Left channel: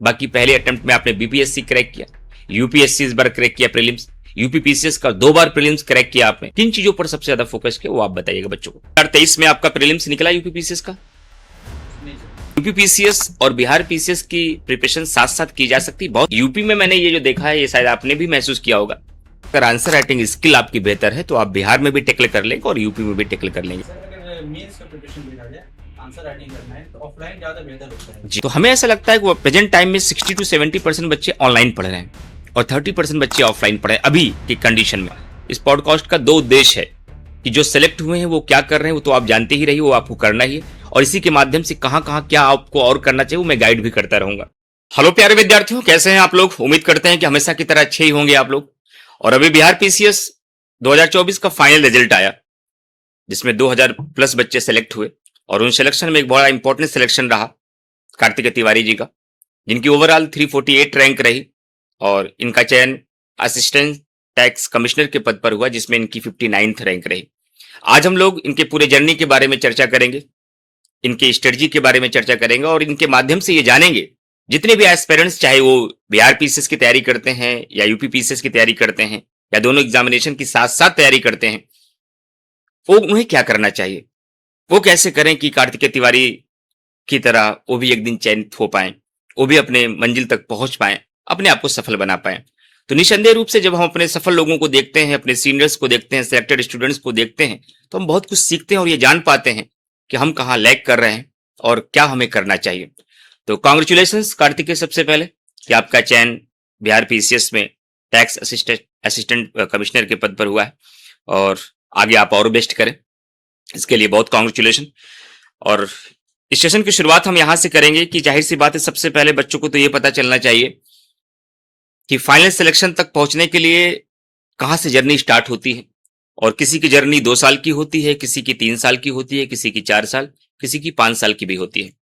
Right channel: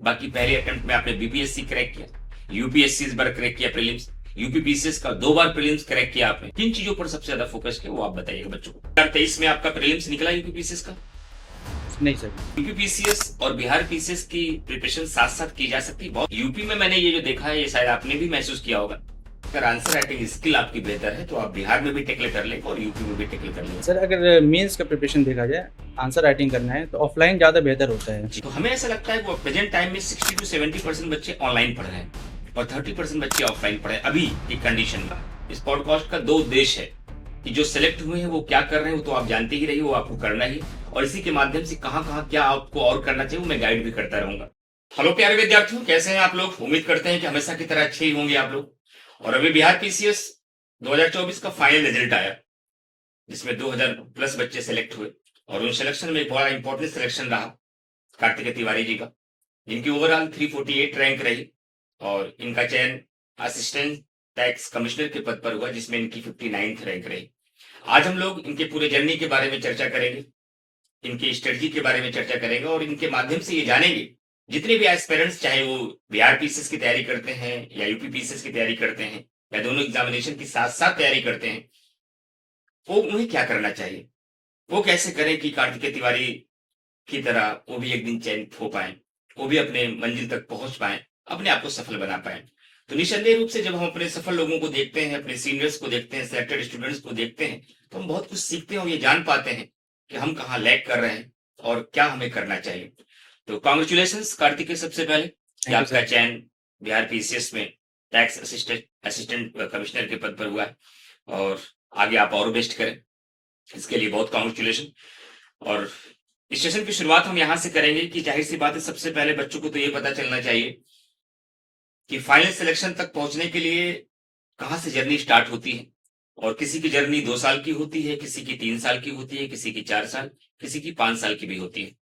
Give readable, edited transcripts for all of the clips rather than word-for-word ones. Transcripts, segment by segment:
बाकी पहले अटेम्प्ट में आपने बीपीएससी क्रैक किया, यूपीएससी इस बार क्रैक किया प्रीलिम्स, यूपीपीसीएस का 2 बार प्रीलिम्स क्रैक किया आपने। किन चीजों पर सबसे ज्यादा फोकस किया वो आप बताइएगा बच्चों को। 2023 में आपका प्रीलिम्स निकला यूपीपीसीएस का? नहीं सर। यूपीपीसीएस और बिहार पीसीएस की प्रिपरेशन साथ साथ की जा सकती है। बहुत यूपी में मैंने ये जो देखा है, ये शायद आपने भी महसूस किया होगा, अगर आंसर राइटिंग स्किल आपकी बेहतर है तो आप बिहार में भी टेकल कर लेंगे और यूपी में भी टेकल कर लेंगे। सर अगर मेंस का प्रिपरेशन देखा जाए, आंसर राइटिंग करना है तो ऑफलाइन ज़्यादा बेहतर होता है जी, तो हमें ऐसा लगता है कि प्रेजेंट टाइम में 60 to 70% बच्चे ऑनलाइन पढ़ रहे हैं और 30% बच्चे ऑफलाइन पढ़ रहे हैं अभी की कंडीशन में। इस पॉडकास्ट का 2 उद्देश्य है कि जो सिलेक्ट हुए हैं वो क्या कर रहे हैं वो तो आप जानते ही रहिए, वो आपको करना ही है, और इसी के माध्यम से कहां कहां क्या आपको और करना चाहिए वो मैं गाइड भी करता रहूंगा। हेलो प्यारे विद्यार्थियों, कैसे हैं आप लोग? उम्मीद करते हैं कि हमेशा की तरह अच्छे ही होंगे आप लोग। और अभी बिहार पीसीएस 2024 का फाइनल रिजल्ट आया जिसमें 2000 प्लस बच्चे सेलेक्ट हुए और उन सिलेक्शन में एक बड़ा इंपॉर्टेंट सिलेक्शन रहा कार्तिक तिवारी जी का, जिनकी ओवरऑल 348 रैंक रही और इनका चयन असिस्टेंट टैक्स कमिश्नर के पद पर हुआ जिसमें इनकी 59th रैंक रही। आज हम लोग इनके पूरे जर्नी के बारे में चर्चा करेंगे, इनके स्ट्रेटजी के बारे में चर्चा करेंगे और इनके माध्यम से ये जानेंगे जितने भी एस्पिरेंट्स, चाहे वो बिहार पीसीएस की तैयारी करते हैं या यूपी पीसीएस की तैयारी करते हैं या दोनों एग्जामिनेशन की साथ साथ तैयारी करते हैं, वो उन्हें क्या करना चाहिए, वो कैसे करें कि कार्तिकेय तिवारी की तरह वो भी एक दिन चयनित हो पाए, वो भी अपने मंजिल तक पहुंच पाए, अपने आप को सफल बना पाए। तो निसंदेह रूप से जब हम अपने सफल लोगों को देखते हैं, अपने सीनियर्स को देखते हैं, सिलेक्टेड स्टूडेंट्स को देखते हैं, तो हम बहुत कुछ सीखते हैं और ये जान पाते हैं कि हम कहाँ लैग कर रहे हैं और क्या हमें करना चाहिए। तो कांग्रेचुलेशंस कार्तिकेय, सबसे पहले कि आपका चयन बिहार पीसीएस में टैक्स असिस्टेंट कमिश्नर के पद पर हुआ है और आगे आप और बेस्ट करें, इसके लिए बहुत कांग्रेचुलेशन। और इस सेशन की शुरुआत हम यहां से करेंगे कि जाहिर सी बात है, सबसे पहले बच्चों को तो ये पता चलना चाहिए कि फाइनल सिलेक्शन तक पहुंचने के लिए कहां से जर्नी स्टार्ट होती है। और किसी की जर्नी 2 साल की होती है, किसी की 3 साल की होती है, किसी की 4 साल, किसी की 5 साल की भी होती है।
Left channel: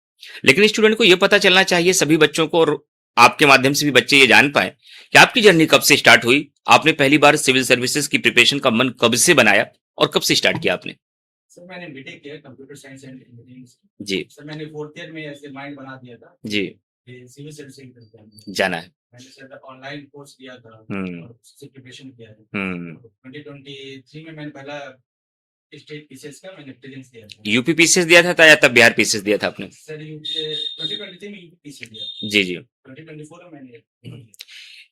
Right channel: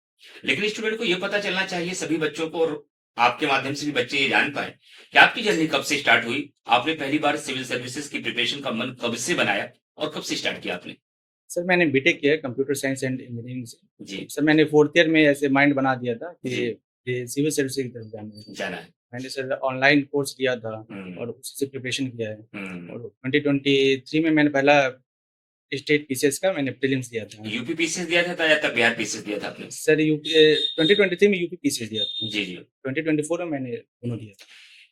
लेकिन स्टूडेंट को यह पता चलना चाहिए, सभी बच्चों को, और आपके माध्यम से भी बच्चे ये जान पाए कि आपकी जर्नी कब से स्टार्ट हुई, आपने पहली बार सिविल सर्विसेज की प्रिपरेशन का मन कब से बनाया और कब से स्टार्ट किया आपने? सर मैंने बीटेक किया है कंप्यूटर साइंस एंड इंजीनियरिंग से। जी सर मैंने 4th ईयर में ऐसे माइंड बना दिया था कि जी ये सिविल सर्विस की तरफ जाना है। जाना है। मैंने सर ऑनलाइन कोर्स लिया था हम्म और उसी से प्रिपरेशन किया है। हम्म और 2023 में मैंने पहला स्टेट पीसीएस का मैंने प्रीलिम्स दिया था। यूपी पीसीएस दिया था या तब बिहार पीसीएस दिया था आपने? सर यूपी 2023 में यूपी पीसीएस दिया था। जी जी। 2024 में मैंने दोनों दिया था।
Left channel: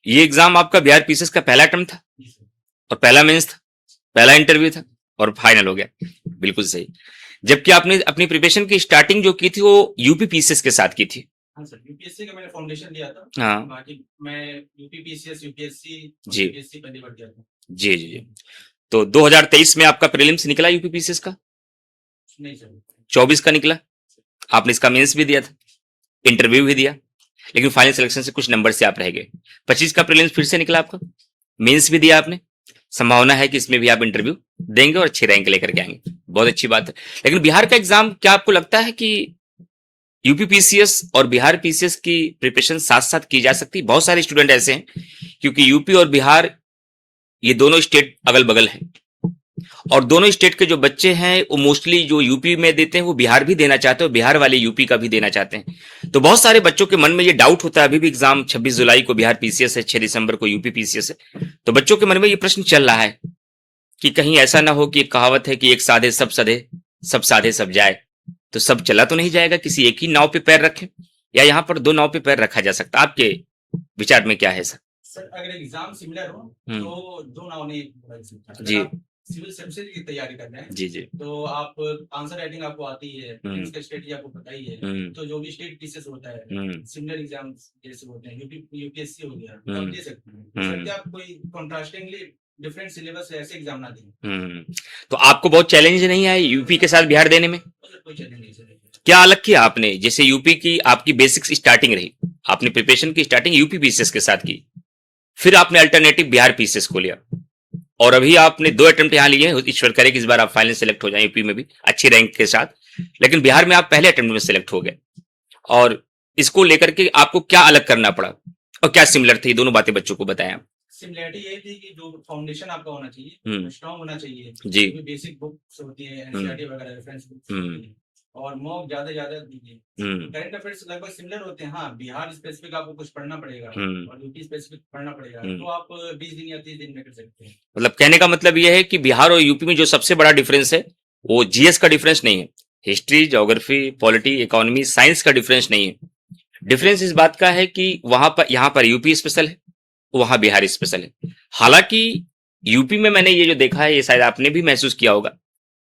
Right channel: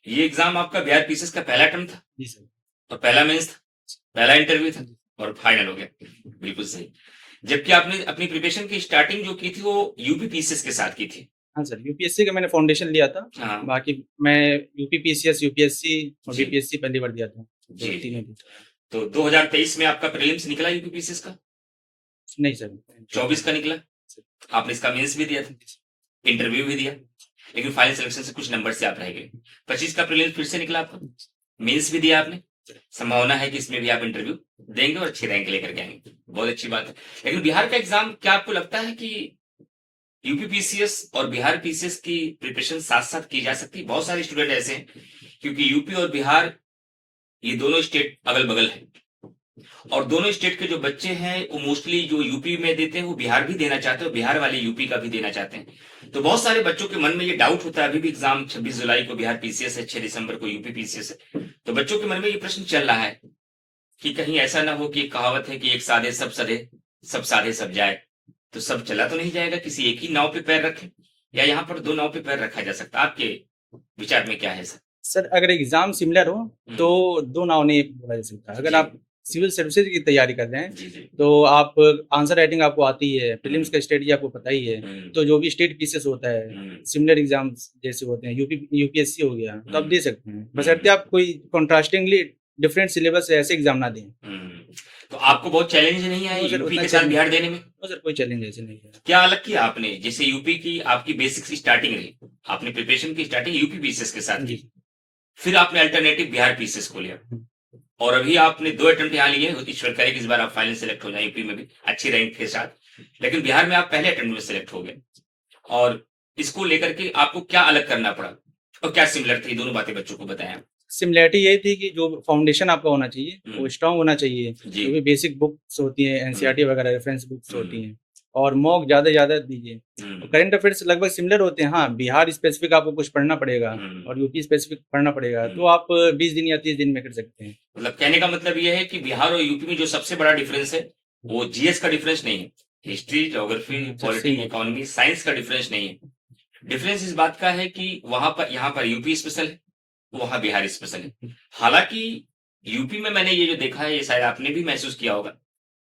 ये एग्जाम आपका बिहार पीसीएस का पहला अटेम्प्ट था जी सर। और पहला मेंस था, पहला इंटरव्यू था और फाइनल हो गया। बिल्कुल सही। जबकि आपने अपनी प्रिपरेशन की स्टार्टिंग जो की थी वो यूपी पीसीएस के साथ की थी। हाँ सर, यूपीएससी का मैंने फाउंडेशन लिया था। हाँ बाकी मैं यूपी पीसीएस, यूपीएससी और जी बीपीएससी पहली बार दिया था। जी तो जी। चीजें थी। तो 2023 में आपका प्रीलिम्स निकला यूपी पीसीएस का, नहीं सर। 24 का निकला, आपने इसका मेंस भी दिया था, इंटरव्यू भी दिया, लेकिन फाइनल सिलेक्शन से कुछ नंबर से आप रह गए। 25 का प्रीलिम्स फिर से निकला आपका, मेंस भी दिया आपने, संभावना है कि इसमें भी आप इंटरव्यू देंगे और अच्छी रैंक लेकर के आएंगे, बहुत अच्छी बात है। लेकिन बिहार का एग्जाम, क्या आपको लगता है कि यूपी पीसीएस और बिहार पीसीएस की प्रिपरेशन साथ साथ की जा सकती? बहुत सारे स्टूडेंट ऐसे हैं, क्योंकि यूपी और बिहार ये दोनों स्टेट अगल बगल हैं और दोनों स्टेट के जो बच्चे हैं वो मोस्टली जो यूपी में देते हैं वो बिहार भी देना चाहते हैं और बिहार वाले यूपी का भी देना चाहते हैं। तो बहुत सारे बच्चों के मन में ये डाउट होता है, अभी भी एग्जाम 26 जुलाई को बिहार पीसीएस है, 6 दिसंबर को यूपी पीसीएस है, तो बच्चों के मन में ये प्रश्न चल रहा है कि कहीं ऐसा ना हो कि एक कहावत है कि एक साधे सब सधे, सब साधे सब जाए, तो सब चला तो नहीं जाएगा, किसी एक ही नाव पे पैर रखें या यहाँ पर 2 नाव पे पैर रखा जा सकता? आपके विचार में क्या है सर? सर अगर एग्जाम सिमिलर हो तो दो नाव नहीं बोला जा सकता। अगर जी आप सिविल सर्विसेज की तैयारी कर रहे हैं जी जी। तो आप आंसर राइटिंग आपको आती है, प्रीलिम्स का स्ट्रेटजी आपको पता ही है। तो जो भी स्टेट पीसीएस होता है, सिमिलर एग्जाम्स जैसे होते हैं, यूपीएससी हो गया, तो आप दे सकते हैं, बशर्ते आप कोई कॉन्ट्रास्टिंगली डिफरेंट सिलेबस ऐसे एग्जाम ना दें। तो आपको बहुत चैलेंज नहीं आया तो सर यूपी उतना के साथ challenge- बिहार देने में? तो सर कोई चैलेंज ऐसे नहीं है। क्या अलग किया आपने? जैसे यूपी की आपकी बेसिक्स स्टार्टिंग रही, आपने प्रिपरेशन की स्टार्टिंग यूपी पीसीएस के साथ की, फिर आपने अल्टरनेटिव बिहार पीसीएस को लिया और अभी आपने 2 अटेम्प्ट यहाँ लिए, ईश्वर करे कि इस बार आप फाइनल सेलेक्ट हो जाए यूपी में भी अच्छी रैंक के साथ, लेकिन बिहार में आप पहले अटेम्प्ट में सेलेक्ट हो गए। और इसको लेकर के आपको क्या अलग करना पड़ा और क्या सिमिलर थी, दोनों बातें बच्चों को बताएं आप। सिमिलैरिटी यही थी कि जो फाउंडेशन आपका होना चाहिए वो स्ट्रांग होना चाहिए। जी जो भी बेसिक बुक्स होती हैं, एनसीईआरटी वगैरह रेफरेंस बुक्स होती हैं, और मॉक ज्यादा दीजिए। करंट अफेयर्स लगभग सिमिलर होते हैं। हाँ, बिहार स्पेसिफिक आपको कुछ पढ़ना पड़ेगा और यूपी स्पेसिफिक पढ़ना पड़ेगा, तो आप 20 दिन या 30 दिन में कर सकते हैं। मतलब कहने का मतलब यह है कि बिहार और यूपी में जो सबसे बड़ा डिफरेंस है वो जीएस का डिफरेंस नहीं है, history, geography, polity, economy, science का डिफरेंस नहीं है। डिफरेंस इस बात का है कि यहाँ पर यूपी स्पेशल है, वहां बिहार स्पेशल है। हालांकि यूपी में मैंने ये जो देखा है, ये शायद आपने भी महसूस किया होगा,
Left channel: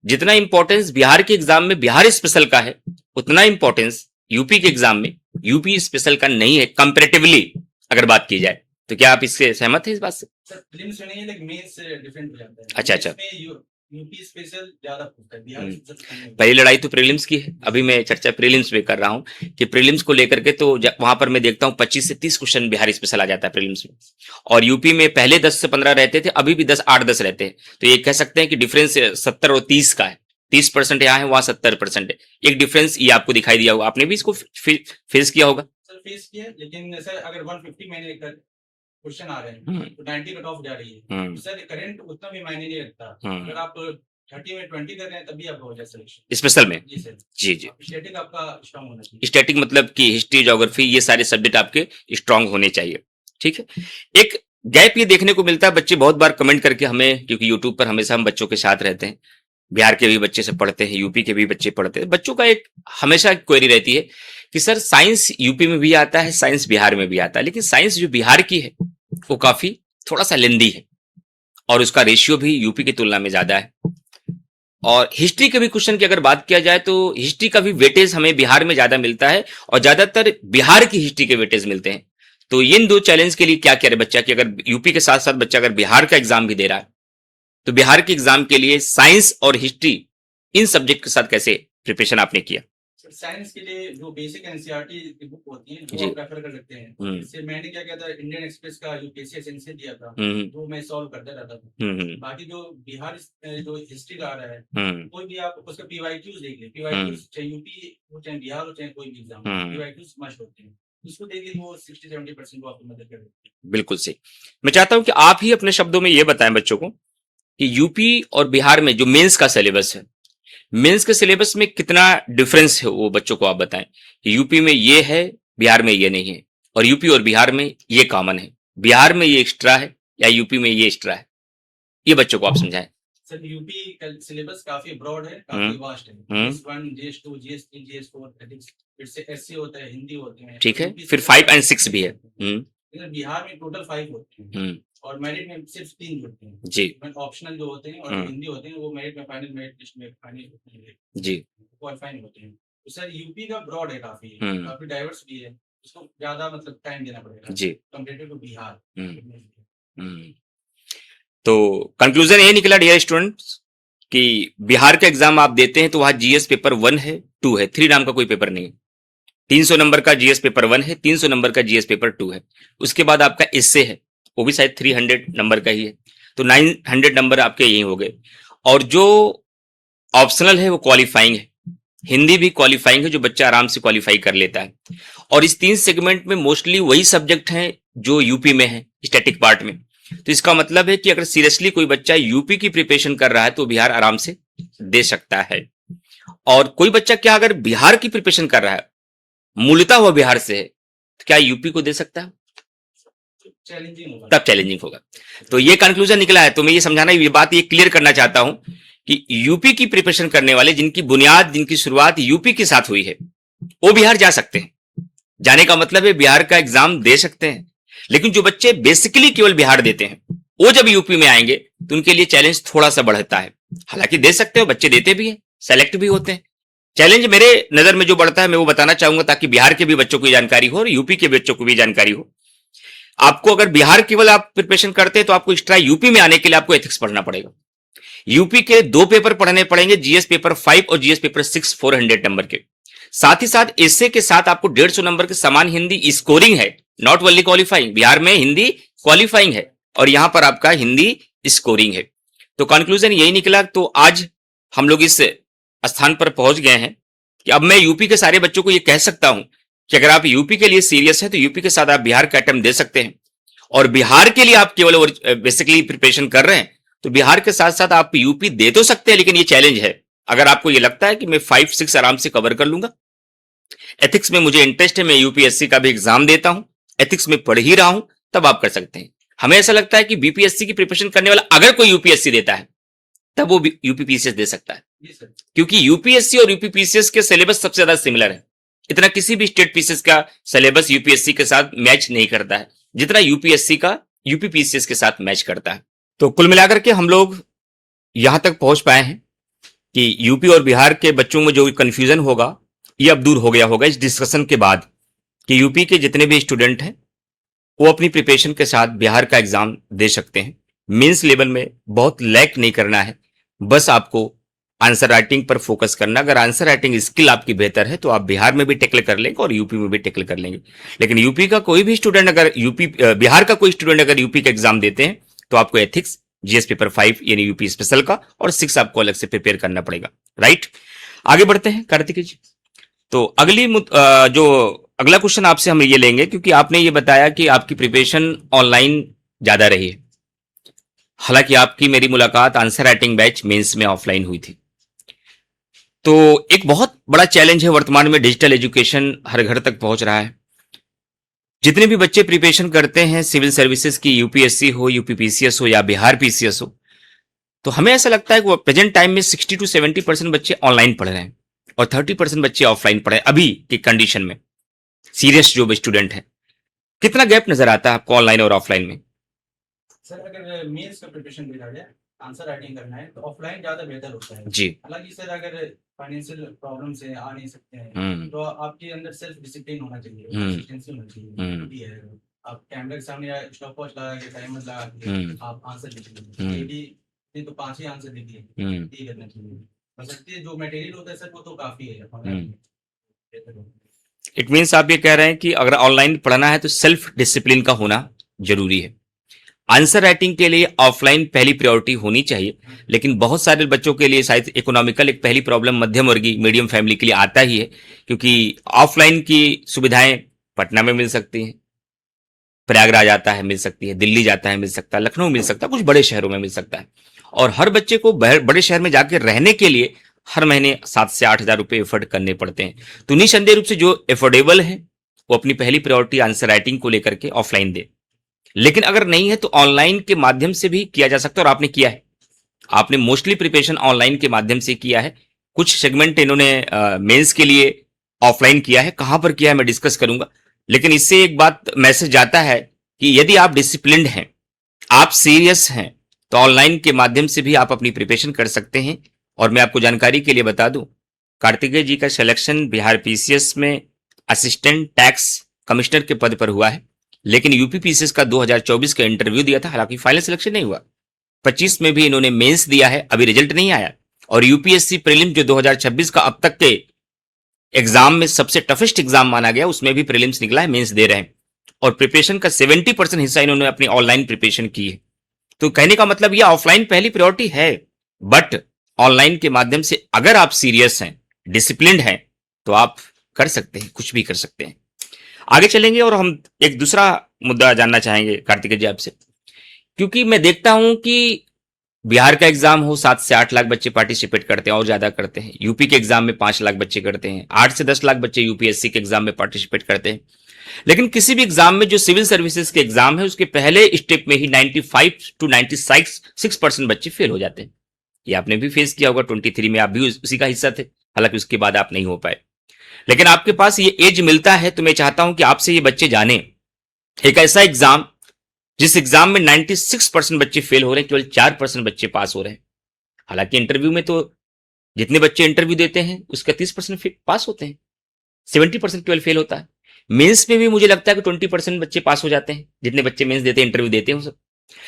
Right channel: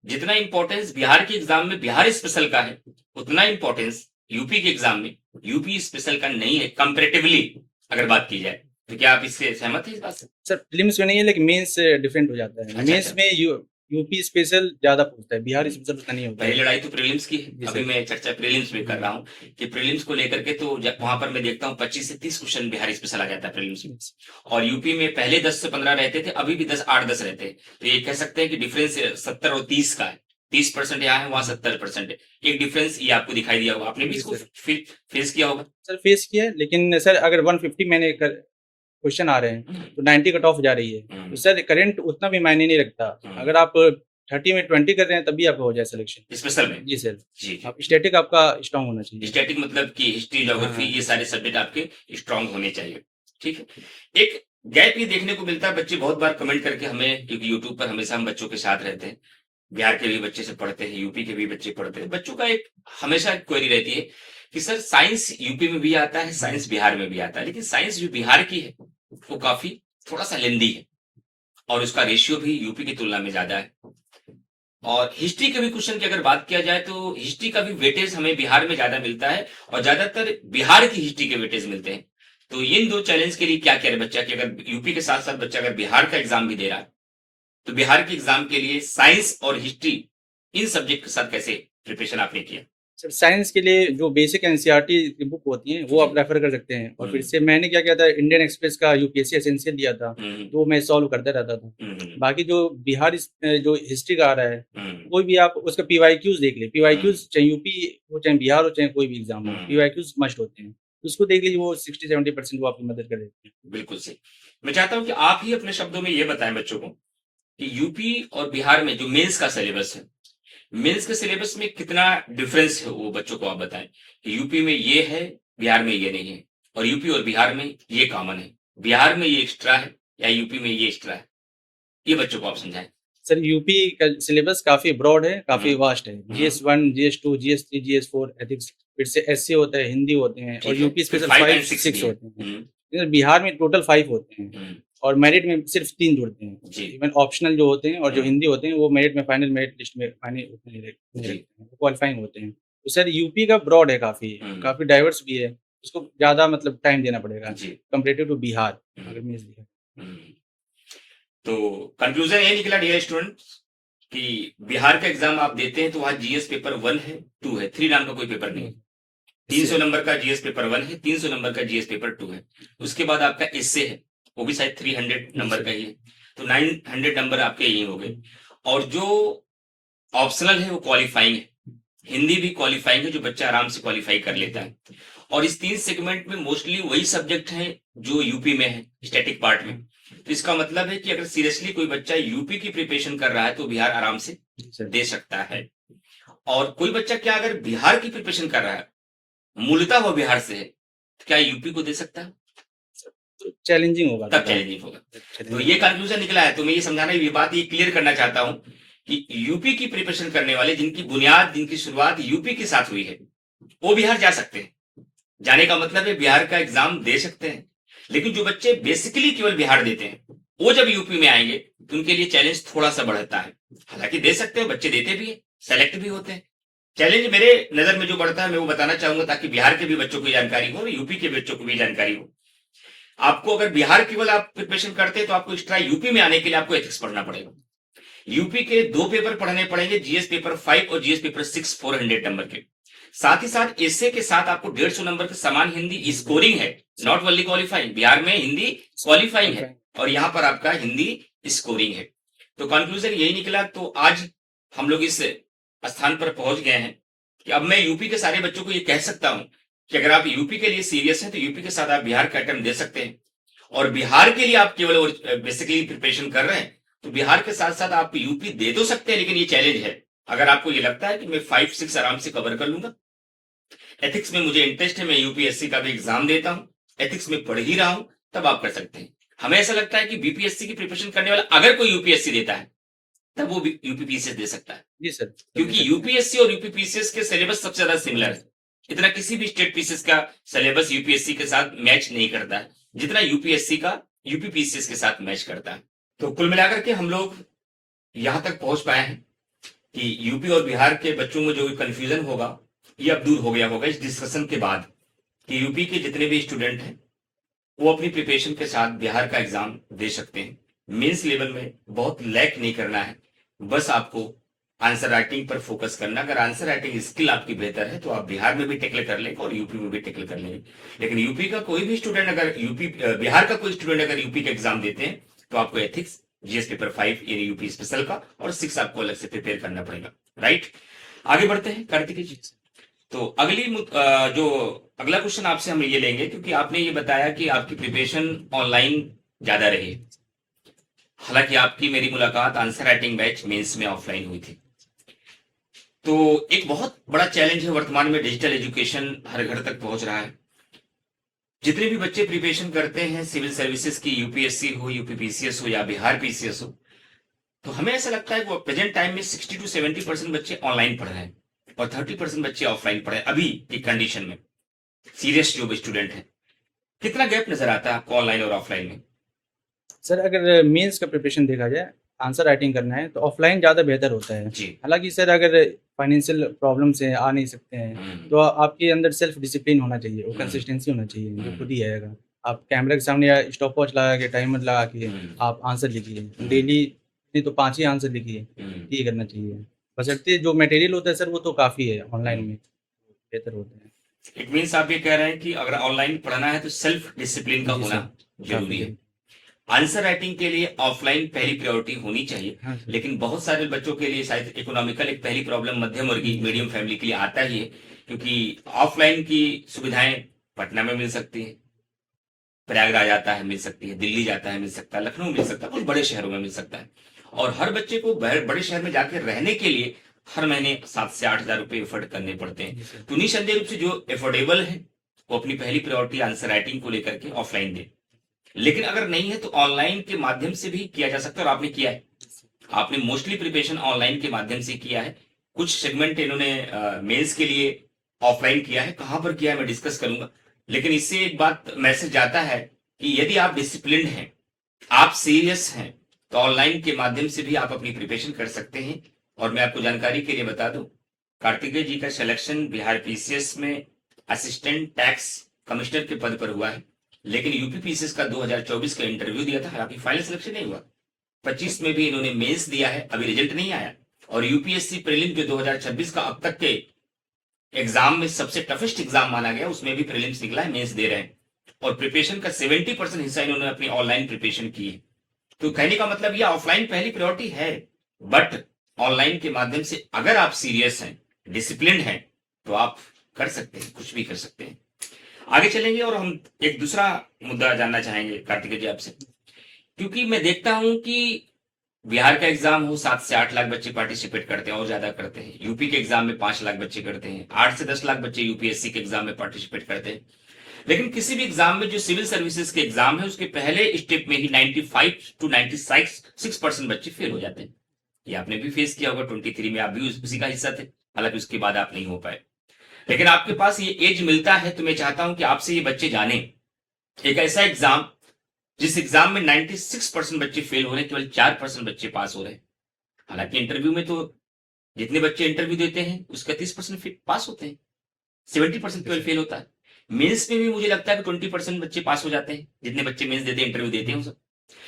जितना इंपॉर्टेंस बिहार के एग्जाम में बिहार स्पेशल का है, उतना इंपॉर्टेंस यूपी के एग्जाम में यूपी स्पेशल का नहीं है कंपैरेटिवली अगर बात की जाए। तो क्या आप इससे सहमत हैं इस बात से? सर प्रीलिम्स में नहीं है, लेकिन मेंस डिफरेंट हो जाता है। अच्छा, मेंस में यूपी स्पेशल ज्यादा पूछता है, बिहार स्पेशल उतना नहीं होता। पहली लड़ाई तो प्रीलिम्स की है, अभी मैं चर्चा प्रीलिम्स पे कर रहा हूँ कि प्रीलिम्स को लेकर के तो वहां पर मैं देखता हूँ 25 से 30 क्वेश्चन बिहार स्पेशल आ जाता है प्रीलिम्स में, और यूपी में पहले 10 से 15 रहते थे, अभी भी 8-10 रहते हैं। तो ये कह सकते हैं कि डिफरेंस 70 और 30 का है, 30% यहाँ है, वहां 70% है। एक डिफरेंस ये आपको दिखाई दिया होगा, आपने भी इसको फेस किया होगा? सर फेस किया है, लेकिन सर अगर 150 मैंने क्वेश्चन आ रहे हैं तो 90 कट ऑफ जा रही है, तो सर करंट उतना भी मायने नहीं रखता। अगर आप 30 में 20 कर रहे हैं तभी आपका हो जाए सिलेक्शन स्पेशल में। जी सर, जी। स्टैटिक आपका स्ट्रांग होना चाहिए। स्टैटिक मतलब कि हिस्ट्री, ज्योग्राफी, ये सारे सब्जेक्ट आपके स्ट्रांग होने चाहिए। ठीक है, एक गैप ये देखने को मिलता है, बच्चे बहुत बार कमेंट करके हमें, क्योंकि यूट्यूब पर हमेशा हम बच्चों के साथ रहते हैं, बिहार के भी बच्चे से पढ़ते हैं, यूपी के भी बच्चे पढ़ते हैं, बच्चों का एक हमेशा क्वेरी रहती है कि सर साइंस यूपी में भी आता है, साइंस बिहार में भी आता है, लेकिन साइंस जो बिहार की है वो काफी थोड़ा सा लेंदी है और उसका रेशियो भी यूपी की तुलना में ज्यादा है। और हिस्ट्री के भी क्वेश्चन की अगर बात किया जाए तो हिस्ट्री का भी वेटेज हमें बिहार में ज्यादा मिलता है और ज्यादातर बिहार की हिस्ट्री के वेटेज मिलते हैं। तो इन दो चैलेंज के लिए क्या करे बच्चा कि अगर यूपी के साथ साथ बच्चा अगर बिहार का एग्जाम भी दे रहा है तो बिहार के एग्जाम के लिए साइंस और हिस्ट्री इन सब्जेक्ट के साथ कैसे प्रिपरेशन आपने किया? सर साइंस के लिए जो बेसिक एनसीईआरटी की बुक होती है वो आप रेफर कर सकते हैं, और फिर से मैंने क्या किया था, इंडियन एक्सप्रेस का यूपीएससी एसेंशियल दिया था, तो मैं सॉल्व करता रहता था। बाकी जो बिहार जो हिस्ट्री का आ रहा है, कोई भी आप उसका पीवाईक्यूज देख ले, पीवाईक्यूज चाहे यूपी हो चाहे बिहार हो चाहे कोई भी एग्जाम हो, पीवाईक्यूज मस्ट होते हैं, उसको देख लीजिए, वो 60-70% वो आपकी मदद कर देते हैं। बिल्कुल सही। मैं चाहता हूं कि आप ही अपने शब्दों में ये बताएं बच्चों को कि यूपी और बिहार में जो मेंस का सिलेबस है, मेंस के सिलेबस में कितना डिफरेंस है, वो बच्चों को आप बताएं कि यूपी में ये है, बिहार में ये नहीं है, और यूपी और बिहार में ये कॉमन है, बिहार में ये एक्स्ट्रा है या यूपी में ये एक्स्ट्रा है, ये बच्चों को आप समझाएं। सर यूपी का सिलेबस काफी ब्रॉड है, काफी वास्ट है। GS1, GS2, GS3, GS4 ethics, फिर से SC होता है, हिंदी होते हैं, ठीक है, फिर 5 और 6 भी है। बिहार में टोटल 5 होते हैं और मेरिट में सिर्फ 3 जुड़ते हैं जी। इवन ऑप्शनल जो होते हैं और जो हिंदी होते हैं वो मेरिट में फाइनल मेरिट लिस्ट में फाइनल जी क्वालिफाइंग होते हैं। तो सर यूपी का ब्रॉड है, काफी डाइवर्स भी है, उसको ज्यादा मतलब टाइम देना पड़ेगा जी कंपैरेटिव टू बिहार। तो कंक्लूजन ये निकला डियर स्टूडेंट्स कि बिहार का एग्जाम आप देते हैं तो वहां जीएस पेपर 1 है, 2 है, 3 नाम का कोई पेपर नहीं है। 300 नंबर का जीएस पेपर 1 है, 300 नंबर का जीएस पेपर 2 है, उसके बाद आपका एस्से है, वो भी शायद 300 नंबर का ही है, तो 900 नंबर आपके यही हो गए। और जो ऑप्शनल है वो क्वालिफाइंग है, हिंदी भी क्वालिफाइंग है, जो बच्चा आराम से क्वालिफाई कर लेता है। और इस 3 सेगमेंट में मोस्टली वही सब्जेक्ट हैं जो यूपी में है स्टैटिक पार्ट में। तो इसका मतलब है कि अगर सीरियसली कोई बच्चा यूपी की प्रिपरेशन कर रहा है तो बिहार आराम से दे सकता है। और कोई बच्चा क्या अगर बिहार की प्रिपरेशन कर रहा है, मूलतः वो बिहार से है, तो क्या यूपी को दे सकता है? चैलेंजिंग होगा, तब चैलेंजिंग होगा। तो ये कंक्लूजन निकला है। तो मैं ये समझाना, ये बात ये क्लियर करना चाहता हूं कि यूपी की प्रिपरेशन करने वाले जिनकी बुनियाद, जिनकी शुरुआत यूपी के साथ हुई है, वो बिहार जा सकते हैं। जाने का मतलब है बिहार का एग्जाम दे सकते हैं। लेकिन जो बच्चे बेसिकली केवल बिहार देते हैं, वो जब यूपी में आएंगे तो उनके लिए चैलेंज थोड़ा सा बढ़ता है। हालांकि दे सकते हो, बच्चे देते भी हैं, सेलेक्ट भी होते हैं। चैलेंज मेरे नजर में जो बढ़ता है मैं वो बताना चाहूंगा, ताकि बिहार के भी बच्चों को जानकारी हो और यूपी के बच्चों को भी जानकारी हो। आपको अगर बिहार केवल आप प्रिपरेशन करते हैं तो आपको एक्स्ट्रा यूपी में आने के लिए आपको एथिक्स पढ़ना पड़ेगा। यूपी के 2 पेपर पढ़ने पड़ेंगे, जीएस पेपर 5 और जीएस पेपर 6 400 नंबर के। साथ ही साथ एस्से के साथ आपको 150 नंबर के समान हिंदी स्कोरिंग है, नॉट ओनली क्वालिफाइंग। बिहार में हिंदी क्वालिफाइंग है और यहां पर आपका हिंदी स्कोरिंग है। तो कंक्लूजन यही निकला। तो आज हम लोग इस स्थान पर पहुंच गए हैं कि अब मैं यूपी के सारे बच्चों को यह कह सकता हूं कि अगर आप यूपी के लिए सीरियस है तो यूपी के साथ आप बिहार का अटेम्प्ट दे सकते हैं। और बिहार के लिए आप केवल बेसिकली प्रिपरेशन कर रहे हैं तो बिहार के साथ साथ आप यूपी दे तो सकते हैं, लेकिन ये चैलेंज है अगर आपको ये लगता है कि मैं 5-6 आराम से कवर कर लूंगा, एथिक्स में मुझे इंटरेस्ट है, मैं यूपीएससी का भी एग्जाम देता हूं, एथिक्स में पढ़ ही रहा हूं, तब आप कर सकते हैं। हमें ऐसा लगता है कि बीपीएससी की प्रिपरेशन करने वाला अगर कोई यूपीएससी देता है तब वो यूपीपीसीएस दे सकता है। जी सर। क्योंकि यूपीएससी और यूपीपीसीएस के सिलेबस सबसे ज्यादा सिमिलर है। इतना किसी भी स्टेट पीसीएस का सिलेबस यूपीएससी के साथ मैच नहीं करता है जितना यूपीएससी का यूपीपीसीएस के साथ मैच करता है। तो कुल मिलाकर के हम लोग यहां तक पहुंच पाए हैं कि यूपी और बिहार के बच्चों में जो कंफ्यूजन होगा ये अब दूर हो गया होगा इस डिस्कशन के बाद, कि यूपी के जितने भी स्टूडेंट हैं वो अपनी प्रिपरेशन के साथ बिहार का एग्जाम दे सकते हैं। मेंस लेवल में बहुत लैक नहीं करना है, बस आपको आंसर राइटिंग पर फोकस करना। अगर आंसर राइटिंग स्किल आपकी बेहतर है तो आप बिहार में भी टैकल कर लेंगे और यूपी में भी टैकल कर लेंगे। लेकिन यूपी का कोई भी स्टूडेंट अगर बिहार का कोई स्टूडेंट अगर यूपी का एग्जाम देते हैं तो आपको एथिक्स, जीएस पेपर 5 यानी यूपी स्पेशल का और 6 आपको अलग से प्रिपेयर करना पड़ेगा। राइट, आगे बढ़ते हैं कार्तिक जी। तो जो अगला क्वेश्चन आपसे हम ये लेंगे, क्योंकि आपने ये बताया कि आपकी प्रिपरेशन ऑनलाइन ज्यादा रही है, हालांकि आपकी मेरी मुलाकात आंसर राइटिंग बैच मेंस में ऑफलाइन हुई थी। तो एक बहुत बड़ा चैलेंज है वर्तमान में, डिजिटल एजुकेशन हर घर तक पहुंच रहा है। जितने भी बच्चे प्रिपरेशन करते हैं सिविल सर्विसेज की, यूपीएससी हो, यूपीपीसीएस हो या बिहार पीसीएस हो, तो हमें ऐसा लगता है कि प्रेजेंट टाइम में 60 to 70% बच्चे ऑनलाइन पढ़ रहे हैं और 30% बच्चे ऑफलाइन पढ़े अभी की कंडीशन में। सीरियस जो स्टूडेंट है, कितना गैप नजर आता है आपको ऑनलाइन और ऑफलाइन में? सर अगर मेंस का प्रिपरेशन देखा जाए, आंसर राइटिंग करना है तो ऑफलाइन ज़्यादा बेहतर होता है जी। हालांकि सर अगर फाइनेंशियल प्रॉब्लम से आ नहीं सकते हैं तो आपके अंदर सेल्फ डिसिप्लिन होना चाहिए और कंसिस्टेंसी होना चाहिए, वो खुद ही आएगा। आप कैमरा के सामने या स्टॉप वॉच लगा के, टाइमर लगा के आप आंसर लिखिए डेली, नहीं तो 5 ही आंसर लिखिए, ये करना चाहिए। बशर्ते जो मटेरियल होता है सर वो तो काफ़ी है, ऑनलाइन में बेहतर होता है। इट मीन्स आप ये कह रहे हैं कि अगर ऑनलाइन पढ़ना है तो सेल्फ डिसिप्लिन का होना जरूरी है। आंसर राइटिंग के लिए ऑफलाइन पहली प्रायोरिटी होनी चाहिए, लेकिन बहुत सारे बच्चों के लिए शायद इकोनॉमिकल एक पहली प्रॉब्लम मध्यम वर्गीय मीडियम फैमिली के लिए आता ही है, क्योंकि ऑफलाइन की सुविधाएं पटना में मिल सकती हैं, प्रयागराज आता है मिल सकती है, दिल्ली जाता है मिल सकता है, लखनऊ मिल सकता है, कुछ बड़े शहरों में मिल सकता है। और हर बच्चे को बड़े शहर में जाकर रहने के लिए हर महीने 7 से 8 हजार रुपए एफर्ट करने पड़ते हैं। तो निसंदेह रूप से जो एफोर्डेबल है वो अपनी पहली प्रायोरिटी आंसर राइटिंग को लेकर के ऑफलाइन दे। लेकिन अगर नहीं है तो ऑनलाइन के माध्यम से भी किया जा सकता है, और आपने किया है। आपने मोस्टली प्रिपरेशन ऑनलाइन के माध्यम से किया है। कुछ सेगमेंट इन्होंने मेंस के लिए ऑफलाइन किया है, कहां पर किया है मैं डिस्कस करूंगा। लेकिन इससे एक बात मैसेज जाता है कि यदि आप डिसिप्लिन्ड हैं, आप सीरियस हैं, तो ऑनलाइन के माध्यम से भी आप अपनी प्रिपरेशन कर सकते हैं। और मैं आपको जानकारी के लिए बता दूं, कार्तिकेय जी का सिलेक्शन बिहार पीसीएस में असिस्टेंट टैक्स कमिश्नर के पद पर हुआ है, लेकिन यूपी पीसीएस का 2024 का इंटरव्यू दिया था, हालांकि फाइनल सिलेक्शन नहीं हुआ। 25 में भी इन्होंने मेंस दिया है, अभी रिजल्ट नहीं आया। और यूपीएससी प्रीलिम जो 2026 का अब तक के एग्जाम में सबसे टफेस्ट एग्जाम माना गया, उसमें भी प्रीलिम्स निकला है, मेंस दे रहे हैं। और प्रिपरेशन का 70% हिस्सा इन्होंने अपनी ऑनलाइन प्रिपरेशन की है। तो कहने का मतलब यह ऑफलाइन पहली प्रायोरिटी है, बट ऑनलाइन के माध्यम से अगर आप सीरियस हैं, डिसिप्लिन्ड हैं, तो आप कर सकते हैं, कुछ भी कर सकते हैं। आगे चलेंगे और हम एक दूसरा मुद्दा जानना चाहेंगे कार्तिकेय जी आपसे, क्योंकि मैं देखता हूं कि बिहार का एग्जाम हो 7 से 8 लाख बच्चे पार्टिसिपेट करते हैं और ज्यादा करते हैं। यूपी के एग्जाम में 5 लाख बच्चे करते हैं, 8 से 10 लाख बच्चे यूपीएससी के एग्जाम में पार्टिसिपेट करते हैं। लेकिन किसी भी एग्जाम में जो सिविल सर्विसेज के एग्जाम है उसके पहले स्टेप में ही 95 to 96% बच्चे फेल हो जाते हैं। ये आपने भी फेस किया होगा, 23 में आप भी उसी का हिस्सा थे, हालांकि उसके बाद आप नहीं हो पाए। लेकिन आपके पास ये एज मिलता है तो मैं चाहता हूं कि आपसे ये बच्चे जाने एक ऐसा एग्जाम जिस एग्जाम में 96% बच्चे फेल हो रहे हैं, केवल 4% बच्चे पास हो रहे हैं। हालांकि इंटरव्यू में तो जितने बच्चे इंटरव्यू देते हैं उसका 30% पास होते हैं, 70% केवल फेल होता है। मेंस में भी मुझे लगता है कि 20% बच्चे पास हो जाते हैं, जितने बच्चे मेंस देते हैं, इंटरव्यू देते हैं सब।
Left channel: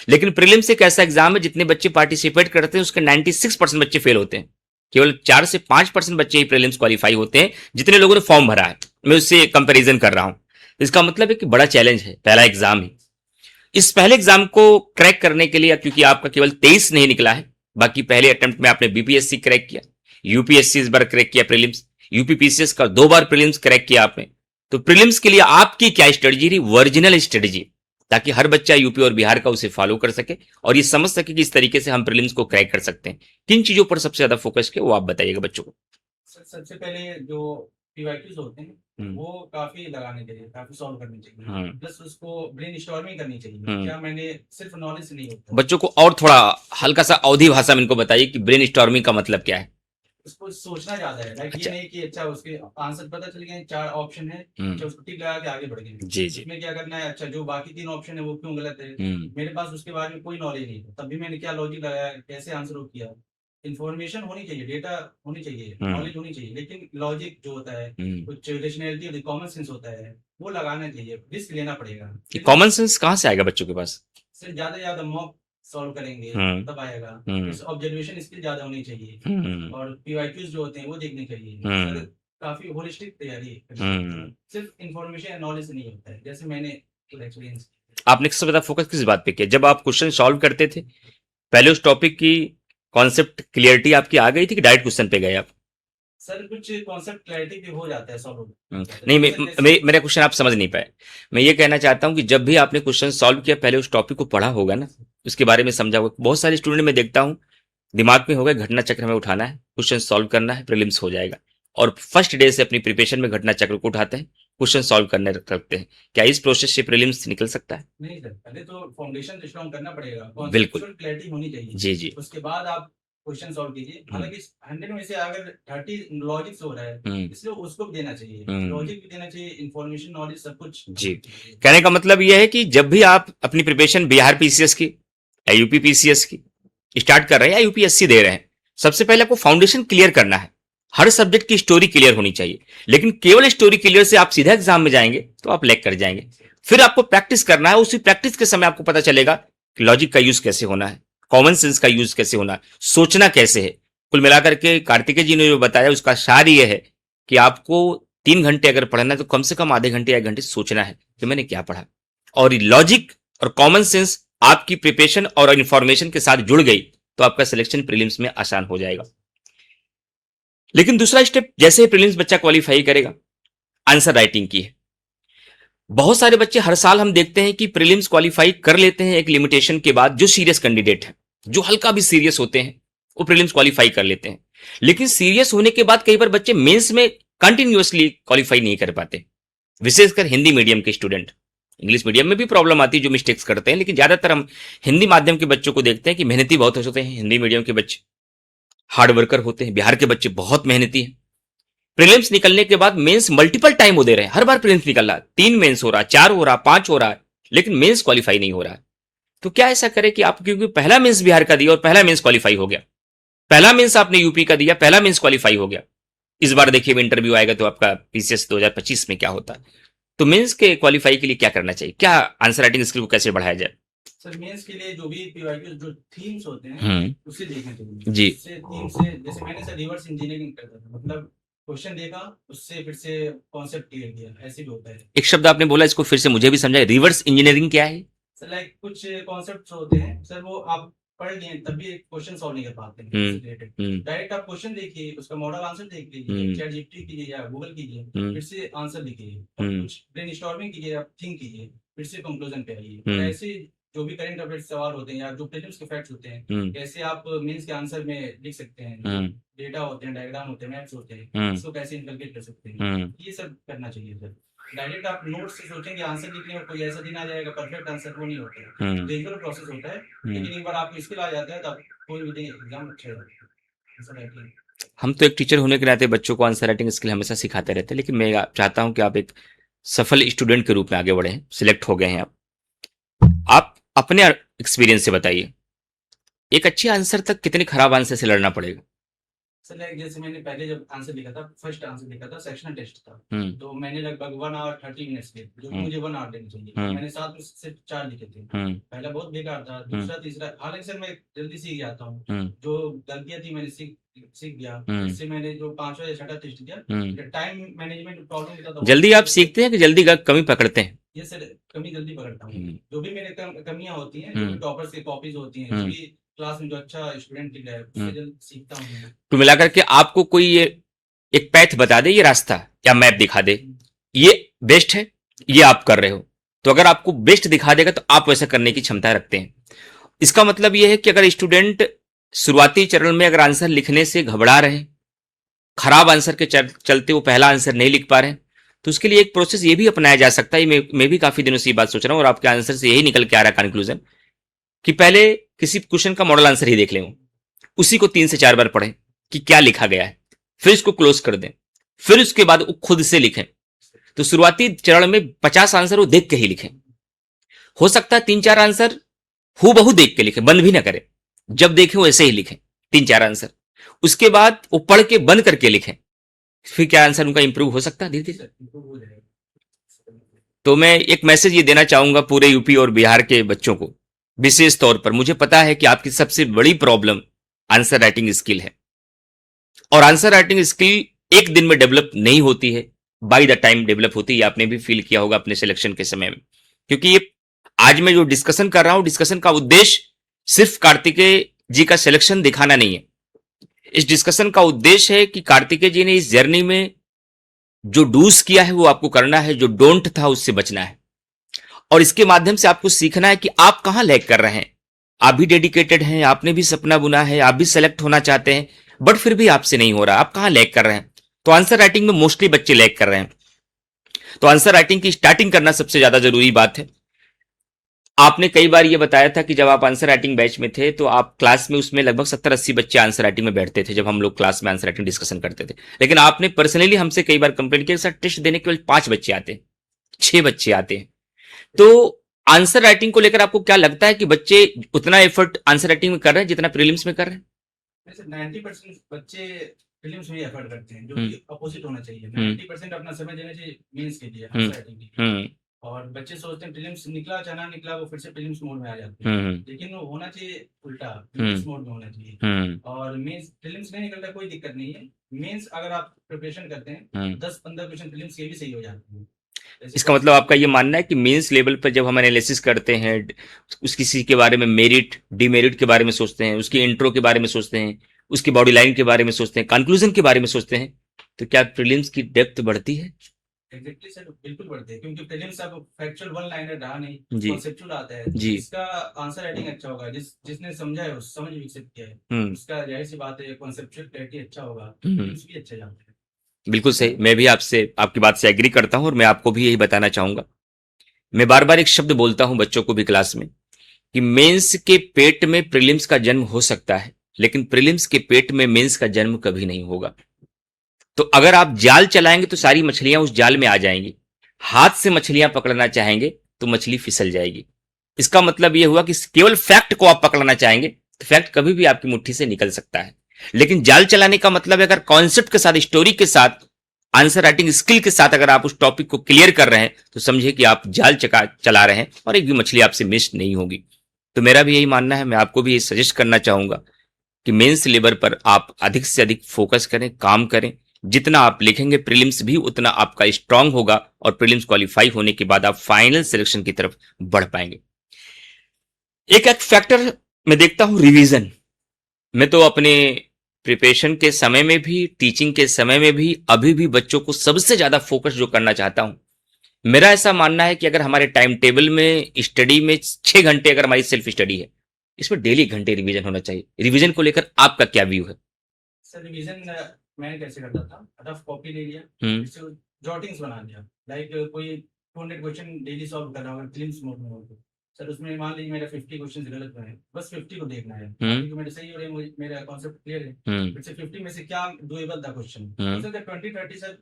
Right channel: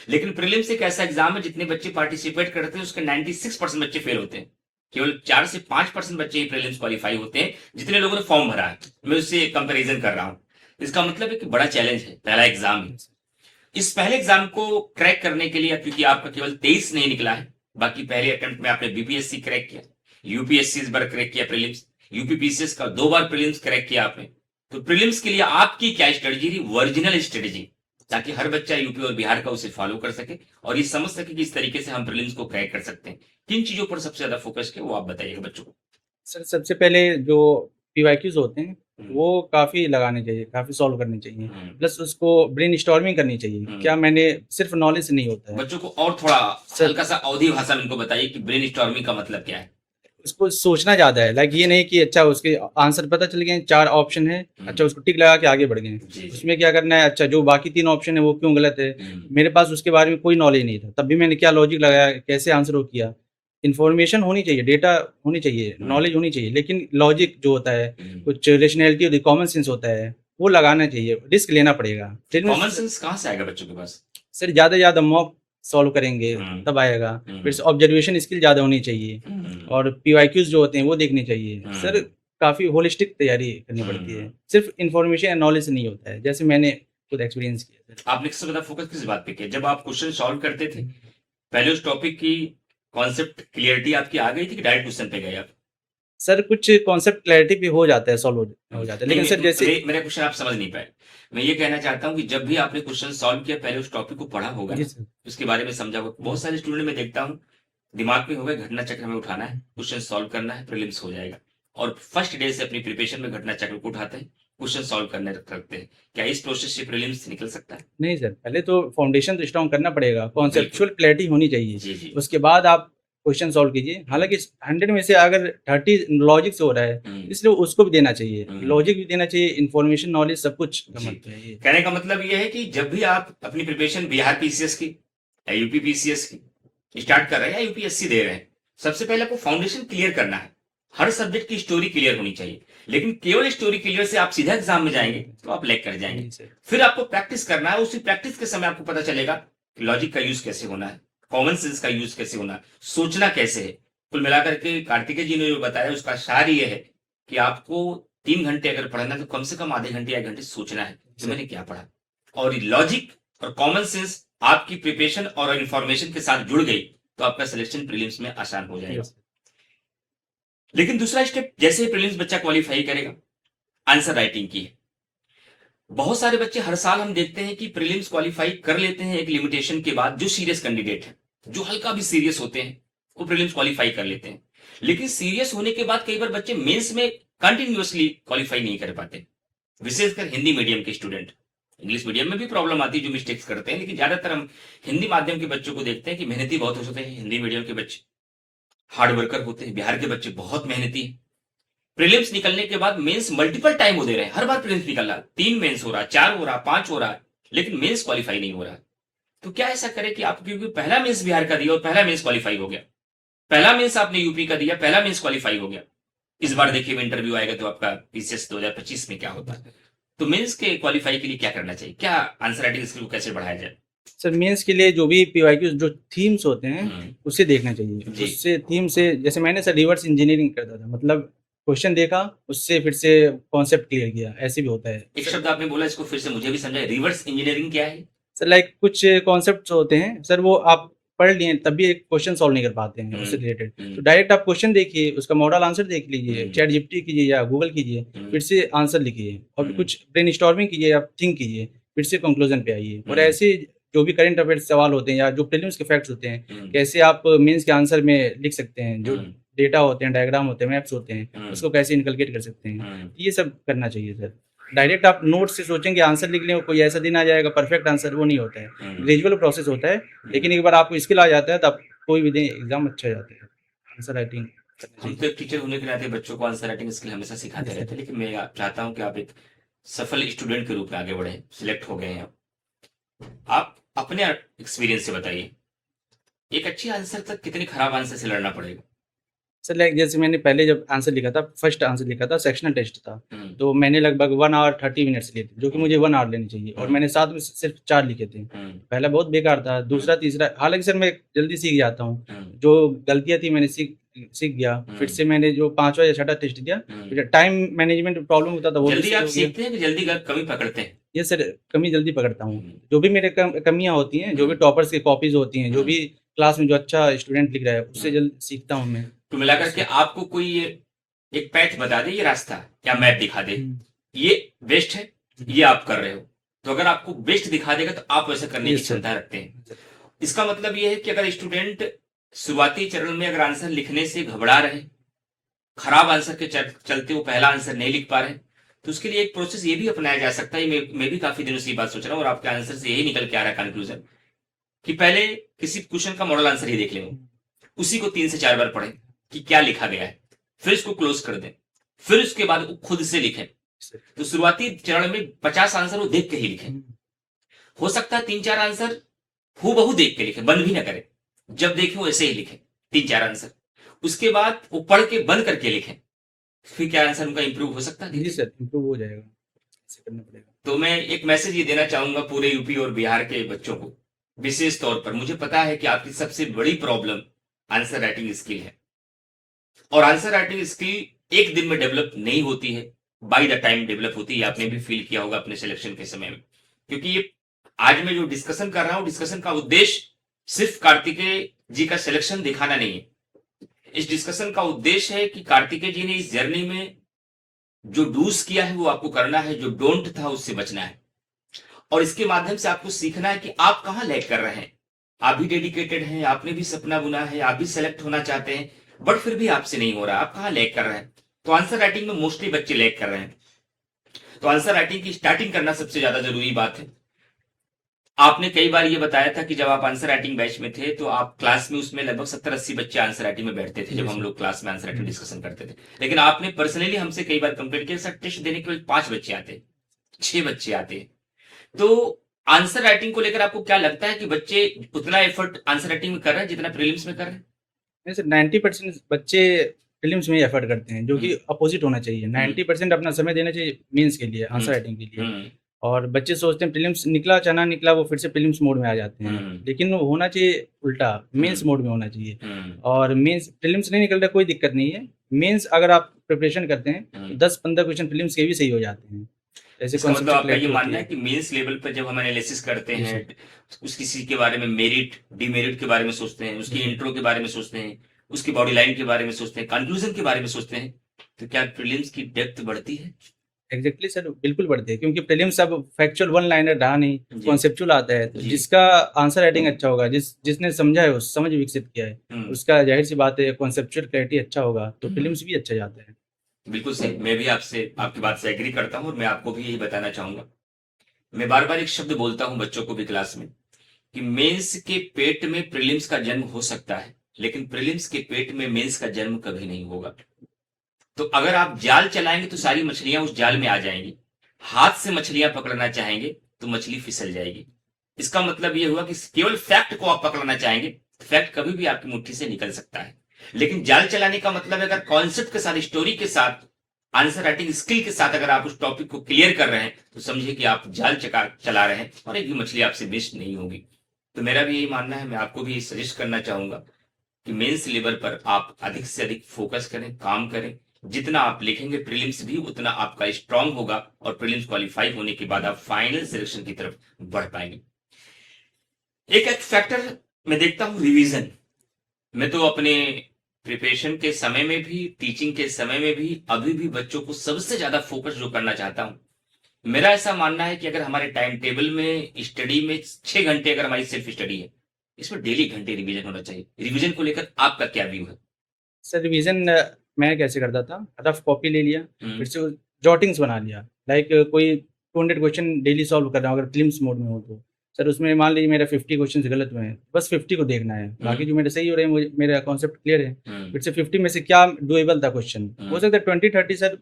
लेकिन प्रीलिम्स एक ऐसा एग्जाम है जितने बच्चे पार्टिसिपेट करते हैं उसके 96% बच्चे फेल होते हैं, केवल 4 से 5% बच्चे ही प्रीलिम्स क्वालिफाई होते हैं, जितने लोगों ने फॉर्म भरा है। मैं उससे कंपैरिजन कर रहा हूं। इसका मतलब है कि बड़ा चैलेंज है, पहला एग्जाम है। इस पहले एग्जाम को क्रैक करने के लिए, क्योंकि आपका केवल 23 नहीं निकला है, बाकी पहले अटेम्प्ट में आपने बीपीएससी क्रैक किया, यूपीएससी इस बार क्रैक किया प्रीलिम्स, यूपीपीसीएस का 2 बार प्रीलिम्स क्रैक किया आपने। तो प्रीलिम्स के लिए आपकी क्या स्ट्रेटजी रही, ओरिजिनल स्ट्रेटजी, ताकि हर बच्चा यूपी और बिहार का उसे फॉलो कर सके और ये समझ सके कि इस तरीके से हम प्रीलिम्स को क्रैक कर सकते हैं। किन चीजों पर सबसे ज्यादा फोकस किया वो आप बताइएगा बच्चों को। सर सबसे पहले जो पीवाईक्यूज होते हैं वो काफ़ी लगाने चाहिए, काफ़ी सॉल्व करने चाहिए। प्लस उसको ब्रेनस्टॉर्मिंग करनी चाहिए। क्या मैंने सिर्फ नॉलेज से नहीं होता है। बच्चों को और थोड़ा हल्का सा अवधी भाषा में इनको बताइए कि ब्रेनस्टॉर्मिंग का मतलब क्या है। उसको सोचना ज़्यादा है, लाइक ये नहीं कि अच्छा उसके आंसर पता चल गए, 4 ऑप्शन है, अच्छा उसको टिक लगा के आगे बढ़ गए। जी, जी। उसमें क्या करना है, अच्छा जो बाकी 3 ऑप्शन है वो क्यों गलत है। मेरे पास उसके बारे में कोई नॉलेज नहीं था, तब भी मैंने क्या लॉजिक लगाया, कैसे आंसर वो किया। इन्फॉर्मेशन होनी चाहिए, डेटा होनी चाहिए, नॉलेज होनी चाहिए, लेकिन लॉजिक जो होता है, कुछ रेशनैलिटी होती है, कॉमन सेंस होता है, वो लगाना चाहिए, रिस्क लेना पड़ेगा। कॉमन सेंस कहाँ से आएगा बच्चों के पास? सर ज़्यादा से ज़्यादा मॉक सॉल्व करेंगे तब आएगा। फिर से ऑब्जर्वेशन स्किल ज़्यादा होनी चाहिए और पीवाईक्यूज जो होते हैं वो देखने चाहिए। सर काफ़ी होलिस्टिक तैयारी करनी पड़ती है, सिर्फ इन्फॉर्मेशन एंड नॉलेज से नहीं होता है, जैसे मैंने खुद एक्सपीरियंस किया। आपने सबसे ज़्यादा फोकस किस बात पे किया जब आप क्वेश्चन सॉल्व करते थे? पहले उस टॉपिक की कॉन्सेप्ट क्लियरिटी आपकी आ गई थी कि डायरेक्ट क्वेश्चन पे गए आप? सर कुछ कॉन्सेप्ट क्लैरिटी भी हो जाता है, सॉल्व हो जाता है। नहीं, सर जैसे मेरा क्वेश्चन आप समझ नहीं पाए। मैं ये कहना चाहता हूँ कि जब भी आपने क्वेश्चन सॉल्व किया पहले उस टॉपिक को पढ़ा होगा ना, उसके बारे में समझा होगा। बहुत सारे स्टूडेंट में देखता हूँ दिमाग में होगा घटना चक्र हमें उठाना है, क्वेश्चन सॉल्व करना है, प्रीलिम्स हो जाएगा, और फर्स्ट डे से अपनी प्रिपरेशन में घटना चक्र को उठाते हैं, क्वेश्चन सॉल्व करने रखते हैं। क्या इस प्रोसेस से प्रीलिम्स निकल सकता है? नहीं सर, पहले तो फाउंडेशन तो स्ट्रॉन्ग करना पड़ेगा, कॉन्सेप्चुअल क्लैरिटी होनी चाहिए। जी, जी। उसके बाद आप क्वेश्चन सॉल्व कीजिए। हालांकि 100 में से अगर 30 लॉजिक से हो रहा है, इसलिए उसको भी देना चाहिए, लॉजिक भी देना चाहिए, इन्फॉर्मेशन नॉलेज सब कुछ। जी, कहने का मतलब यह है कि जब भी आप अपनी प्रिपरेशन बिहार पीसीएस की या यूपी पीसीएस की स्टार्ट कर रहे हैं या यूपीएससी दे रहे हैं, सबसे पहले आपको फाउंडेशन क्लियर करना है। हर सब्जेक्ट की स्टोरी क्लियर होनी चाहिए, लेकिन केवल स्टोरी क्लियर से आप सीधा एग्जाम में जाएंगे तो आप लैग कर जाएंगे। फिर आपको प्रैक्टिस करना है, उसी प्रैक्टिस के समय आपको पता चलेगा कि लॉजिक का यूज कैसे होना है, कॉमन सेंस का यूज कैसे होना है, सोचना कैसे है। कुल मिलाकर के कार्तिकेय जी ने जो बताया उसका सार ये है कि आपको 3 घंटे अगर पढ़ना है तो कम से कम आधे घंटे या 1 घंटे सोचना है कि मैंने क्या पढ़ा, और लॉजिक और कॉमन सेंस आपकी प्रिपरेशन और इंफॉर्मेशन के साथ जुड़ गई तो आपका सिलेक्शन प्रीलिम्स में आसान हो जाएगा। लेकिन दूसरा स्टेप, जैसे प्रीलिम्स बच्चा क्वालिफाई करेगा, आंसर राइटिंग की है। बहुत सारे बच्चे हर साल हम देखते हैं कि प्रीलिम्स क्वालिफाई कर लेते हैं एक लिमिटेशन के बाद। जो सीरियस कैंडिडेट है, जो हल्का भी सीरियस होते हैं, वो प्रीलिम्स क्वालिफाई कर लेते हैं। लेकिन सीरियस होने के बाद कई बार बच्चे मेंस में कंटिन्यूअसली क्वालिफाई नहीं कर पाते, विशेषकर हिंदी मीडियम के स्टूडेंट। इंग्लिश मीडियम में भी प्रॉब्लम आती है, जो मिस्टेक्स करते हैं, लेकिन ज्यादातर हम हिंदी माध्यम के बच्चों को देखते हैं कि मेहनती बहुत होते हैं। हिंदी मीडियम के बच्चे हार्ड वर्कर होते हैं, बिहार के बच्चे बहुत मेहनती हैं। प्रीलिम्स निकलने के बाद मेंस मल्टीपल टाइम वो दे रहे हैं, हर बार प्रीलिम्स निकल रहा है, 3 मेंस हो रहा है, 4 हो रहा है, 5 हो रहा है, लेकिन मेंस क्वालिफाई नहीं हो रहा है। तो क्या ऐसा करें कि आप, क्योंकि पहला मेंस बिहार का दिया और पहला मेंस क्वालिफाई हो गया, पहला मेंस आपने यूपी का दिया, पहला मेंस क्वालिफाई हो गया, इस बार देखिए इंटरव्यू आएगा तो आपका पीसीएस 2025 में क्या होता है। तो मेंस के क्वालिफाई के लिए क्या करना चाहिए, क्या आंसर राइटिंग स्किल को कैसे बढ़ाया जाए? सर मेंस के लिए जो भी पीवाईक्यू जो थीम्स होते हैं उसे देखना चाहिए जी। उससे थीम से, जैसे मैंने सर रिवर्स इंजीनियरिंग करता था, मतलब क्वेश्चन देखा उससे फिर से कॉन्सेप्ट क्लियर किया, ऐसे भी होता है। एक शब्द आपने बोला, इसको फिर से मुझे भी समझाए, रिवर्स इंजीनियरिंग क्या है? सर लाइक कुछ कॉन्सेप्ट होते हैं सर, वो आप पढ़ लिए तब भी एक क्वेश्चन सॉल्व नहीं कर पाते हैं उससे रिलेटेड, तो डायरेक्ट आप क्वेश्चन देखिए, उसका मॉडल आंसर देख लीजिए, चैट जीपीटी कीजिए या गूगल कीजिए, फिर से आंसर लिखिए और कुछ ब्रेनस्टॉर्मिंग कीजिए, आप थिंक कीजिए, फिर से कंक्लूजन पे आइए। और ऐसे जो भी करंट अफेयर्स सवाल होते हैं या जो प्रीलिम्स के फैक्ट्स होते हैं, कैसे आप मेंस के आंसर में लिख सकते हैं, जो डेटा होते हैं, डायग्राम होते हैं, मैप्स होते हैं, उसको कैसे इनकलकेट कर सकते हैं, ये सब करना चाहिए सर। डायरेक्ट आप नोट से सोचेंगे आंसर लिख लें, कोई ऐसा दिन आ जाएगा परफेक्ट आंसर, वो नहीं होता है, ग्रेजुअल प्रोसेस होता है। लेकिन एक बार आपको स्किल आ जाता है तब कोई भी दिन एग्जाम अच्छा जाता है। आंसर राइटिंग, हम तो एक टीचर होने के नाते बच्चों को आंसर राइटिंग स्किल हमेशा सिखाते रहते हैं, लेकिन मैं चाहता हूं कि आप एक सफल स्टूडेंट के रूप में आगे बढ़े, सिलेक्ट हो गए हैं आप अपने एक्सपीरियंस से बताइए, एक अच्छे आंसर तक कितने खराब आंसर से लड़ना पड़ेगा? सर लाइक जैसे मैंने पहले जब आंसर लिखा था, फर्स्ट आंसर लिखा था, सेक्शनल टेस्ट था, तो मैंने लगभग 1 आवर 30 मिनट्स लिए थे, जो कि मुझे 1 आवर लेनी चाहिए, और मैंने 7 में सिर्फ 4 लिखे थे। पहला बहुत बेकार था, दूसरा तीसरा, हालांकि सर मैं जल्दी सीख जाता हूँ, जो गलतियां थी मैंने सीख गया। फिर से मैंने जो 5वां या 6वां टेस्ट दिया, टाइम मैनेजमेंट प्रॉब्लम होता था, जल्दी आप सीखते हैं कि जल्दी कमी पकड़ते हैं? ये सर कमी जल्दी पकड़ता हूँ, जो भी मेरे कमियां होती हैं, जो भी टॉपर्स की कॉपीज होती हैं, जो भी क्लास में जो अच्छा स्टूडेंट लिख रहा है उससे जल्दी सीखता हूँ मैं। तो मिलाकर के आपको कोई ये एक पैथ बता दे, ये रास्ता या मैप दिखा दे, ये बेस्ट है, ये आप कर रहे हो, तो अगर आपको बेस्ट दिखा देगा तो आप वैसा करने की क्षमता रखते हैं। इसका मतलब यह है कि अगर स्टूडेंट शुरुआती चरण में अगर आंसर लिखने से घबरा रहे, खराब आंसर के चलते वो पहला आंसर नहीं लिख पा रहे हैं, तो उसके लिए एक प्रोसेस ये भी अपनाया जा सकता है। मैं भी काफी दिनों से ये बात सोच रहा हूँ और आपके आंसर से यही निकल के आ रहा है कंक्लूजन, कि पहले किसी क्वेश्चन का मॉडल आंसर ही देख लें, उसी को 3 से 4 बार पढ़ें कि क्या लिखा गया है, फिर इसको क्लोज कर दें, फिर उसके बाद वो खुद से लिखें। तो शुरुआती चरण में 50 आंसर वो देख के ही लिखें। हो सकता है 3-4 आंसर हूबहू देख के लिखें, बंद भी ना करें, जब देखें वैसे ही लिखें 3-4 आंसर। उसके बाद वो पढ़ के बंद करके लिखें, फिर क्या आंसर उनका इंप्रूव हो सकता है, धीरे धीरे इंप्रूव हो जाएगा, ऐसे करना पड़ेगा। तो मैं एक मैसेज ये देना चाहूंगा पूरे यूपी और बिहार के बच्चों को, विशेष तौर पर मुझे पता है कि आपकी सबसे बड़ी प्रॉब्लम आंसर राइटिंग स्किल है, और आंसर राइटिंग स्किल एक दिन में डेवलप नहीं होती है, बाय द टाइम डेवलप होती है। आपने भी फील किया होगा अपने सिलेक्शन के समय में, क्योंकि ये आज मैं जो डिस्कशन कर रहा हूं, डिस्कशन का उद्देश्य सिर्फ कार्तिकेय जी का सिलेक्शन दिखाना नहीं है। इस डिस्कशन का उद्देश्य है कि कार्तिकेय जी ने इस जर्नी में जो डूज किया है वो आपको करना है, जो डोंट था उससे बचना है, और इसके माध्यम से आपको सीखना है कि आप कहां लैग कर रहे हैं। आप भी डेडिकेटेड हैं, आपने भी सपना बुना है, आप भी सेलेक्ट होना चाहते हैं, बट फिर भी आपसे नहीं हो रहा, आप कहां लैग कर रहे हैं। तो आंसर राइटिंग में मोस्टली बच्चे लैग कर रहे हैं, तो आंसर राइटिंग की स्टार्टिंग करना सबसे ज्यादा जरूरी बात है। आपने कई बार ये बताया था कि जब आप आंसर राइटिंग बैच में थे तो आप क्लास में उसमें लगभग 70-80 बच्चे आंसर राइटिंग में बैठते थे जब हम लोग क्लास में आंसर राइटिंग डिस्कशन करते थे। लेकिन आपने पर्सनली हमसे कई बार कंप्लेंट किया, सर टेस्ट देने केवल 5 बच्चे आते हैं, 6 बच्चे आते हैं। तो आंसर राइटिंग को लेकर आपको क्या लगता है कि बच्चे उतना एफर्ट आंसर राइटिंग में कर रहे हैं जितना प्रीलिम्स में कर रहे हैं? नहीं सर, 90% बच्चे प्रीलिम्स में ही एफर्ट करते हैं, जो कि अपोजिट होना चाहिए। 90% अपना समय देना चाहिए मेंस के लिए, आंसर राइटिंग के लिए। और बच्चे सोचते हैं प्रीलिम्स निकला चाहे ना निकला, वो फिर से प्रीलिम्स मोड में आ जाते हैं। लेकिन वो होना चाहिए उल्टा, मेंस मोड में होना चाहिए। और मेंस प्रीलिम्स नहीं निकल रहा, कोई दिक्कत नहीं है। मेंस अगर आप प्रिपरेशन करते हैं 10-15 क्वेश्चन प्रीलिम्स के भी सही हो जाते हैं। इसका मतलब आपका ये मानना है कि मेंस लेवल पर जब हम एनालिसिस करते हैं, उस किसी के बारे में मेरिट डिमेरिट के बारे में सोचते हैं, उसकी इंट्रो के बारे में सोचते हैं, उसकी बॉडी लाइन के बारे में सोचते हैं, कंक्लूजन के बारे में सोचते हैं, तो क्या प्रीलिम्स की डेप्थ बढ़ती है? एग्जैक्टली सर, बिल्कुल बढ़ती है, क्योंकि प्रीलिम्स अब फैक्चुअल वन लाइनर रहा नहीं, कॉन्सेप्चुअल आता है। तो जिसका आंसर राइटिंग अच्छा होगा, जिसने समझा है, उस समझ विकसित किया है, उसका जाहिर सी बात है कॉन्सेप्चुअल क्लैरिटी अच्छा होगा तो प्रीलिम्स भी अच्छा जाता है। बिल्कुल सही, मैं भी आपकी बात से एग्री करता हूं, और मैं आपको भी यही बताना चाहूंगा। मैं बार बार एक शब्द बोलता हूं बच्चों को भी क्लास में, कि मेंस के पेट में प्रीलिम्स का जन्म हो सकता है, लेकिन प्रीलिम्स के पेट में मेंस का जन्म कभी नहीं होगा। तो अगर आप जाल चलाएंगे तो सारी मछलियां उस जाल में आ जाएंगी, हाथ से मछलियां पकड़ना चाहेंगे तो मछली फिसल जाएगी। इसका मतलब यह हुआ कि केवल फैक्ट को आप पकड़ना चाहेंगे तो फैक्ट कभी भी आपकी मुट्ठी से निकल सकता है। लेकिन जाल चलाने का मतलब है अगर कॉन्सेप्ट के साथ, स्टोरी के साथ, आंसर राइटिंग स्किल के साथ अगर आप उस टॉपिक को क्लियर कर रहे हैं तो समझिए कि आप जाल चला रहे हैं और एक भी मछली आपसे मिस नहीं होगी। तो मेरा भी यही मानना है, मैं आपको भी सजेस्ट करना चाहूंगा कि मेंस लेवल पर आप अधिक से अधिक फोकस करें, काम करें। जितना आप लिखेंगे प्रीलिम्स भी उतना आपका स्ट्रांग होगा, और प्रीलिम्स क्वालिफाई होने के बाद आप फाइनल सिलेक्शन की तरफ बढ़ पाएंगे। एक फैक्टर मैं देखता हूं, रिवीजन। मैं तो अपने प्रिपरेशन के समय में भी, टीचिंग के समय में भी, अभी भी बच्चों को सबसे ज्यादा फोकस जो करना चाहता हूं, मेरा ऐसा मानना है कि अगर हमारे टाइम टेबल में स्टडी में 6 घंटे अगर हमारी सेल्फ स्टडी है, इसमें डेली घंटे रिवीजन होना चाहिए। रिवीजन को लेकर आपका क्या व्यू है? सर रिवीजन मैं कैसे करता था, रफ कॉपी ले लिया, फिर से जॉटिंग्स बना लिया। लाइक कोई 200 क्वेश्चन डेली सॉल्व कर रहा हूँ अगर प्रीलिम्स मोड में हो तो सर, उसमें मान लीजिए मेरा 50 क्वेश्चन गलत हुए हैं, बस 50 को देखना है, बाकी जो मेरे सही हो रहे हैं, मुझे मेरा कॉन्सेप्ट क्लियर है। फिर से 50 में से क्या डुएबल था क्वेश्चन, हो सकता है 20-30 सर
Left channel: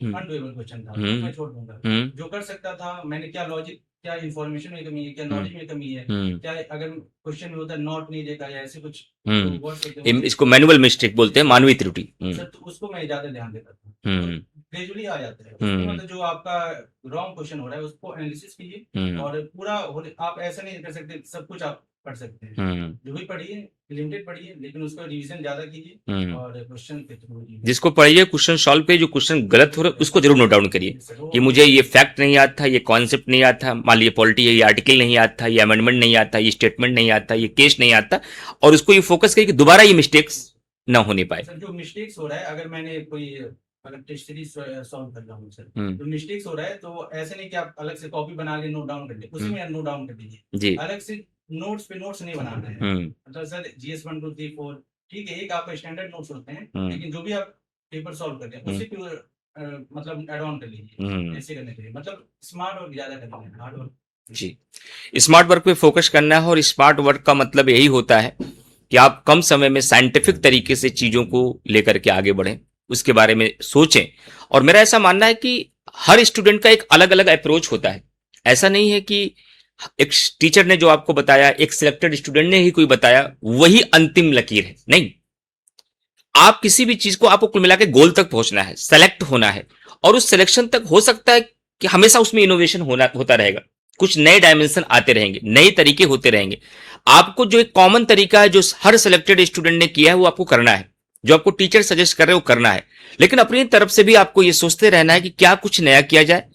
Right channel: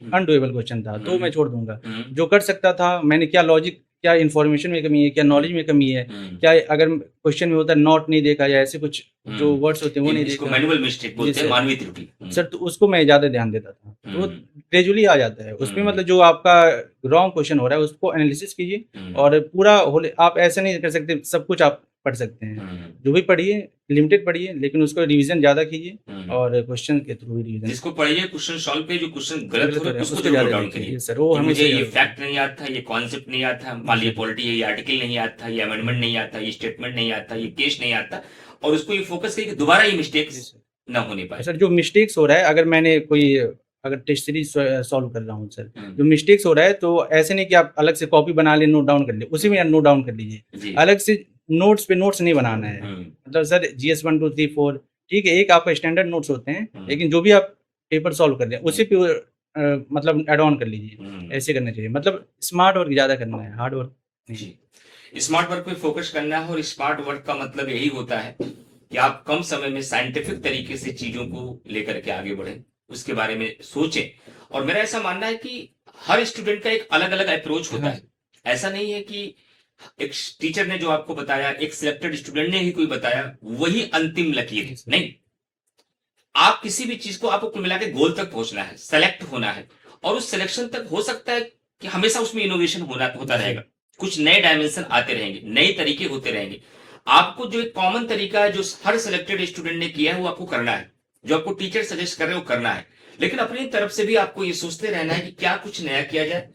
अनडुएबल क्वेश्चन था, तो मैं छोड़ दूंगा। जो कर सकता था मैंने, क्या लॉजिक, क्या इन्फॉर्मेशन में कमी है, क्या नॉलेज में कमी है, क्या अगर क्वेश्चन में होता है नॉट नहीं देखा या ऐसे कुछ जो वर्ड्स होते हैं, इसको मैनुअल मिस्टेक बोलते हैं, मानवीय त्रुटि सर, तो उसको मैं ज्यादा ध्यान देता था। तो ग्रेजुअली आ जाता है उसमें, मतलब जो आपका रॉन्ग क्वेश्चन हो रहा है उसको एनालिसिस कीजिए, और पूरा आप ऐसा नहीं कर सकते सब कुछ आप पढ़ सकते हैं। जो भी पढ़िए लिमिटेड पढ़िए, लेकिन उसको रिवीजन ज्यादा कीजिए, और क्वेश्चन के थ्रू रिवीजन, जिसको पढ़िए क्वेश्चन सॉल्व पे, जो क्वेश्चन गलत हो रहा है उसको जरूर नोट डाउन करिए कि मुझे ये फैक्ट नहीं आता, ये कॉन्सेप्ट नहीं आता, मान लीजिए पॉलिटी, ये आर्टिकल नहीं आता, ये अमेंडमेंट नहीं आता, ये स्टेटमेंट नहीं आता, ये केस नहीं आता, और उसको ये फोकस करिए कि दोबारा ये मिस्टेक्स ना होने पाए। सर जो मिस्टेक्स हो रहा है, अगर मैंने कोई अगर टेस्ट सीरीज सॉल्व कर रहा हूँ सर, जो मिस्टेक्स हो रहा है तो ऐसे नहीं कि आप अलग से कॉपी बना ले, नोट डाउन कर ले, उसी में नोट डाउन कर लीजिए, अलग से नोट्स पे नोट्स नहीं बनाना है। मतलब सर GS 1 2 3 4 ठीक है, एक आपका स्टैंडर्ड नोट्स होते हैं, लेकिन जो भी आप पेपर सॉल्व कर रहे हैं उसी पे मतलब एड ऑन कर लीजिए, ऐसे करना चाहिए। मतलब स्मार्ट वर्क ज्यादा करना है, हार्ड वर्क जी। स्मार्ट वर्क पे फोकस करना है, और स्मार्ट वर्क का मतलब यही होता है कि आप कम समय में साइंटिफिक तरीके से चीजों को लेकर के आगे बढ़ें, उसके बारे में सोचें। और मेरा ऐसा मानना है कि हर स्टूडेंट का एक अलग अलग अप्रोच होता है। ऐसा नहीं है कि एक टीचर ने जो आपको बताया, एक सिलेक्टेड स्टूडेंट ने ही कोई बताया, वही अंतिम लकीर है। नहीं, आप किसी भी चीज को, आपको कुल मिला के गोल तक पहुंचना है, सेलेक्ट होना है, और उस सिलेक्शन तक हो सकता है कि हमेशा उसमें इनोवेशन होता रहेगा, कुछ नए डायमेंशन आते रहेंगे, नए तरीके होते रहेंगे। आपको जो एक कॉमन तरीका है जो हर सिलेक्टेड स्टूडेंट ने किया है वो आपको करना है, जो आपको टीचर सजेस्ट कर रहे हैं वो करना है। लेकिन अपनी तरफ से भी आपको ये सोचते रहना है कि क्या कुछ नया किया जाए,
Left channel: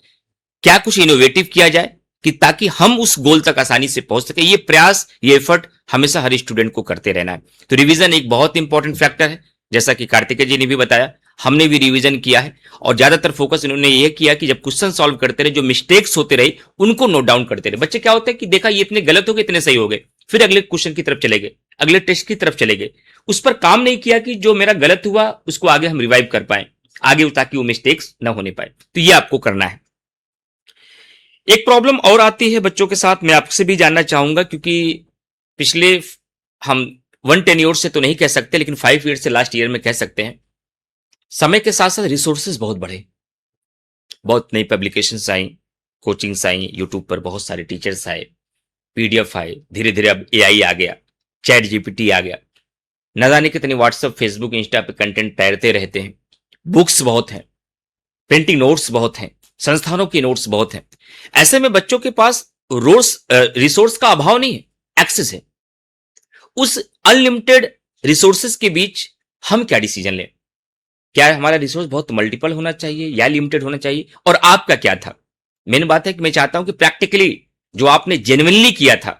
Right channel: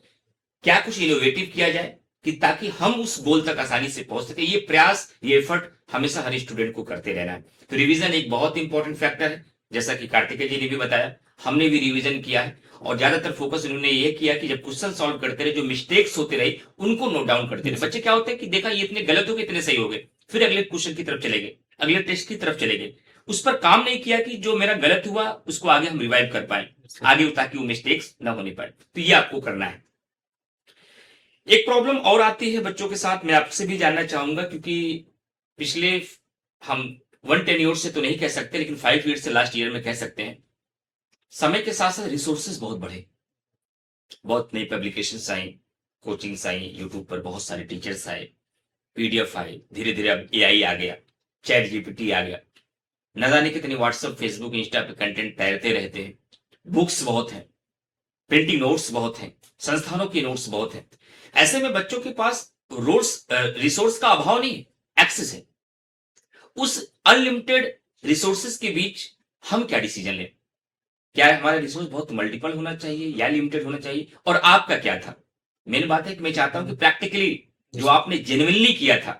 क्या कुछ इनोवेटिव किया जाए, कि ताकि हम उस गोल तक आसानी से पहुंच सके। ये प्रयास, ये एफर्ट हमेशा हर स्टूडेंट को करते रहना है। तो रिवीजन एक बहुत इंपॉर्टेंट फैक्टर है, जैसा कि कार्तिकेय जी ने भी बताया, हमने भी रिवीजन किया है, और ज्यादातर फोकस इन्होंने ये किया कि जब क्वेश्चन सॉल्व करते रहे, जो मिस्टेक्स होते रहे उनको नोट डाउन करते रहे। बच्चे क्या होता है कि देखा ये इतने गलत हो गए, इतने सही हो गए, फिर अगले क्वेश्चन की तरफ चले गए, अगले टेस्ट की तरफ चले गए, उस पर काम नहीं किया कि जो मेरा गलत हुआ उसको आगे हम रिवाइव कर पाए आगे, ताकि वो मिस्टेक्स ना होने पाए। तो ये आपको करना है। एक प्रॉब्लम और आती है बच्चों के साथ, मैं आपसे भी जानना चाहूंगा, क्योंकि पिछले हम 110 ईयर से तो नहीं कह सकते, लेकिन 5 ईयर से लास्ट ईयर में कह सकते हैं, समय के साथ साथ रिसोर्सेज बहुत बढ़े, बहुत नई पब्लिकेशंस आई, कोचिंग्स आई, यूट्यूब पर बहुत सारे टीचर्स आए, PDF आए, धीरे धीरे अब AI आ गया, चैट GPT आ गया, न जाने कितने व्हाट्सएप, फेसबुक, इंस्टा पे कंटेंट तैरते रहते हैं, बुक्स बहुत हैं, प्रिंटिंग नोट्स बहुत हैं, संस्थानों के नोट्स बहुत हैं। ऐसे में बच्चों के पास रिसोर्स का अभाव नहीं है, एक्सेस है। उस अनलिमिटेड रिसोर्सेज के बीच हम क्या डिसीजन लें? क्या हमारा रिसोर्स बहुत मल्टीपल होना चाहिए या लिमिटेड होना चाहिए? और आपका क्या था? मेन बात है कि मैं चाहता हूं कि प्रैक्टिकली जो आपने जेन्युइनली किया था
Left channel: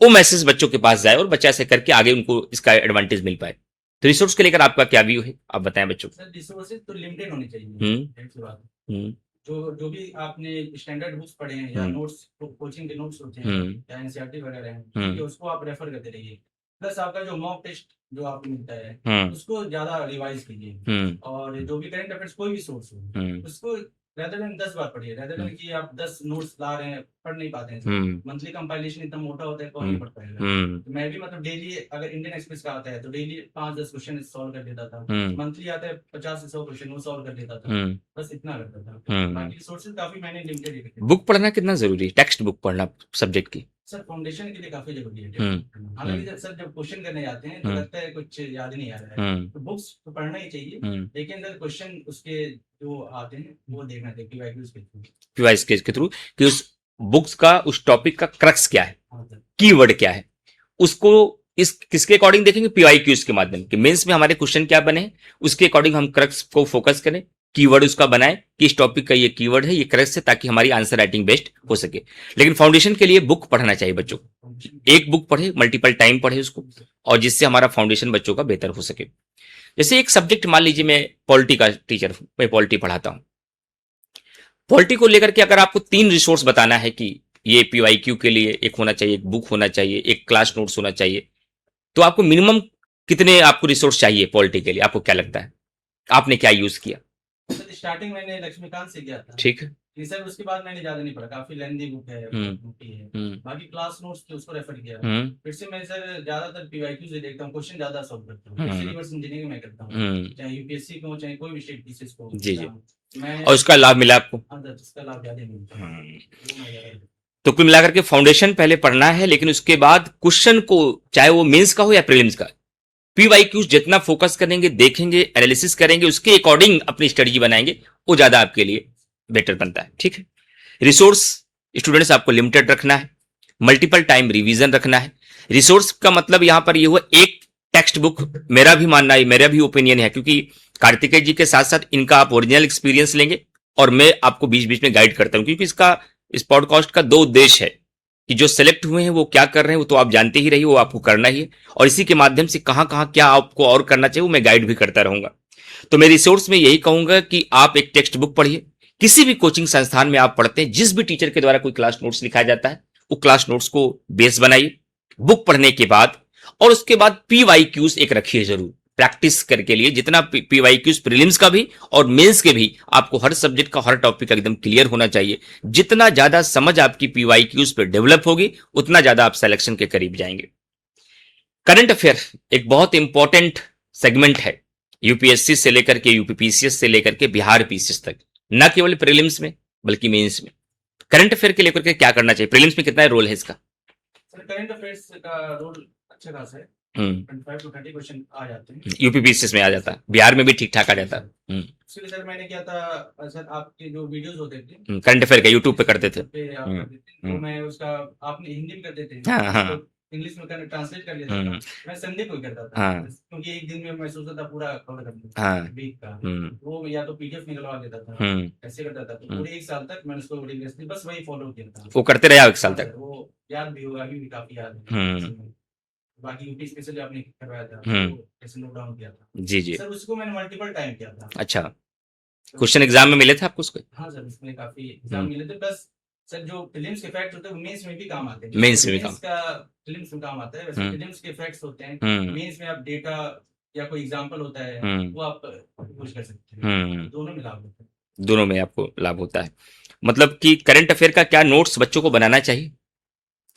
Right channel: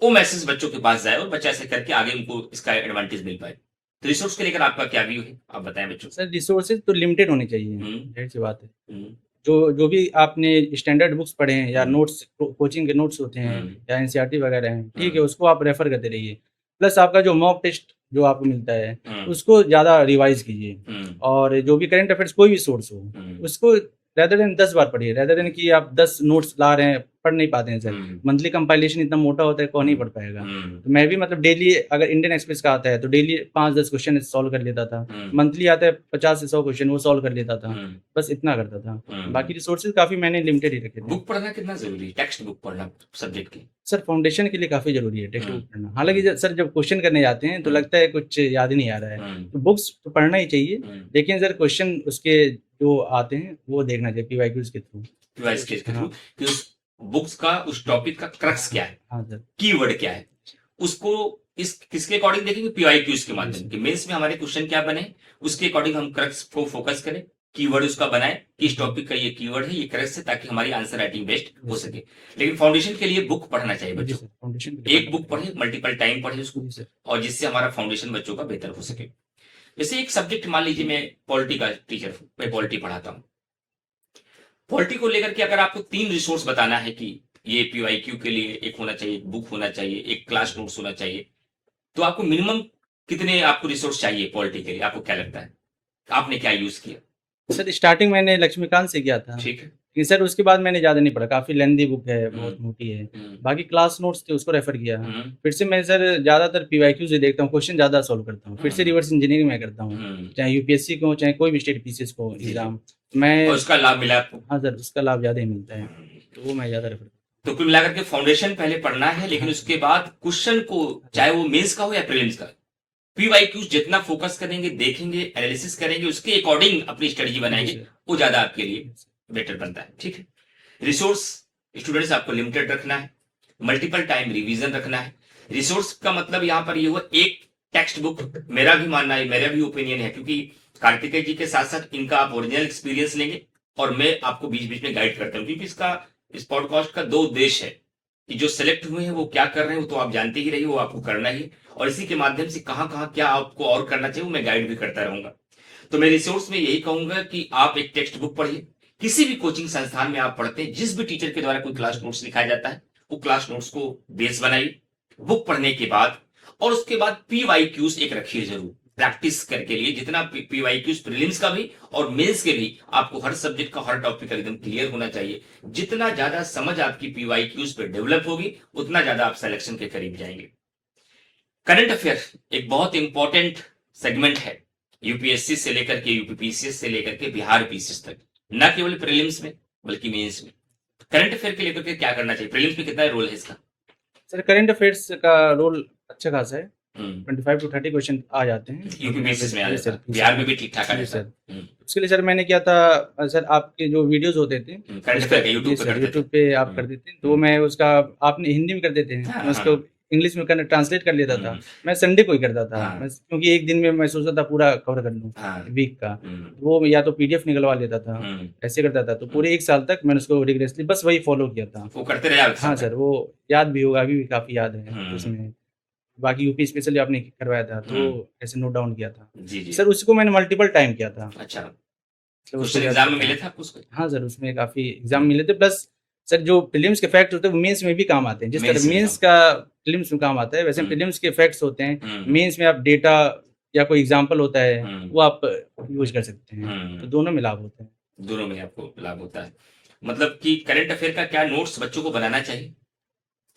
वो मैसेज बच्चों के पास जाए, और बच्चा ऐसे करके आगे उनको इसका एडवांटेज मिल पाए। तो रिसोर्स को लेकर आपका क्या व्यू है, आप बताएं बच्चों। सर रिसोर्सेज तो लिमिटेड होने चाहिए, ढेर सी बात है। जो भी आपने स्टैंडर्ड बुक्स पढ़े हैं या नोट्स, कोचिंग के नोट्स होते हैं या NCERT वगैरह हैं, ठीक है, उसको आप रेफर करते रहिए। प्लस आपका जो मॉक टेस्ट जो आपको मिलता है उसको ज्यादा रिवाइज कीजिए, और जो भी करंट अफेयर्स कोई भी सोर्स हो उसको रेदर देन 10 बार पढ़िए, रेदर देन कि आप 10 नोट्स ला रहे हैं, पढ़ नहीं पाते हैं सर। मंथली कंपाइलेशन इतना मोटा होता है, कौन नहीं पढ़ पाएगा। तो मैं भी मतलब डेली, अगर इंडियन एक्सप्रेस का आता है तो डेली 5-10 क्वेश्चन सॉल्व कर लेता था, मंथली आता है 50 से 100 क्वेश्चन वो सॉल्व कर लेता था, बस इतना करता था। बाकी रिसोर्सेज काफी मैंने लिमिटेड ही रखे। बुक पढ़ना कितना जरूरी है, टेक्स्ट बुक पढ़ना सब्जेक्ट की? सर फाउंडेशन के लिए काफी जरूरी है टेक्स्ट बुक पढ़ना। हालांकि सर जब क्वेश्चन करने जाते हैं तो लगता है कुछ याद ही नहीं आ रहा है, तो बुक्स तो पढ़ना ही चाहिए, लेकिन सर क्वेश्चन उसके जो आते हैं वो देखना चाहिए PYQs के थ्रू, के थ्रू, कि उस बुक्स का, उस टॉपिक का क्रक्स क्या है, कीवर्ड क्या है, उसको इस किसके अकॉर्डिंग देखेंगे? PYQs के माध्यम के। मेंस में हमारे क्वेश्चन क्या बने उसके अकॉर्डिंग हम क्रक्स को फोकस करें, कीवर्ड उसका बनाए कि इस टॉपिक का ये कीवर्ड है, ये क्रक्स है, ताकि हमारी आंसर राइटिंग बेस्ट हो सके। लेकिन फाउंडेशन के लिए बुक पढ़ना चाहिए बच्चों को, एक बुक पढ़े, मल्टीपल टाइम पढ़े उसको, और जिससे हमारा फाउंडेशन बच्चों का बेहतर हो सके। जैसे एक सब्जेक्ट, मान लीजिए मैं पॉलिटी का टीचर हूं, मैं पॉलिटी पढ़ाता हूं, पॉलिटी को लेकर के अगर आपको 3 रिसोर्स बताना है कि ये PYQ के लिए एक होना चाहिए, एक बुक होना चाहिए, एक क्लास नोट्स होना चाहिए, तो आपको मिनिमम कितने आपको रिसोर्स चाहिए पॉलिटी के लिए? आपको क्या लगता है, आपने क्या यूज किया? सर स्टार्टिंग मैंने लक्ष्मीकांत से किया था, ठीक है, कि सर उसके बाद मैंने ज्यादा नहीं पढ़ा, काफी लेंथी बुक है, बहुत मोटी है। बाकी क्लास नोट्स थे उसको रेफर किया। फिर से मैं सर ज्यादातर PYQ से देखता हूँ, क्वेश्चन ज्यादा सॉल्व करता हूँ। फिर से रिवर्स इंजीनियरिंग में करता हूँ, चाहे UPSC को, चाहे कोई भी स्टेट पीसीएस को एग्जाम, मैं। और उसका लाभ मिला आपको? हाँ सर, उसका लाभ ज्यादा ही मिलता है, तो वो मैं ज्यादा रेफर। तो कुल मिलाकर के फाउंडेशन पहले पढ़ना है, लेकिन उसके बाद क्वेश्चन को, चाहे वो मेंस का हो या प्रीलिम्स का, PYQs जितना फोकस करेंगे, देखेंगे, एनालिसिस करेंगे, उसके अकॉर्डिंग अपनी स्टडी बनाएंगे, वो ज्यादा आपके लिए बेटर बनता है। ठीक है, रिसोर्स स्टूडेंट्स आपको लिमिटेड रखना है, मल्टीपल टाइम रिवीजन रखना है। रिसोर्स का मतलब यहां पर ये हुआ एक टेक्स्ट बुक, मेरा भी मानना है, मेरा भी ओपिनियन है, क्योंकि कार्तिकेय जी के साथ साथ इनका आप ओरिजिनल एक्सपीरियंस लेंगे, और मैं आपको बीच बीच में गाइड करता हूं, क्योंकि इस पॉडकास्ट का 2 उद्देश्य है कि जो सेलेक्ट हुए हैं वो क्या कर रहे हैं, वो तो आप जानते ही रहिए, वो आपको करना ही है, और इसी के माध्यम से कहां कहां क्या आपको और करना चाहिए वो मैं गाइड भी करता रहूंगा। तो मैं रिसोर्स में यही कहूंगा कि आप एक टेक्स्ट बुक पढ़िए। किसी भी कोचिंग संस्थान में आप पढ़ते हैं, जिस भी टीचर के द्वारा कोई क्लास नोट्स लिखाया जाता है, वो क्लास नोट्स को बेस बनाइए बुक पढ़ने के बाद, और उसके बाद PYQs एक रखिए जरूर प्रैक्टिस करके लिए। जितना PYQs प्रीलिम्स का भी और मेंस के भी, आपको हर सब्जेक्ट का हर टॉपिक एकदम क्लियर होना चाहिए। जितना ज्यादा समझ आपकी PYQs पे डेवलप होगी, उतना ज्यादा आप सिलेक्शन के करीब जाएंगे। करंट अफेयर एक बहुत इंपॉर्टेंट सेगमेंट है, यूपीएससी से लेकर के यूपीपीसीएस से लेकर के बिहार पीसीएस तक, न केवल प्रीलिम्स में बल्कि मेंस में। करंट अफेयर के लेकर के क्या करना चाहिए, प्रीलिम्स में कितना रोल है इसका? सर करंट अफेयर्स का रोल अच्छा खासा है, 25 to 30 क्वेश्चन आ जाते हैं। यूपीपीसीएस में आ जाता है, बिहार में भी ठीक ठाक आ जाता है। उसके लिए सर मैंने किया था, सर आपके जो वीडियोस होते थे करंट अफेयर का यूट्यूब पे करते थे, यूट्यूब पे आप कर देते हैं, तो मैं उसका, आपने हिंदी में कर देते हैं, मैं उसको इंग्लिश में करना ट्रांसलेट कर लेता था। मैं संडे को ही करता था, क्योंकि एक दिन में मैं सोचता था पूरा कवर कर लूं वीक का। वो या तो पीडीएफ निकलवा लेता था, ऐसे करता था। तो पूरे 1 साल तक मैंने उसको रिग्रेसली बस वही फॉलो किया था। वो करते रहे? हाँ सर, वो याद भी होगा, अभी भी काफी याद है उसमें। बाकी यूपी स्पेशली आपने करवाया था, तो ऐसे नोट डाउन किया था। जी जी सर उसको मैंने मल्टीपल टाइम किया था। अच्छा, क्वेश्चन एग्जाम में मिले थे आपको उसको? हाँ सर, उसमें काफी एग्जाम मिले थे। प्लस सर जो प्रीलिम्स के फैक्ट होते हैं वो मेंस में भी काम आते हैं। जैसे मेंस का प्रीलिम्स में काम आता है, वैसे प्रीलिम्स के फैक्ट्स होते हैं, मेंस में आप डेटा या कोई एग्जांपल होता है वो आप यूज कर सकते हैं। तो दोनों में लाभ होता है। दोनों में आपको लाभ होता है। मतलब कि करंट अफेयर का क्या नोट्स बच्चों को बनाना चाहिए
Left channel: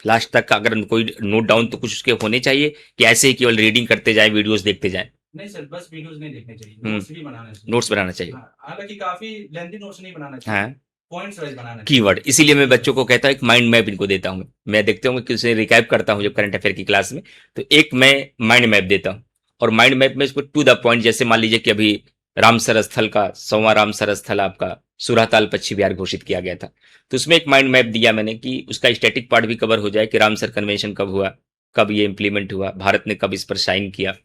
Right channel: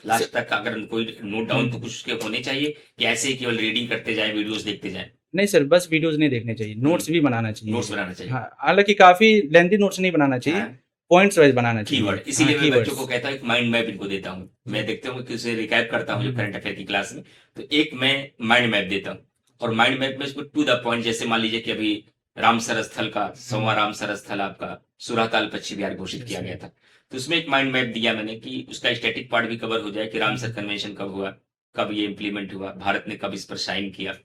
लास्ट तक? अगर कोई नोट डाउन तो कुछ उसके होने चाहिए, कि ऐसे ही केवल रीडिंग करते जाए, वीडियोस देखते जाए? नहीं सर, बस वीडियोस नहीं देखने चाहिए, नोट्स भी बनाना चाहिए। नोट्स बनाना चाहिए, हालांकि काफी लेंथी नोट्स नहीं बनाना चाहिए, पॉइंट्स वाइज बनाना चाहिए। कीवर्ड, इसीलिए मैं बच्चों को कहता हूँ एक माइंड मैप इनको देता हूँ। मैं देखते हूँ कि उसे रिकैप करता हूँ जब करंट अफेयर की क्लास में, तो एक मैं माइंड मैप देता हूँ, और माइंड मैप में इसको टू द पॉइंट, जैसे मान लीजिए कि अभी रामसर स्थल का 100वां रामसर स्थल आपका सूराताल पश्चिम बिहार घोषित किया गया था, तो उसमें एक माइंड मैप दिया मैंने कि उसका स्टैटिक पार्ट भी कवर हो जाए, कि रामसर कन्वेंशन कब हुआ, कब ये इंप्लीमेंट हुआ, भारत ने कब इस पर साइन किया,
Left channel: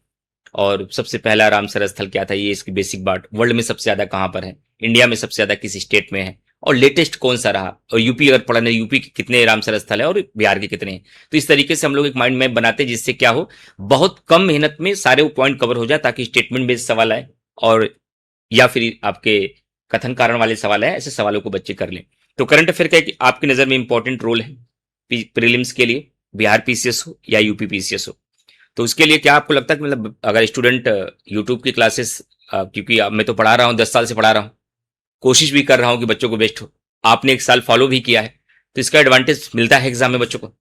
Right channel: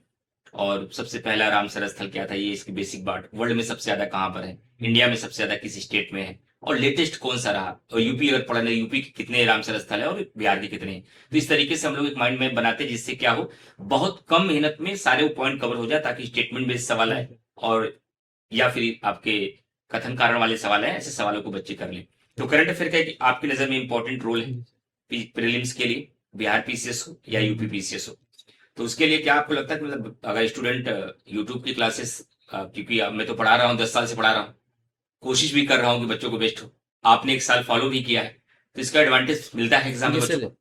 और सबसे पहला रामसर स्थल क्या था, ये इसकी बेसिक बात, वर्ल्ड में सबसे ज्यादा कहाँ पर है, इंडिया में सबसे ज्यादा किस स्टेट में है, और लेटेस्ट कौन सा रहा, और यूपी अगर पढ़ना, यूपी के कितने रामसर स्थल है और बिहार के कितने हैं। तो इस तरीके से हम लोग एक माइंड मैप बनाते हैं, जिससे क्या हो, बहुत कम मेहनत में सारे पॉइंट कवर हो जाए, ताकि स्टेटमेंट बेस्ड सवाल आए, और या फिर आपके कथन कारण वाले सवाल है, ऐसे सवालों को बच्चे कर लें। तो करंट अफेयर का एक आपकी नजर में इंपॉर्टेंट रोल है प्रीलिम्स के लिए, बिहार पीसीएस हो या यूपी पीसीएस हो। तो उसके लिए क्या आपको लगता है कि मतलब अगर स्टूडेंट यूट्यूब की क्लासेस, क्योंकि मैं तो पढ़ा रहा हूँ, 10 साल से पढ़ा रहा हूँ, कोशिश भी कर रहा हूँ कि बच्चों को बेस्ट हो, आपने 1 साल फॉलो भी किया है, तो इसका एडवांटेज मिलता है एग्जाम में बच्चों को?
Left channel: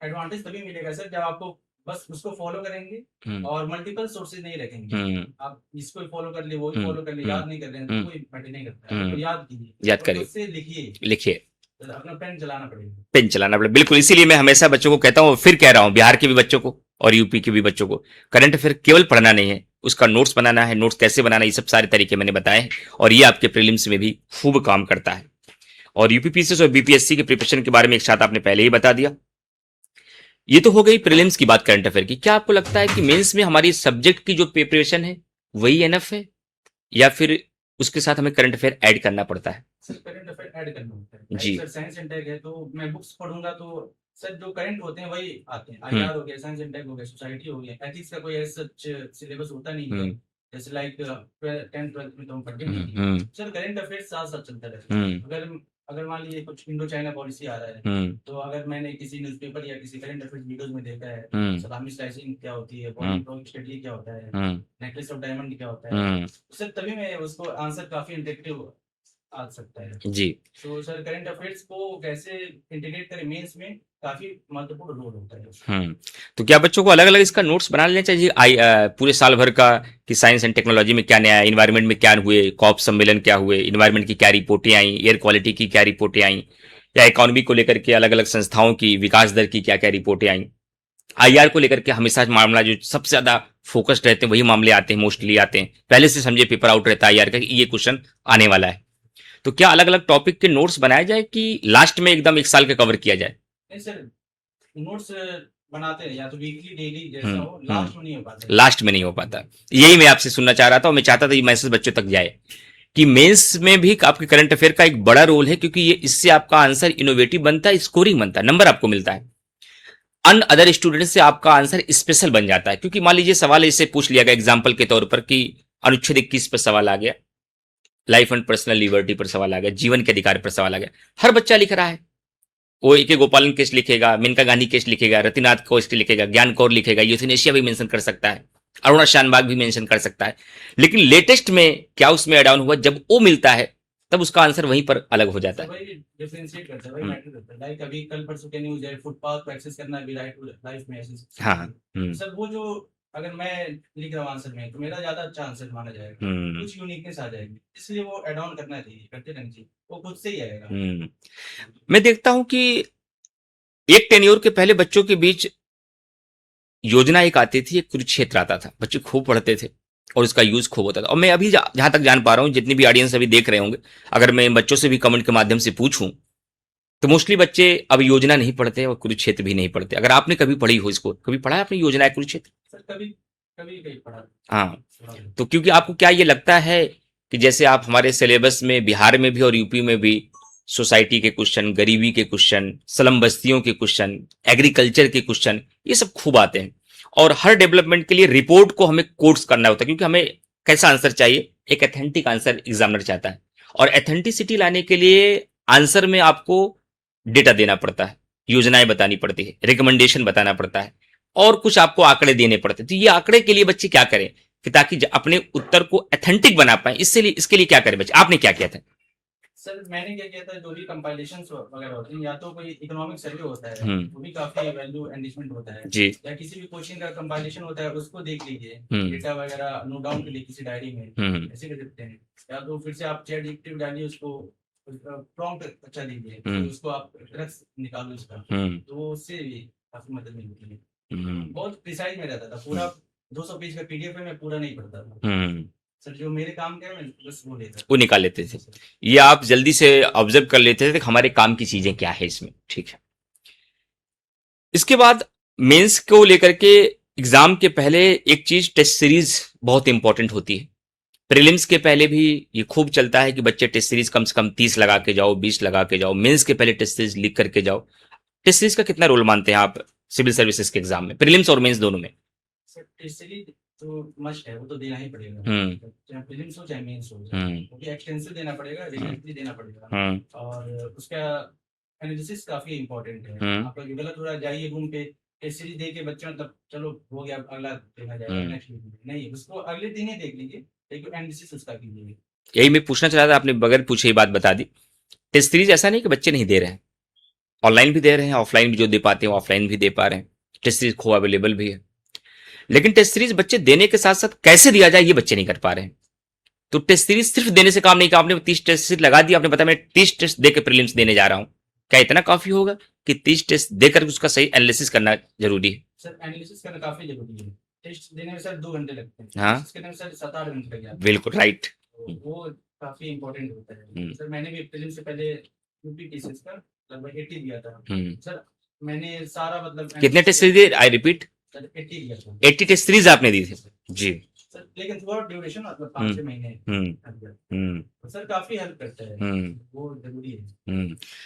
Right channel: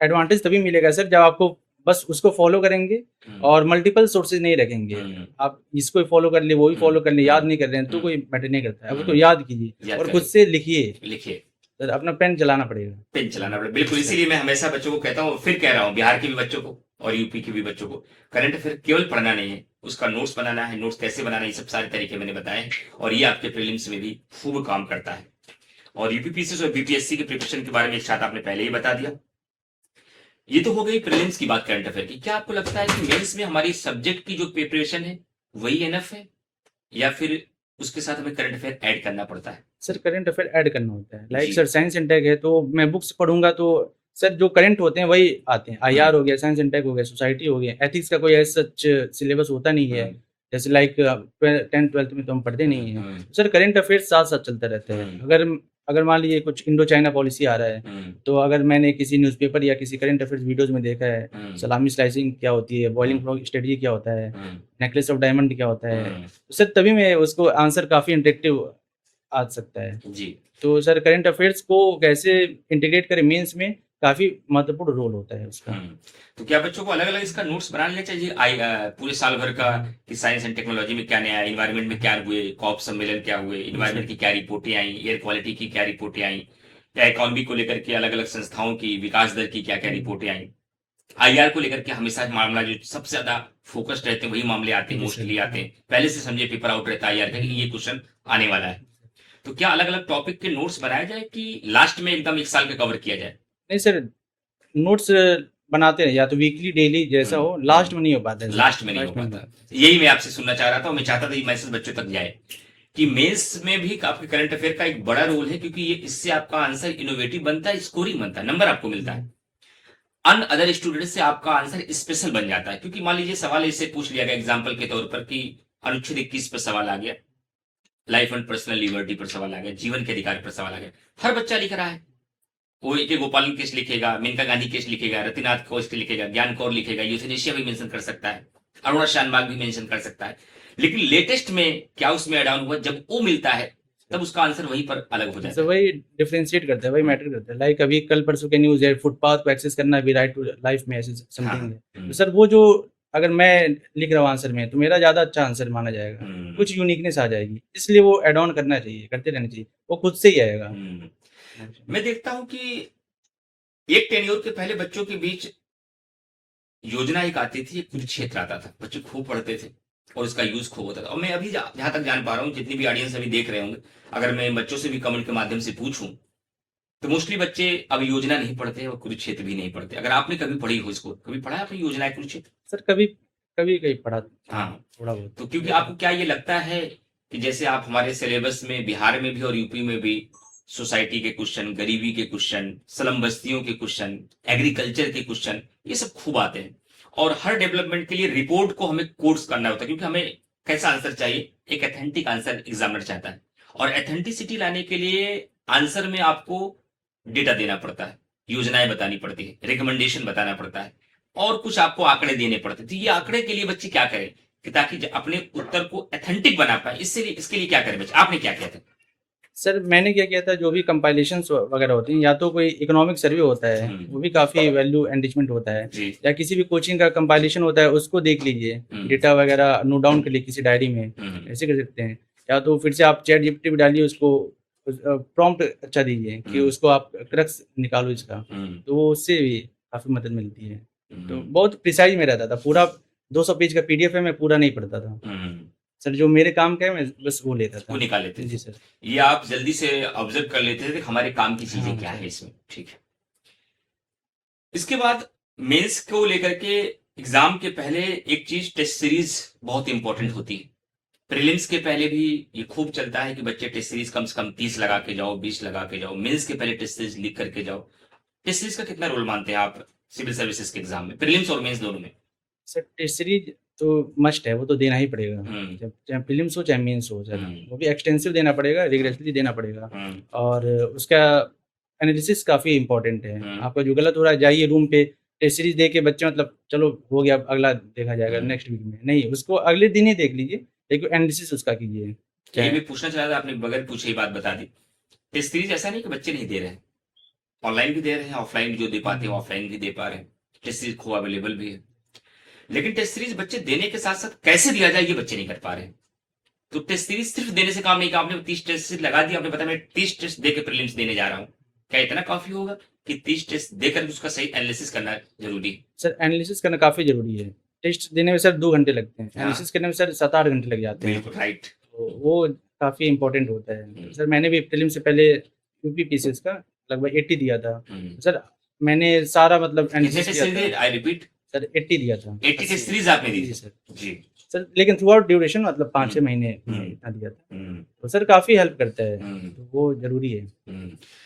एडवांटेज तभी मिलेगा सर जब आपको बस उसको फॉलो करेंगे और मल्टीपल सोर्सेज नहीं रखेंगे। आप इसको फॉलो कर ले, वो भी फॉलो कर ले, याद नहीं कर रहे हैं तो कोई मैटर नहीं करता है। तो याद कीजिए और खुद से लिखिए सर, अपना पेन चलाना पड़ेगा, पेन चलाना पड़ेगा, बिल्कुल। इसीलिए मैं हमेशा बच्चों को कहता हूँ, फिर कह रहा हूँ, बिहार के भी बच्चों को और यूपी के भी बच्चों को, करंट अफेयर केवल पढ़ना नहीं है, उसका नोट्स बनाना है। नोट्स कैसे बनाना है, ये सब सारे तरीके मैंने बताए, और ये आपके प्रीलिम्स में भी खूब काम करता है। और यूपीपीसीएस और बीपीएससी के प्रिपरेशन के बारे में एक साथ आपने पहले ही बता दिया। ये तो हो गई प्रीलिम्स की बात करंट अफेयर की। क्या आपको लगता है कि मेंस में हमारी सब्जेक्ट की जो प्रिपरेशन है वही एनफ है, या फिर उसके साथ हमें करंट अफेयर ऐड करना पड़ता है? सर करंट अफेयर ऐड करना होता है। Like sir science and tech है, तो मैं बुक्स पढ़ूंगा तो सर जो करंट होते हैं वही आते हैं। आईआर हो गया, साइंस एंड टेक हो गया, सोसाइटी हो गया, एथिक्स का कोई ऐसा सच सिलेबस होता नहीं है। जैसे लाइक 10th 12th में तो हम पढ़ते नहीं है। सर करंट अफेयर साथ साथ चलता रहता है। अगर मान लीजिए कुछ इंडो चाइना पॉलिसी आ रहा है, तो अगर मैंने किसी न्यूज़पेपर या किसी करंट अफेयर्स वीडियोस में देखा है, सलामी स्लाइसिंग क्या होती है, बॉइलिंग फ्रॉग स्ट्रेटजी क्या होता है, नेकलेस ऑफ डायमंड क्या होता है, तो सर तभी मैं उसको आंसर काफी इंटरेक्टिव आ सकता है जी। तो सर करंट अफेयर्स को कैसे इंटीग्रेट करें मेंस में, काफी महत्वपूर्ण रोल होता है उसका। तो क्या बच्चों को अलग अलग इसका नोट्स बना लेना चाहिए पूरे साल भर का, कि साइंस एंड टेक्नोलॉजी में क्या नया है, इन्वायरमेंट में क्या हुए, कॉप सम्मेलन क्या हुए, इन्वायरमेंट की क्या रिपोर्टें आई, एयर क्वालिटी की क्या रिपोर्टें आई, या इकोनॉमी को लेकर के अलग अलग संस्थाओं की विकास दर की क्या क्या रिपोर्टें आई, आईआर को लेकर के हमेशा मामला जो सबसे ज्यादा फोकस्ड रहते हैं वही मामले आते हैं, मोस्टली आते हैं, पहले से समझे पेपर आउट रहता है आईआर का, ये क्वेश्चन आने वाला है। तो क्या अलग अलग टॉपिक के नोट्स बनाए जाए, कि लास्ट में एकदम 1 साल का कवर किया जाए? नहीं सर, नोट्स बनाते हैं, या तो वीकली डेली जैसा हो, लास्ट में नहीं हो पाता है। लास्ट में नहीं हो पाता, यही मैं आपसे सुनना चाह रहा था, और मैं चाहता था ये मैसेज बच्चों तक जाए कि मेंस में भी आपके करंट अफेयर का एक बड़ा रोल है, क्योंकि ये इससे आपका आंसर इनोवेटिव बनता है, स्कोरिंग बनता है, नंबर आपको मिलता है, अन अदर स्टूडेंट से आपका आंसर स्पेशल बन जाता है। क्योंकि मान लीजिए सवाल ऐसे पूछ लिया गया एग्जाम्पल के तौर पर कि अनुच्छेद 21 पर सवाल आ गया, लाइफ एंड पर्सनल लिबर्टी पर सवाल आ गया, जीवन के अधिकार पर सवाल आ गया। हर बच्चा लिख रहा है, कोई के गोपालन केस लिखेगा, मेनका गांधी केस लिखेगा, रतिनाथ केस लिखेगा, ज्ञान कौर लिखेगा, यूथनेशिया भी मेंशन कर सकता है, अरुणा शानबाग भी मेंशन कर सकता है। लेकिन लेटेस्ट में क्या उसमें एड ऑन हुआ, जब वो मिलता है तब उसका आंसर वहीं पर अलग हो जाता है। वही डिफरेंशिएट करता है, वही मैटर करता है। लाइक अभी कल परसों के न्यूज है, फुटपाथ को एक्सेस करना भी राइट टू लाइफ में ऐसे समथिंग है। तो सर वो जो अगर मैं लिख रहा हूँ आंसर में, तो मेरा ज्यादा अच्छा आंसर माना जाएगा, कुछ यूनिकनेस आ जाएगी, इसलिए वो एड ऑन करना चाहिए, करते रहना चाहिए, वो खुद से ही आएगा। मैं देखता हूँ कि एक टेन्योर के पहले बच्चों के बीच योजना एक आती थी, एक कुरुक्षेत्र आता था, बच्चे खूब पढ़ते थे और उसका यूज खूब होता था। और मैं अभी जहां तक जान पा रहा हूँ, जितनी भी ऑडियंस अभी देख रहे होंगे, अगर मैं बच्चों से भी कमेंट के माध्यम से पूछूं तो मोस्टली बच्चे अब योजना नहीं पढ़ते और कुरुक्षेत्र भी नहीं पढ़ते। अगर आपने कभी पढ़ी हो इसको, कभी पढ़ा है आपने योजना है कुरुक्षेत्र? सर कभी कभी कहीं पढ़ा। हाँ, थोड़ा बहुत। तो क्योंकि आपको क्या ये लगता है कि जैसे आप हमारे सिलेबस में बिहार में भी और यूपी में भी सोसाइटी के क्वेश्चन, गरीबी के क्वेश्चन, स्लम बस्तियों के क्वेश्चन, एग्रीकल्चर के क्वेश्चन, ये सब खूब आते हैं और हर डेवलपमेंट के लिए रिपोर्ट को हमें कोट्स करना होता है, क्योंकि हमें कैसा आंसर चाहिए, एक एथेंटिक आंसर एग्जामिनर चाहता है। और एथेंटिसिटी लाने के लिए आंसर में आपको डेटा देना पड़ता है, योजनाएं बतानी पड़ती है, रिकमेंडेशन बताना पड़ता है और कुछ आपको आंकड़े देने पड़ते हैं। तो ये आंकड़े के लिए बच्चे क्या करें कि ताकि अपने उत्तर को एथेंटिक बना पाए, इसके लिए क्या करें बच्चे? आपने क्या किया था? सर मैंने क्या किया था, जो भी कंपाइलेशन वगैरह होती हैं, या तो कोई इकोनॉमिक सर्वे होता है, वो भी काफी वैल्यू एनरिचमेंट होता है जी। या किसी भी कोचिंग का कंपाइलेशन होता है, उसको देख लीजिए, डेटा वगैरह नोट डाउन कर लीजिए किसी डायरी में, ऐसे कर सकते हैं। या तो फिर से आप चैट जीपीटी में डालिए, उसको प्रॉम्प्ट अच्छा दीजिए कि उसको आप क्रक्स निकालो इसका, तो वो उससे भी काफी मदद मिलती है। तो बहुत प्रिसाइज में रहता था, पूरा 200 पेज का पीडीएफ है, मैं पूरा नहीं पढ़ता था सर, जो मेरे काम का है मैं बस वो लेता था, वो निकाल लेते थे। सर ये आप जल्दी से ऑब्जर्व कर लेते थे कि हमारे काम की चीजें क्या है इसमें, ठीक है। इसके बाद मेंस को लेकर के एग्जाम के पहले एक चीज टेस्ट सीरीज बहुत इंपॉर्टेंट होती है। प्रीलिम्स के पहले भी ये खूब चलता है कि बच्चे टेस्ट सीरीज कम से कम 30 लगा के जाओ, 20 लगा के जाओ, मेंस के पहले टेस्ट सीरीज लिख करके जाओ। टेस्ट सीरीज का कितना रोल मानते हैं आप सिविल सर्विसेज के एग्जाम में, प्रीलिम्स और मेंस दोनों में? सर टेस्ट सीरीज तो मस्ट है, वो तो देना ही पड़ेगा, चाहे प्रीलिम्स हो चाहे मेंस हो, वो भी एक्सटेंसिव देना पड़ेगा, रिगरेसली देना पड़ेगा। और उसका एनालिसिस काफी इंपॉर्टेंट है। आपका जो गलत हो रहा है, जाइए रूम पे टेस्ट सीरीज दे के बच्चे मतलब चलो हो गया, अगला देखा जाएगा नेक्स्ट वीक में, नहीं, उसको अगले दिन ही देख लीजिए, लेकिन एनालिसिस उसका कीजिए। यही मैं पूछना चाह रहा था, आपने बगैर पूछे ही बात बता दी। टेस्ट सीरीज ऐसा नहीं कि बच्चे नहीं दे रहे हैं, ऑनलाइन भी दे रहे हैं, ऑफलाइन भी जो दे पाते हैं ऑफलाइन भी दे पा रहे हैं, टेस्ट सीरीज खूब अवेलेबल भी है। लेकिन टेस्ट सीरीज बच्चे देने के साथ साथ कैसे दिया जाए ये बच्चे नहीं कर पा रहे हैं। तो टेस्ट सीरीज सिर्फ देने से काम नहीं, आपने 30 टेस्ट सीरीज लगा दिया, आपने बताया मैं 30 टेस्ट देकर प्रीलिम्स देने जा रहा हूं, क्या इतना काफी होगा कि 30 टेस्ट देकर उसका सही एनालिसिस करना जरूरी है? सर एनालिसिस करना काफी जरूरी है। टेस्ट देने में सर 2 घंटे लगते हैं, एनालिसिस करने में सर 7-8 घंटे लग जाते हैं। बिल्कुल राइट, वो काफी इंपॉर्टेंट होता है। सर मैंने भी प्रीलिम्स से पहले यूपी पीसीएस का लगभग 80 दिया था। सर मैंने सारा मतलब कितने test series? I repeat sir 80 दिया था। 80 टेस्ट सीरीज आपने दी थी जी सर, लेकिन थ्रू आउट ड्यूरेशन मतलब 5-6 महीने इतना दिया था। तो सर काफी हेल्प करता है, तो वो जरूरी है।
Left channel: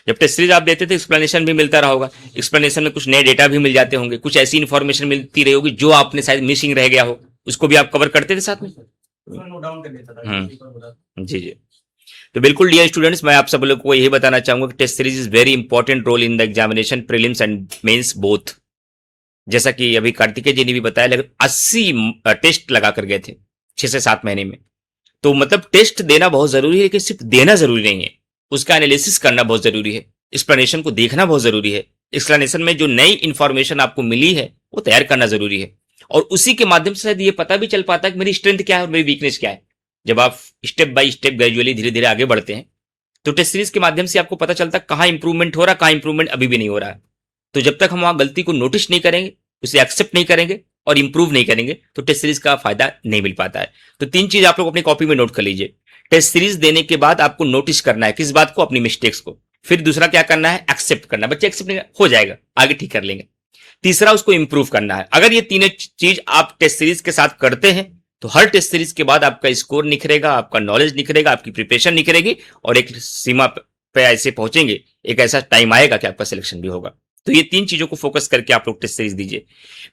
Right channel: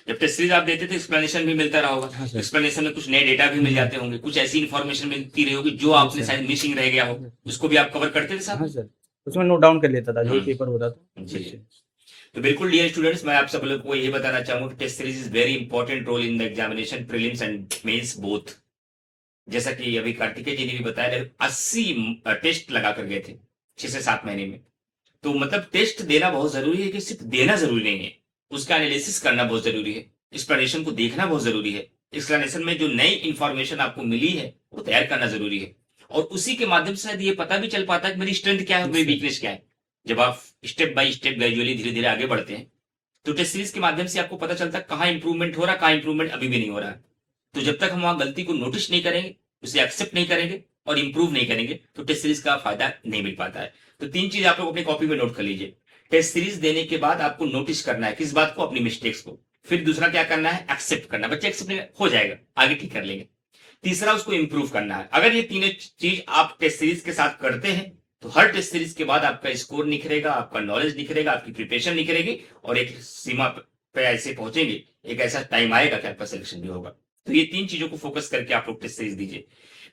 जब टेस्ट सीरीज आप देते थे एक्सप्लेनेशन भी मिलता रहा होगा, एक्सप्लेनेशन में कुछ नए डेटा भी मिल जाते होंगे, कुछ ऐसी इन्फॉर्मेशन मिलती रही होगी जो आपने शायद मिसिंग रह गया हो, उसको भी आप कवर करते थे साथ में? सर उसमें नोट डाउन कर लेता था जो पेपर होता था। जी जी। तो बिल्कुल डियर स्टूडेंट्स, मैं आप सब लोगों को यही बताना चाहूंगा कि test series is very important role in the examination, prelims and mains both. जैसा कि अभी कार्तिकेय जी ने भी बताया, लगभग 80 टेस्ट लगा कर गए थे 6 से 7 महीने में। तो मतलब टेस्ट देना बहुत जरूरी है, लेकिन सिर्फ देना जरूरी नहीं है, उसका एनालिसिस करना बहुत जरूरी है, एक्सप्लेनेशन को देखना बहुत जरूरी है, एक्सप्लेनेशन में जो नई इंफॉर्मेशन आपको मिली है वो तैयार करना जरूरी है, और उसी के माध्यम से शायद ये पता भी चल पाता है कि मेरी स्ट्रेंथ क्या है, मेरी वीकनेस क्या है। जब आप स्टेप बाय स्टेप ग्रेजुअली धीरे धीरे आगे बढ़ते हैं तो टेस्ट सीरीज के माध्यम से आपको पता चलता है कहाँ इंप्रूवमेंट हो रहा है, कहाँ इंप्रूवमेंट अभी भी नहीं हो रहा है। तो जब तक हम वहां गलती को नोटिस नहीं करेंगे, उसे एक्सेप्ट नहीं करेंगे और इंप्रूव नहीं करेंगे, तो टेस्ट सीरीज का फायदा नहीं मिल पाता है। तो 3 चीज आप लोग अपनी कॉपी में नोट कर लीजिए। टेस्ट सीरीज देने के बाद आपको नोटिस करना है किस बात को, अपनी मिस्टेक्स को। फिर दूसरा क्या करना है, एक्सेप्ट करना, बच्चे एक्सेप्ट नहीं हो जाएगा, आगे ठीक कर लेंगे। तीसरा उसको इंप्रूव करना है। अगर ये तीनों चीज आप टेस्ट सीरीज के साथ करते हैं तो हर टेस्ट सीरीज के बाद आपका स्कोर निखरेगा, आपका नॉलेज निखरेगा, आपकी प्रिपरेशन निखरेगी, और एक सीमा पे ऐसे पहुंचेंगे, एक ऐसा टाइम आएगा कि आपका सिलेक्शन भी होगा। तो ये 3 चीजों को फोकस करके आप लोग टेस्ट सीरीज दीजिए।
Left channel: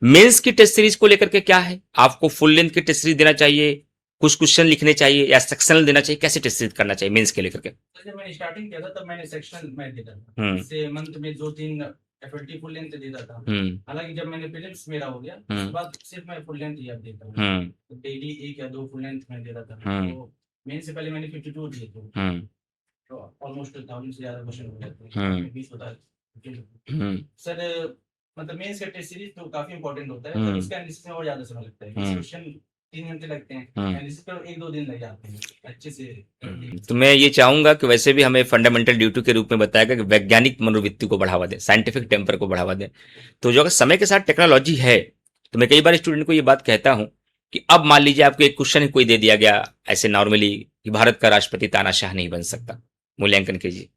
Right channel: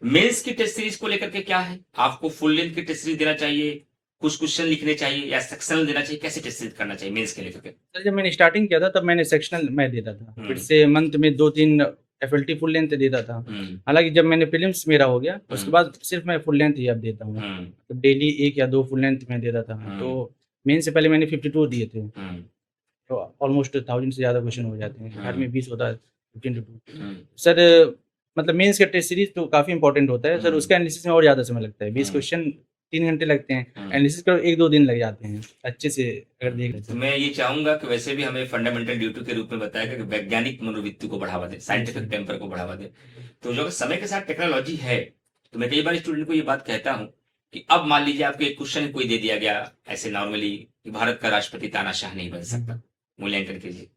मेंस की टेस्ट सीरीज को लेकर के क्या है, आपको फुल लेंथ की टेस्ट सीरीज देना चाहिए, कुछ क्वेश्चन लिखने चाहिए या सेक्शनल देना चाहिए, कैसे टेस्ट करना चाहिए मेंस के लेकर के? सर जब मैंने स्टार्टिंग किया था तब मैंने सेक्शनल मैं देता था, फिर से मंथ में 2-3 एफएलटी फुल लेंथ देता था। हालांकि जब मैंने प्रीलिम्स मेरा हो गया उसके बाद सिर्फ मैं फुल लेंथ ही अब देता हूँ, तो डेली 1 या 2 फुल लेंथ में देता था। तो मेन से पहले मैंने 52 दिए थे, तो ऑलमोस्ट 1000 से ज़्यादा क्वेश्चन हो जाते हैं, हार्ड में 20 होता है 15 to 2। सर मतलब मेंस का टेस्ट सीरीज तो काफ़ी इंपॉर्टेंट होता है सर, उसका एनालिसिस में और ज़्यादा समय लगता है, 20 क्वेश्चन 3 घंटे लगते हैं, एनालिसिस करो 1-2 दिन लग जाते हैं अच्छे से अगर देखें तो मैं ये चाहूंगा कि वैसे भी हमें फंडामेंटल ड्यूटी के रूप में बताया गया कि वैज्ञानिक मनोवृत्ति को बढ़ावा दें, साइंटिफिक टेम्पर को बढ़ावा दें। तो जो अगर समय के साथ टेक्नोलॉजी है, तो मैं कई बार स्टूडेंट को ये बात कहता हूं कि अब मान लीजिए आपको एक क्वेश्चन कोई दे दिया गया ऐसे नॉर्मली कि भारत का राष्ट्रपति तानाशाह नहीं बन सकता, मूल्यांकन कीजिए।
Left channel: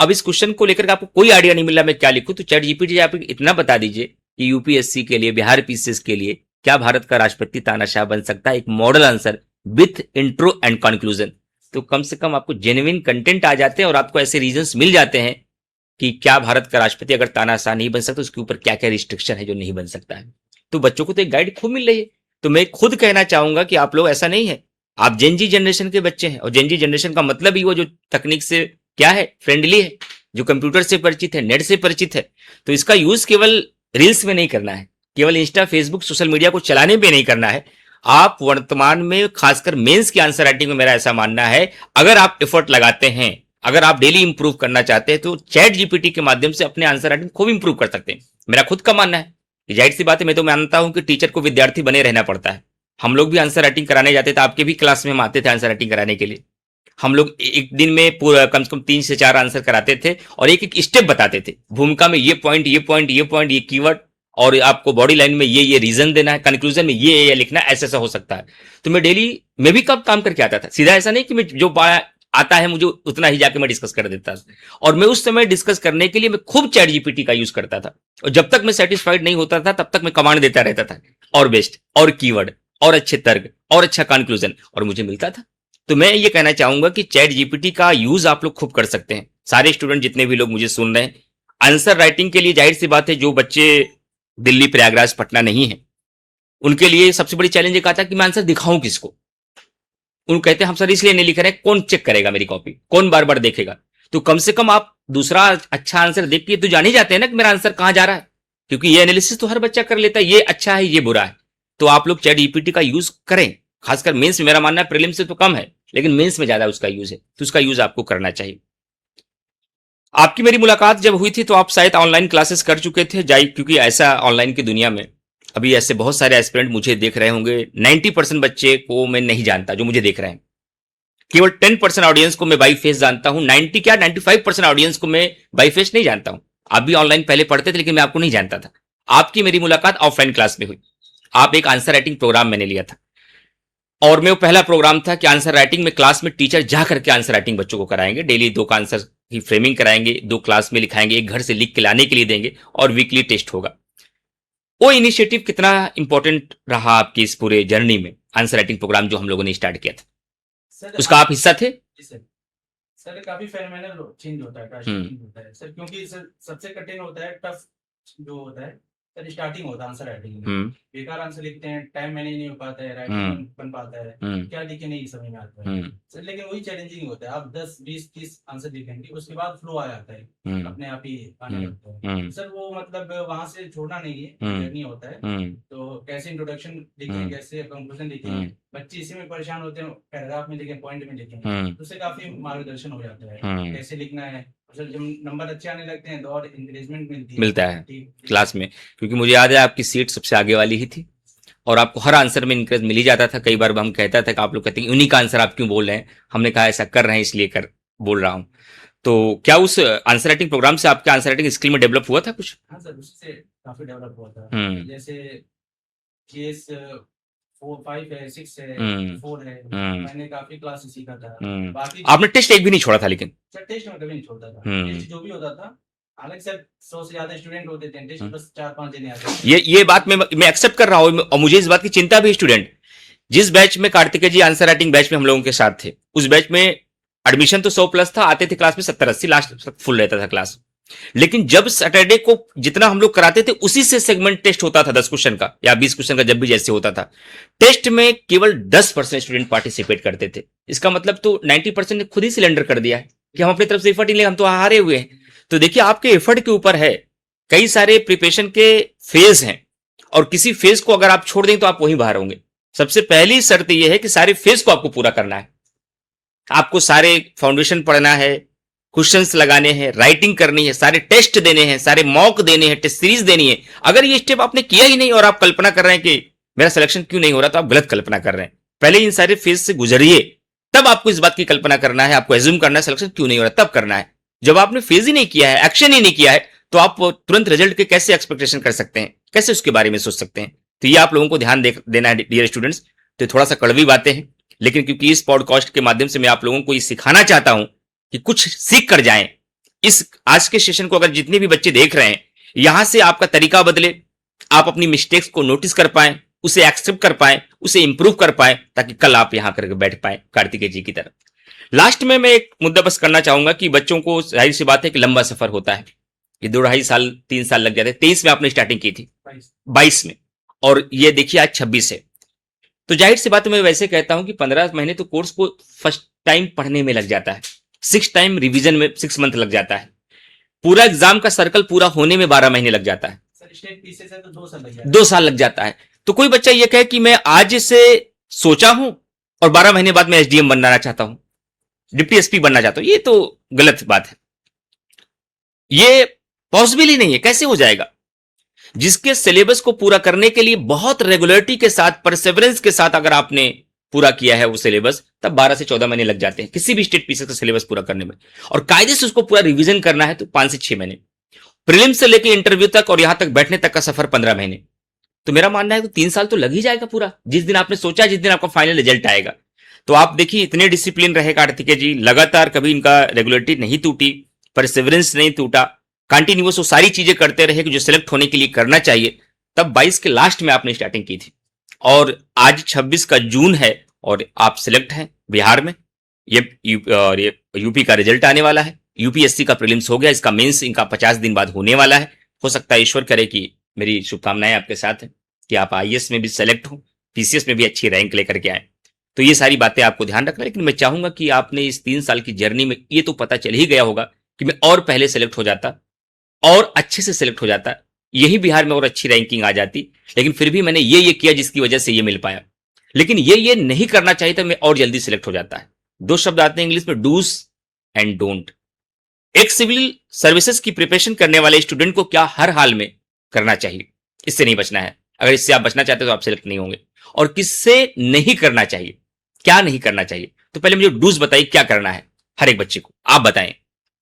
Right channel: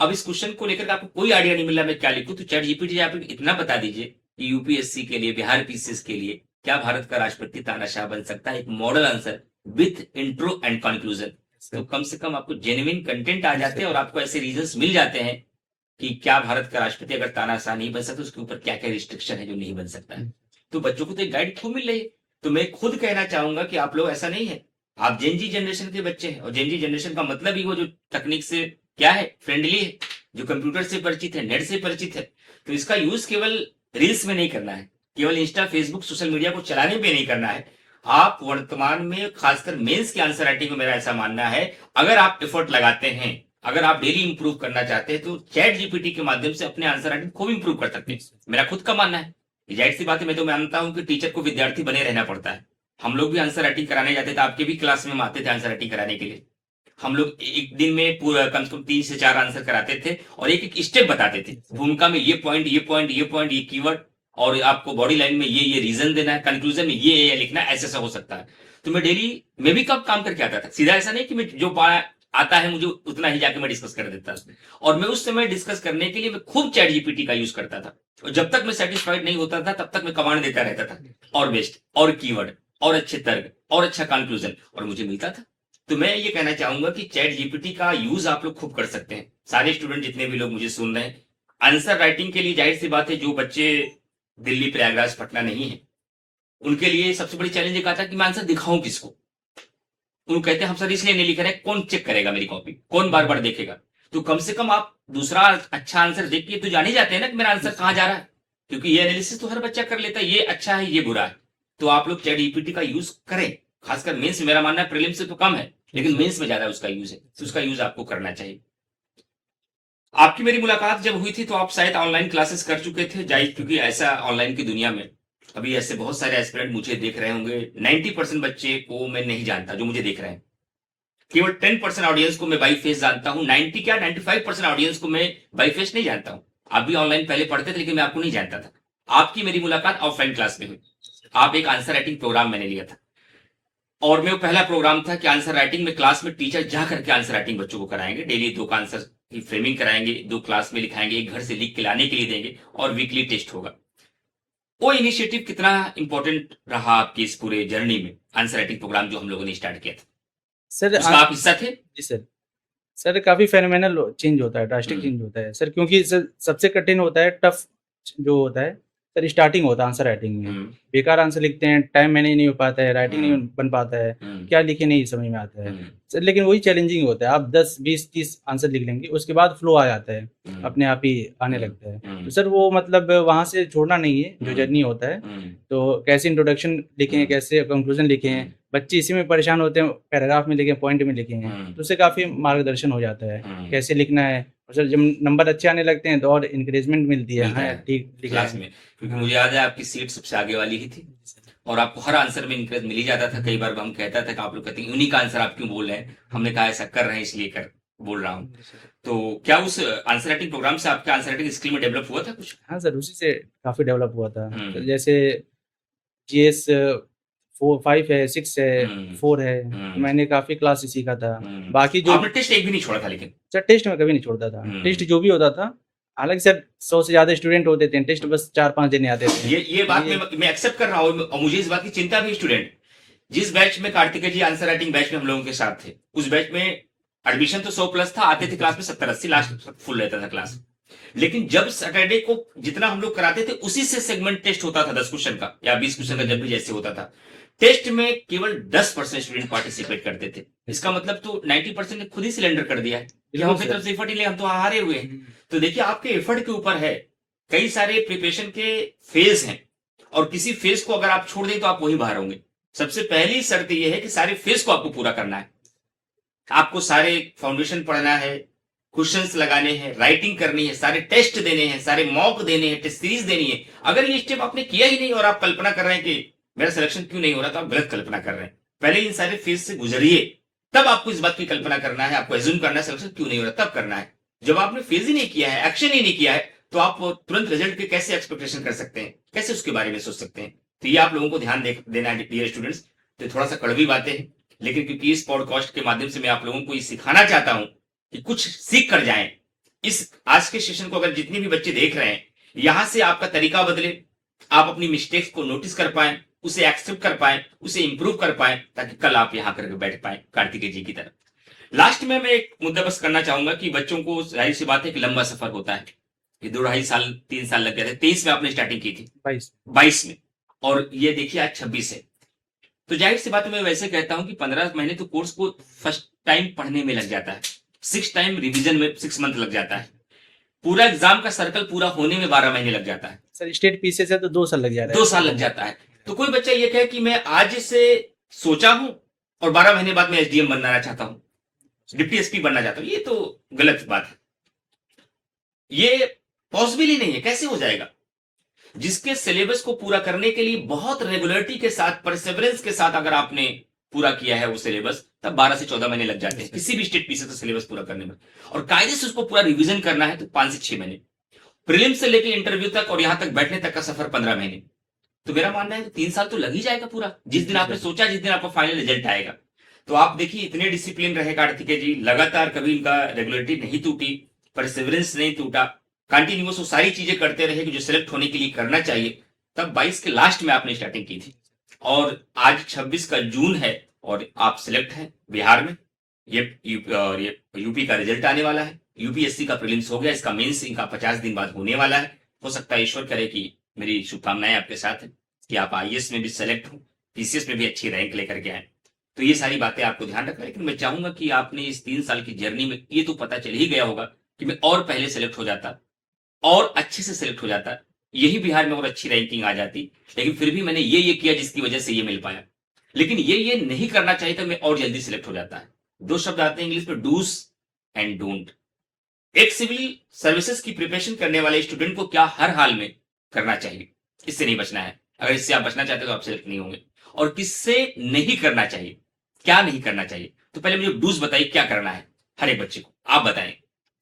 अब इस क्वेश्चन को लेकर आपको कोई आइडिया नहीं मिला मैं क्या लिखूं, तो चैट जीपीटी आप इतना बता दीजिए कि यूपीएससी के लिए, बिहार पीसीएस के लिए क्या भारत का राष्ट्रपति तानाशाह बन सकता है, एक model answer with intro and conclusion. तो कम से कम आपको जेन्युइन कंटेंट आ जाते हैं और आपको ऐसे रीजंस मिल जाते हैं कि क्या भारत का राष्ट्रपति अगर तानाशाह नहीं बन सकता उसके ऊपर क्या क्या रिस्ट्रिक्शन है जो नहीं बन सकता है। तो बच्चों को तो एक गाइड खूब मिल रही है। तो मैं खुद कहना चाहूंगा कि आप लोग ऐसा नहीं है, आप जेनजी जनरेशन के बच्चे हैं, और जेनजी जनरेशन का मतलब ही वो जो तकनीक से क्या है, फ्रेंडली है, जो कंप्यूटर से परिचित है, नेट से परिचित है। तो इसका यूज केवल रील्स में नहीं करना है, केवल इंस्टा फेसबुक सोशल मीडिया को चलाने पे नहीं करना है। आप वर्तमान में खासकर मेंस की आंसर राइटिंग में मेरा ऐसा मानना है, अगर आप एफर्ट लगाते हैं, अगर आप डेली इंप्रूव करना चाहते हैं, तो चैट जीपीटी के माध्यम से अपने आंसर राइटिंग खूब इंप्रूव कर सकते हैं। मेरा खुद का मानना है, जाहिर सी बात है, मैं तो मानता हूं कि टीचर को विद्यार्थी बने रहना पड़ता है। हम लोग भी आंसर राइटिंग कराने जाते थे, आपके भी क्लास में हम आते थे आंसर राइटिंग कराने के लिए। हम लोग एक दिन में पूरा कम से कम 3 से 4 आंसर कराते थे और एक एक स्टेप बताते थे, भूमिका में ये पॉइंट, ये पॉइंट, ये पॉइंट, ये कीवर्ड, और आपको बॉडी लाइन में ये रीजन देना है, कंक्लूजन में ये लिखना है, ऐसा हो सकता है। तो मैं डेली, मैं भी कब काम करके आता था, सीधा ऐसा नहीं कि मैं जो आता है मुझे उतना ही जाके मैं डिस्कस कर देता था। और मैं उस समय डिस्कस करने के लिए मैं खूब चैट जीपीटी का यूज करता था, और जब तक मैं सेटिस्फाइड नहीं होता था तब तक मैं कमांड देता रहता था, और बेस्ट, और कीवर्ड, और अच्छे तर्क, और अच्छा कंक्लूजन, और मुझे मिलता था। तो मैं ये कहना चाहूंगा कि चैट जीपीटी का यूज आप लोग खूब कर सकते हैं। सारे स्टूडेंट जितने भी लोग मुझे सुन रहे हैं, आंसर राइटिंग के लिए जाहिर सी बात है, जो बच्चे दिल्ली, प्रयागराज, पटना नहीं है, उनके लिए सबसे बड़ी चैलेंज एक आता है कि मैं आंसर दिखाऊं किसको। उन कहते हैं हम सर इसलिए नहीं लिख रहे हैं, कौन चेक करेगा मेरी कॉपी, कौन बार बार देखेगा। तो कम से कम आप दूसरा अच्छा आंसर देख के तो जान ही जाते हैं ना कि मेरा आंसर कहां जा रहा है, क्योंकि ये एनालिसिस तो हर बच्चा कर लेता है, ये अच्छा है, ये बुरा है। तो आप लोग चैट जीपीटी का यूज करें, खासकर मेंस में। मेरा मानना है प्रीलिम्स से तो कम है, लेकिन मेंस में ज्यादा उसका यूज है, तो उसका यूज आपको करना चाहिए। आपकी मेरी मुलाकात जब हुई थी तो आप शायद ऑनलाइन क्लासेस कर चुके थे, क्योंकि ऐसा ऑनलाइन की दुनिया में अभी ऐसे बहुत सारे एस्पिरेंट मुझे देख रहे होंगे। 90% बच्चे को मैं नहीं जानता जो मुझे देख रहे हैं, केवल 10% ऑडियंस को मैं बाई फेस जानता हूं। 95% ऑडियंस को मैं बाई फेस नहीं जानता हूं। आप भी ऑनलाइन पहले पढ़ते थे, लेकिन मैं आपको नहीं जानता था। आपकी मेरी मुलाकात ऑफलाइन क्लास में हुई। आप एक आंसर राइटिंग प्रोग्राम मैंने लिया था, और मैं वो पहला प्रोग्राम था कि आंसर राइटिंग में क्लास में टीचर जा करके आंसर राइटिंग बच्चों को कराएंगे। डेली 2 का आंसर की फ्रेमिंग कराएंगे, 2 क्लास में लिखाएंगे, 1 घर से लिख के लाने के लिए देंगे, और वीकली टेस्ट होगा। वो इनिशिएटिव कितना इंपॉर्टेंट रहा आपकी इस पूरे जर्नी में, आंसर राइटिंग प्रोग्राम जो हम लोगों ने स्टार्ट किया था, सर उसका आप हिस्सा थे? जी सर। सर काफी फेनोमेनल चेंज होता है, ड्रास्टिक चेंज होता है सर, क्योंकि सर सबसे कठिन होता है, टफ जो होता है सर, स्टार्टिंग होता है आंसर राइटिंग में। बेकार आंसर लिखते हैं, टाइम मैनेज नहीं हो पाता है, राइटिंग नहीं बन पाता है, क्या लिखे नहीं समझ में आता है सर। लेकिन वही चैलेंजिंग होता है, आप 10, 20, 30 आंसर लिख लेंगे, उसके बाद फ्लो आ जाता है, अपने आप ही आने लगता है। तो सर वो मतलब वहां से छोड़ना नहीं है, जो जर्नी होता है। तो कैसे इंट्रोडक्शन लिखें, कैसे कंक्लूजन लिखें, बच्चे इसी में परेशान होते हैं, पैराग्राफ में लिखें, पॉइंट में लिखें, तो उससे काफी मार्गदर्शन हो जाता है कैसे लिखना है। और सर जब नंबर अच्छे आने लगते हैं तो और इंकरेजमेंट मिलती है, मिलता है ठीक क्लास में, क्योंकि मुझे याद है आपकी सीट सबसे आगे वाली ही थी, और आपको हर आंसर में इंकरेज मिल ही जाता था। कई बार हम कहता था कि आप लोग कहते हैं यूनिक आंसर आप क्यों बोल रहे हैं, हमने कहा ऐसा कर रहे हैं इसलिए कर बोल रहा हूँ। तो क्या उस आंसर राइटिंग प्रोग्राम से आपके आंसर राइटिंग स्किल में डेवलप हुआ था कुछ? हाँ सर, उसी से काफी डेवलप हुआ था। जैसे जीएस 5 है, 6 है, 4 है, मैंने काफी क्लास से सीखा था। बाकी जो आपने टेस्ट एक भी नहीं छोड़ा था? लेकिन सर टेस्ट में कभी नहीं छोड़ता था, टेस्ट जो भी होता था, हालांकि सर 100 से ज्यादा स्टूडेंट होते थे, टेस्ट बस 4-5 देने आते थे। ये बात मैं एक्सेप्ट कर रहा हूँ, और मुझे इस बात की चिंता भी। स्टूडेंट जिस बैच में कार्तिकेय जी आंसर राइटिंग बैच में हम लोगों के साथ थे, उस बैच में एडमिशन तो 100+ था, आते थे क्लास में 70-80, लास्ट फुल रहता था क्लास। लेकिन जब सैटरडे को जितना हम लोग कराते थे उसी से सेगमेंट टेस्ट होता था 10 क्वेश्चन का या 20 क्वेश्चन का, जब भी जैसे होता था। टेस्ट में केवल 10% स्टूडेंट पार्टिसिपेट करते थे। इसका मतलब तो 90% ने खुद ही सिलेंडर कर दिया है कि हम अपनी तरफ से एफर्ट ही ले, हम तो हारे हुए हैं। तो देखिए आपके एफर्ट के ऊपर है, कई सारे प्रिपरेशन के फेज हैं और किसी फेज को अगर आप छोड़ दें तो आप वहीं बाहर होंगे। सबसे पहली शर्त यह है कि सारे फेज को आपको पूरा करना है। आपको सारे फाउंडेशन पढ़ना है, क्वेश्चंस लगाने हैं, राइटिंग करनी है, सारे टेस्ट देने हैं, सारे मॉक देने हैं, टेस्ट सीरीज देनी है। अगर ये स्टेप आपने किया ही नहीं और आप कल्पना कर रहे हैं कि मेरा सिलेक्शन क्यों नहीं हो रहा, तो आप गलत कल्पना कर रहे हैं। पहले इन सारे फेज से गुजरिए, तब आपको इस बात की कल्पना करना है, आपको एज्यूम करना है सिलेक्शन क्यों नहीं हो रहा, तब करना है। जब आपने फेज ही नहीं किया है, एक्शन ही नहीं किया है, तो आप तुरंत रिजल्ट के कैसे एक्सपेक्टेशन कर सकते हैं, कैसे उसके बारे में सोच सकते हैं। तो ये आप लोगों को ध्यान देना है डियर स्टूडेंट्स। तो थोड़ा सा कड़वी बातें हैं, लेकिन क्योंकि इस पॉडकास्ट के माध्यम से मैं आप लोगों को ये सिखाना चाहता हूं कि कुछ सीख कर जाएं। इस आज के सेशन को अगर जितने भी बच्चे देख रहे हैं, यहां से आपका तरीका बदले, आप अपनी मिस्टेक्स को नोटिस कर पाए, उसे एक्सेप्ट कर पाए, उसे इंप्रूव कर पाए, ताकि कल आप यहां करके बैठ पाए कार्तिकेय जी की तरह। लास्ट में मैं एक मुद्दा बस करना चाहूंगा कि बच्चों को जाहिर सी बात है कि लंबा सफर होता है, ये 2-2.5 साल 3 साल लग जाते हैं। 23 में आपने स्टार्टिंग की थी, 22 में, और ये देखिए आज 26 है। तो जाहिर सी बात मैं वैसे कहता हूं कि 15 महीने तो कोर्स को फर्स्ट टाइम पढ़ने में लग जाता है, 6 टाइम रिवीजन में 6 मंथ लग जाता है, पूरा एग्जाम का सर्कल पूरा होने में 12 महीने लग जाता है। सर स्टेट पीसीएस है तो 2 साल लग जाता है। 2 साल लग जाता है। तो कोई बच्चा ये कहे कि मैं आज से सोचा हूं और 12 महीने बाद मैं एसडीएम बनना चाहता हूं, डिप्टी एसपी बनना चाहता हूं, ये तो गलत बात है। ये पॉसिबल ही नहीं है, कैसे हो जाएगा? जिसके सिलेबस को पूरा करने के लिए बहुत रेगुलरिटी के साथ, परसेवरेंस के साथ अगर आपने पूरा किया है वो सिलेबस, तब 12 से 14 महीने लग जाते हैं किसी भी स्टेट पीसीएस का सिलेबस पूरा करने में। और कायदे से उसको पूरा रिवीजन करना है तो 5 से 6 महीने, प्रीलिम्स से लेकर इंटरव्यू तक और यहां तक बैठने तक का सफर 15 महीने। तो मेरा मानना है तो 3 साल तो लग ही जाएगा पूरा, जिस दिन आपने सोचा, जिस दिन आपका फाइनल रिजल्ट आएगा। तो आप देखिए इतने डिसिप्लिन रहे कार्तिकेय जी, लगातार कभी इनका रेगुलरिटी नहीं टूटी, परसेवरेंस नहीं टूटा, कंटिन्यूअस वो सारी चीजें करते रहे कि जो सिलेक्ट होने के लिए करना चाहिए। तब 22 के लास्ट में आपने स्टार्टिंग की थी और आज 26 का जून है और आप सिलेक्ट हैं बिहार में। ये यूपी का रिजल्ट आने वाला है, यूपीएससी का प्रीलिम्स हो गया, इसका मेंस इनका 50 दिन बाद होने वाला है। हो सकता है, ईश्वर करे कि मेरी शुभकामनाएं आपके साथ है कि आप आईएएस में भी सेलेक्ट हो, पीसीएस में भी अच्छी रैंक लेकर के आए। तो ये सारी बातें आपको ध्यान रखना। लेकिन मैं चाहूंगा कि आपने इस 3 साल की जर्नी में ये तो पता चल ही गया होगा कि मैं और पहले सेलेक्ट हो जाता और अच्छे से सेलेक्ट हो जाता, यही बिहार में और अच्छी रैंकिंग आ जाती। लेकिन फिर भी मैंने ये किया जिसकी वजह से ये मिल पाया। लेकिन ये नहीं करना चाहिए था, मैं और जल्दी सिलेक्ट हो जाता है। 2 शब्द आते हैं इंग्लिश में, डूज एंड डोंट। एक सिविल सर्विसेज की प्रिपरेशन करने वाले स्टूडेंट को क्या हर हाल में करना चाहिए, इससे नहीं बचना है। अगर इससे आप बचना चाहते हो तो आप सिलेक्ट नहीं होंगे। और किससे नहीं करना चाहिए, क्या नहीं करना चाहिए, तो पहले मुझे डूज बताइए, क्या करना है हर एक बच्चे को, आप बताएं।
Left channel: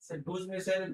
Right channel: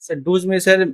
सर डूज में सर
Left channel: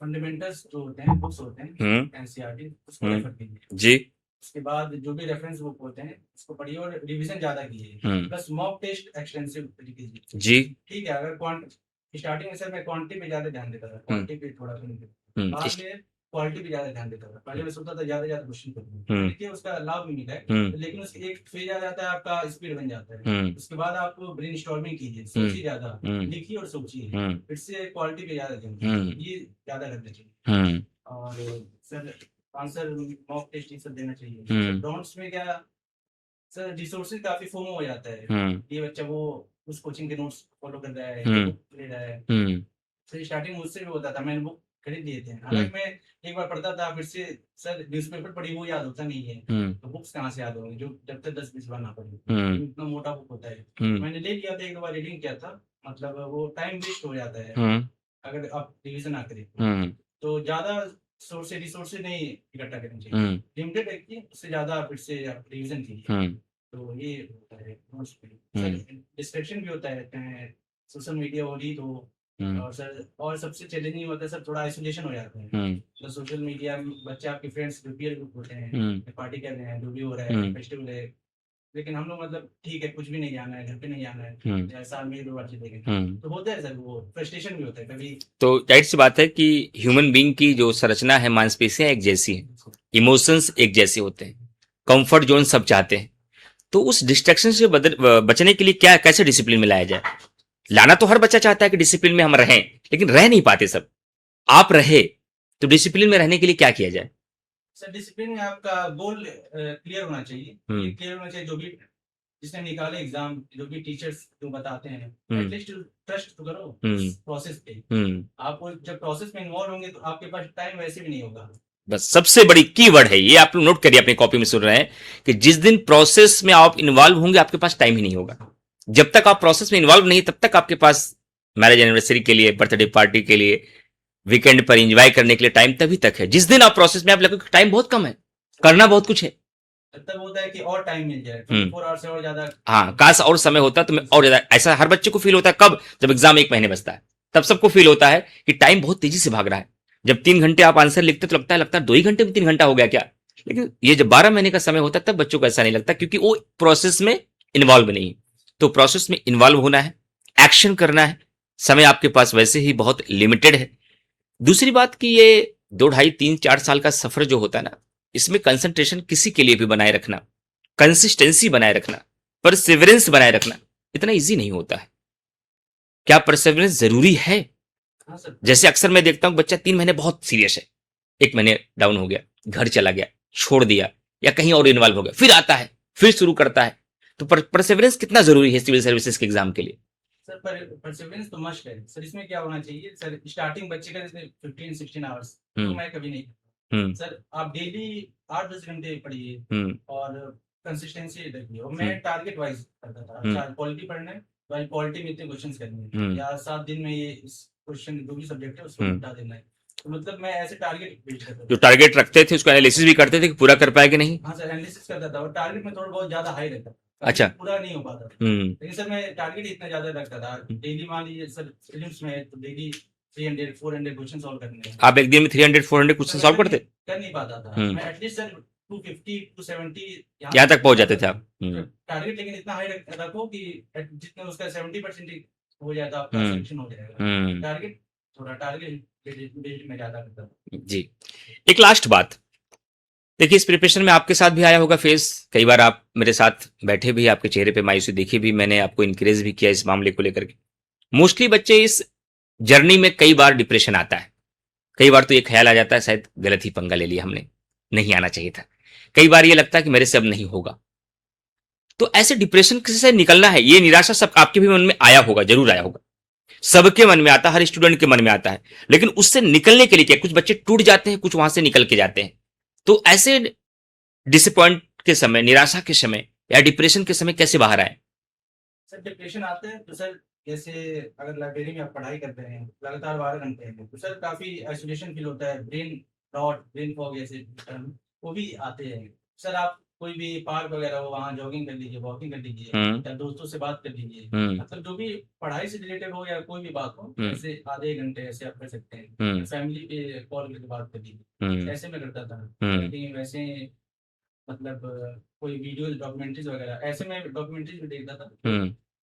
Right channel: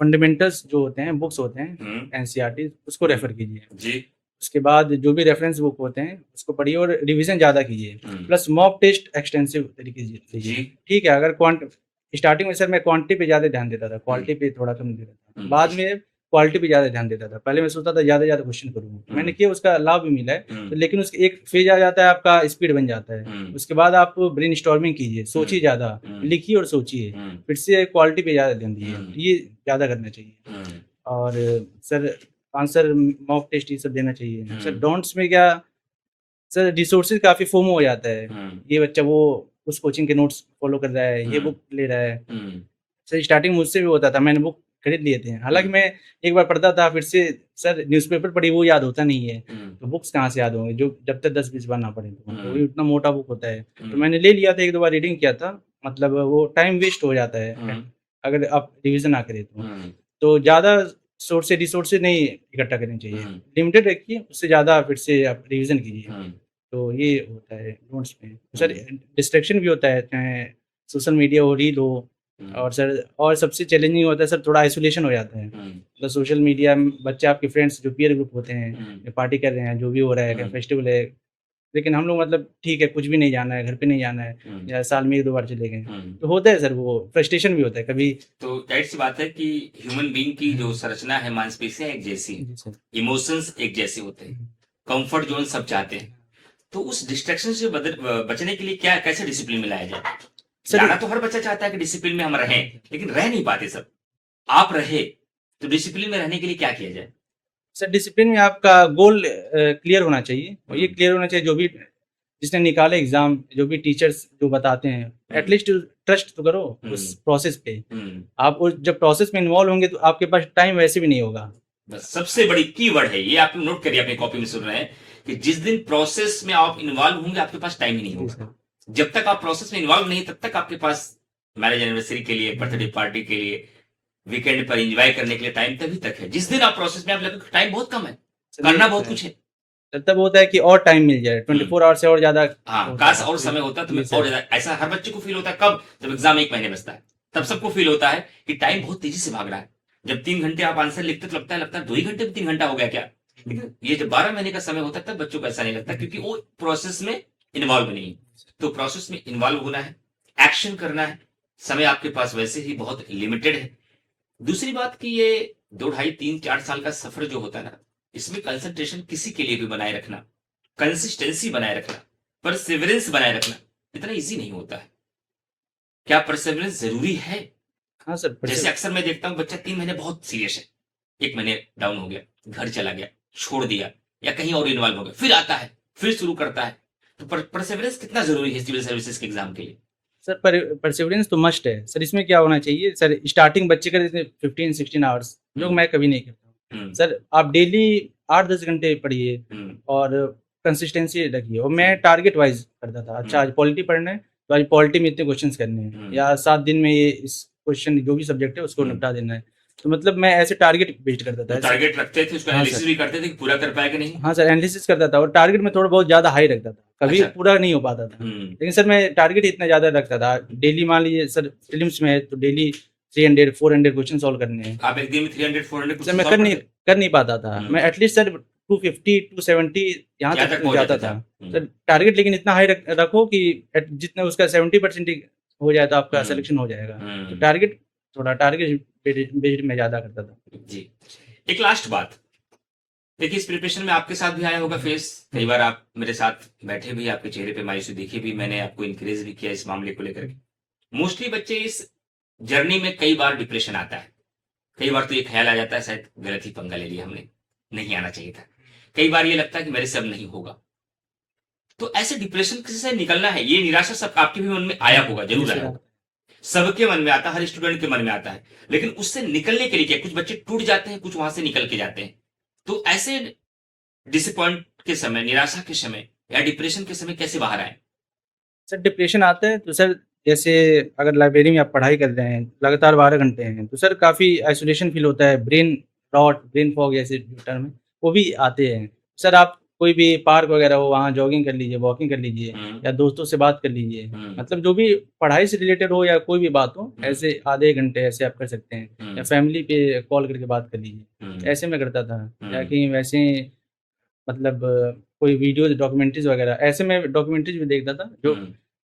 फंडामेंटल्स जो होते हैं, बुक्स होते हैं एनसीईआरटी, उसको रेफर कीजिए जी। उसके बाद जो भी रेफरेंस बुक होते हैं उसको पढ़िए और रिवीजन ज्यादा कीजिए, प्लस मॉक टेस्ट एक्सटेंसिव तरीके से जी। ठीक है, अगर स्टार्टिंग में सर मैं क्वांटिटी पे ज्यादा ध्यान देता था, क्वालिटी पे थोड़ा कम देता था, बाद में क्वालिटी पे ज्यादा ध्यान देता था। पहले मैं सोचता था ज्यादा क्वेश्चन करूंगा, मैंने किया, उसका लाभ भी मिला है। लेकिन उसके एक फेज आ जाता है, आपका स्पीड बन जाता है। उसके बाद आप ब्रेन स्टॉर्मिंग कीजिए, सोचिए ज्यादा, लिखिए और सोचिए, फिर से क्वालिटी पे ज्यादा ध्यान दीजिए, ये ज्यादा करना चाहिए। और सर आंसर मॉक टेस्ट ये सब देना चाहिए। सर डोंट्स में क्या, सर रिसोर्सेज काफी फोमो हो जाता है, ये बच्चा वो उस कोचिंग के नोट्स फॉलो कर रहा है, ये बुक ले रहा है। सर स्टार्टिंग मुझसे भी होता था, मैंने बुक खरीद लिए थे, हालांकि मैं एक बार पढ़ता था, फिर से सर न्यूज़पेपर पढ़ी वो याद होता नहीं है, तो बुक्स कहाँ से याद होंगे जो जब तक 10-20 बार ना पढ़े, तो उतना मोटा बुक होता है। तो मैंने ले लिया था, 1-2 बार रीडिंग किया था, मतलब वो टाइम वेस्ट हो जाता है अगर आप रिविजन ना करें तो ज्यादा सोर्स से रिसोर्सेज नहीं इकट्ठा करनी चाहिए, लिमिटेड रखिए, उससे ज्यादा फिर से आप रिविजन कीजिए। तो ये होता है नोट्स में। सर डिस्ट्रैक्शन भी होता है, चाहे सोशल मीडिया हो, रील हो, और सर और सबसे चैलेंजिंग होता है सर, थोड़ा आइसोलेशन हो जाता है। मतलब सोशल मीडिया में बच्चे, आपके फ्रेंड्स जो पीयर ग्रुप होते हैं, पार्टी कर रहे हैं, जो भी हो रहा है, फेस्टिवल है, लेकिन हम लोग मतलब ठीक है, कुछ भी नहीं जाना है, घर पे नहीं जाना है, या साल में 1-2 बार चले गए, तो होता है सर, वो फ्रस्ट्रेशन भी होता है कभी। तो जाहिर सी बात है कि ह्यूमन बीइंग की जो संरचना है, मांसपेशियां एक जैसी है, इमोशंस एक जैसे होते हैं, कंफर्ट जोन सब चाहते हैं। तो उस डिस्ट्रैक्शन से बचने के लिए क्या, कैसे डिसिप्लिन में लाया जाए? लाना तो हर बच्चा चाहता है कि डिसिप्लिन में हम रहें, लेकिन रह नहीं पाते सब। आप रहे, तो डिसिप्लिन में रहने के लिए क्या किया जाए? सर डिसिप्लिन में आपका गोल क्लियर होना चाहिए। ये क्लियर होना चाहिए, जो भी जिसने निकाले एग्जाम, जो भी टीचर्स जो बताते हैं, एटलीस्ट ट्रस्ट तो करो उस प्रोसेस पे। आप जब प्रोसेस में इन्वॉल्व होंगे तो आपके पास टाइम वैसे भी नहीं होगा। बस सबसे बड़ी कीवर्ड है ये, आप लोग नोट करिए, अपनी कॉपी में सुन रहे हैं कि जिस दिन प्रोसेस में आप इन्वॉल्व होंगे आपके पास टाइम ही नहीं होगा। जब तक आप प्रोसेस में इन्वॉल्व नहीं तब तक आपके पास मैरिज एनिवर्सरी के लिए, बर्थडे पार्टी के लिए, वीकेंड पर एंजॉय करने के लिए टाइम तभी तक है। जिस दिन आप प्रोसेस में आप लगे टाइम बहुत कम है, करना बहुत कुछ है, तब होता है कि और टाइम मिल जाए 24 आवर से और ज्यादा। हाँ, काश और समय होता तो मैं और ज्यादा। ऐसा हर बच्चे को फील होता है कब? जब एग्जाम 1 महीने बचता है, तब सबको फील होता है कि टाइम बहुत तेजी से भाग रहा है। जब 3 घंटे आप आंसर लिखते तो लगता है 2 ही घंटे में 3 घंटा हो गया क्या। लेकिन ये जब 12 महीने का समय होता है तब बच्चों को ऐसा नहीं लगता, क्योंकि वो प्रोसेस में इन्वॉल्व नहीं है। तो प्रोसेस में इन्वॉल्व होना है, एक्शन करना है। समय आपके पास वैसे ही बहुत लिमिटेड है। दूसरी बात कि ये 2, 2.5, 3, 4 साल का सफर जो होता है ना, इसमें कंसंट्रेशन किसी के लिए भी बनाए रखना, कंसिस्टेंसी बनाए रखना, परसिवरेंस बनाए रखना इतना इजी नहीं होता है। क्या परसिवरेंस जरूरी है? हाँ सर। जैसे अक्सर मैं देखता हूं बच्चा 3 महीने बहुत सीरियस है, 1 महीने डाउन हो गया, घर चला गया, छोड़ दिया या कहीं और इन्वॉल्व हो गया, फिर आता है, फिर शुरू करता है। तो परसिवरेंस कितना जरूरी है सिविल सर्विसेज के एग्जाम के लिए? सर परसिवरेंस तो मस्ट है सर। इसमें क्या होना चाहिए सर, स्टार्टिंग बच्चे का 15-16 आवर्स जो मैं कभी नहीं करता हूँ सर। आप डेली 8-10 घंटे पढ़िए और कंसिस्टेंसी रखिए। और मैं टारगेट वाइज करता था। अच्छा आज पॉलिटी पढ़ना है तो आज पॉलिटी में इतने क्वेश्चन करने हैं, या 7 दिन में ये इस क्वेश्चन जो भी सब्जेक्ट है उसको निपटा देना है। तो मतलब मैं ऐसे टारगेट बेस्ड करता था। तो टारगेट रखते थे, उसको एनालिसिस भी करते थे कि पूरा कर पाएगा नहीं? हाँ सर, एनालिसिस करता था और टारगेट में थोड़ा बहुत ज्यादा हाई रखता था, कभी पूरा नहीं हो पाता था। लेकिन सर मैं टारगेट इतना ज्यादा रखता था। डेली मान लीजिए सर प्रीलिम्स में है तो डेली 300-400 क्वेश्चन सॉल्व करने हैं। आप एक दिन में 300-400 क्वेश्चन सॉल्व कर नहीं पाता था मैं। एटलीस्ट सर 250-270 यहाँ तक पहुंच जाता था। टारगेट लेकिन इतना हाई रखो कि जितना उसका 70% हो जाए तो आपका सिलेक्शन हो जाएगा। टारगेट थोड़ा टारगेट बेस्ड में ज्यादा करता था जी। एक लास्ट बात देखिए, इस प्रिपरेशन में आपके साथ भी आया होगा फेस, कई बार आप मेरे साथ बैठे भी, आपके चेहरे पे मायूसी देखी भी, मैंने आपको इंकरेज भी किया इस मामले को लेकर के। मोस्टली बच्चे इस जर्नी में कई बार डिप्रेशन आता है, कई बार तो ये ख्याल आ जाता है शायद गलत ही पंगा ले लिया हमने, नहीं आना चाहिए था। कई बार ये लगता है कि मेरे से अब नहीं होगा। तो ऐसे डिप्रेशन से निकलना है, ये निराशा सब आपके भी मन में आया होगा, जरूर आया होगा, सबके मन में आता है, हर स्टूडेंट के मन में आता है। लेकिन उससे निकलने के लिए क्या, कुछ बच्चे टूट जाते हैं, कुछ वहां से निकल के जाते हैं। तो ऐसे डिसअपॉइंट के समय, निराशा के समय या डिप्रेशन के समय कैसे बाहर आए? सर डिप्रेशन आता है तो सर जैसे अगर लाइब्रेरी में आप पढ़ाई कर रहे हैं लगातार 12 घंटे हैं तो सर काफ़ी आइसोलेशन फील होता है, ब्रेन रॉट, ब्रेन फॉग जैसे टर्म वो भी आते हैं। सर आप कोई भी पार्क वगैरह हो वहाँ जॉगिंग कर लीजिए, वॉकिंग कर लीजिए या दोस्तों से बात कर लीजिए। मतलब जो भी पढ़ाई से रिलेटेड हो या कोई भी बात हो, ऐसे आधे घंटे ऐसे आप कर सकते हैं। या फैमिली पे कॉल करके बात कर लीजिए, ऐसे में करता था। या कहीं वैसे मतलब कोई वीडियोज डॉक्यूमेंट्रीज वगैरह, ऐसे में डॉक्यूमेंट्रीज भी देखता था जो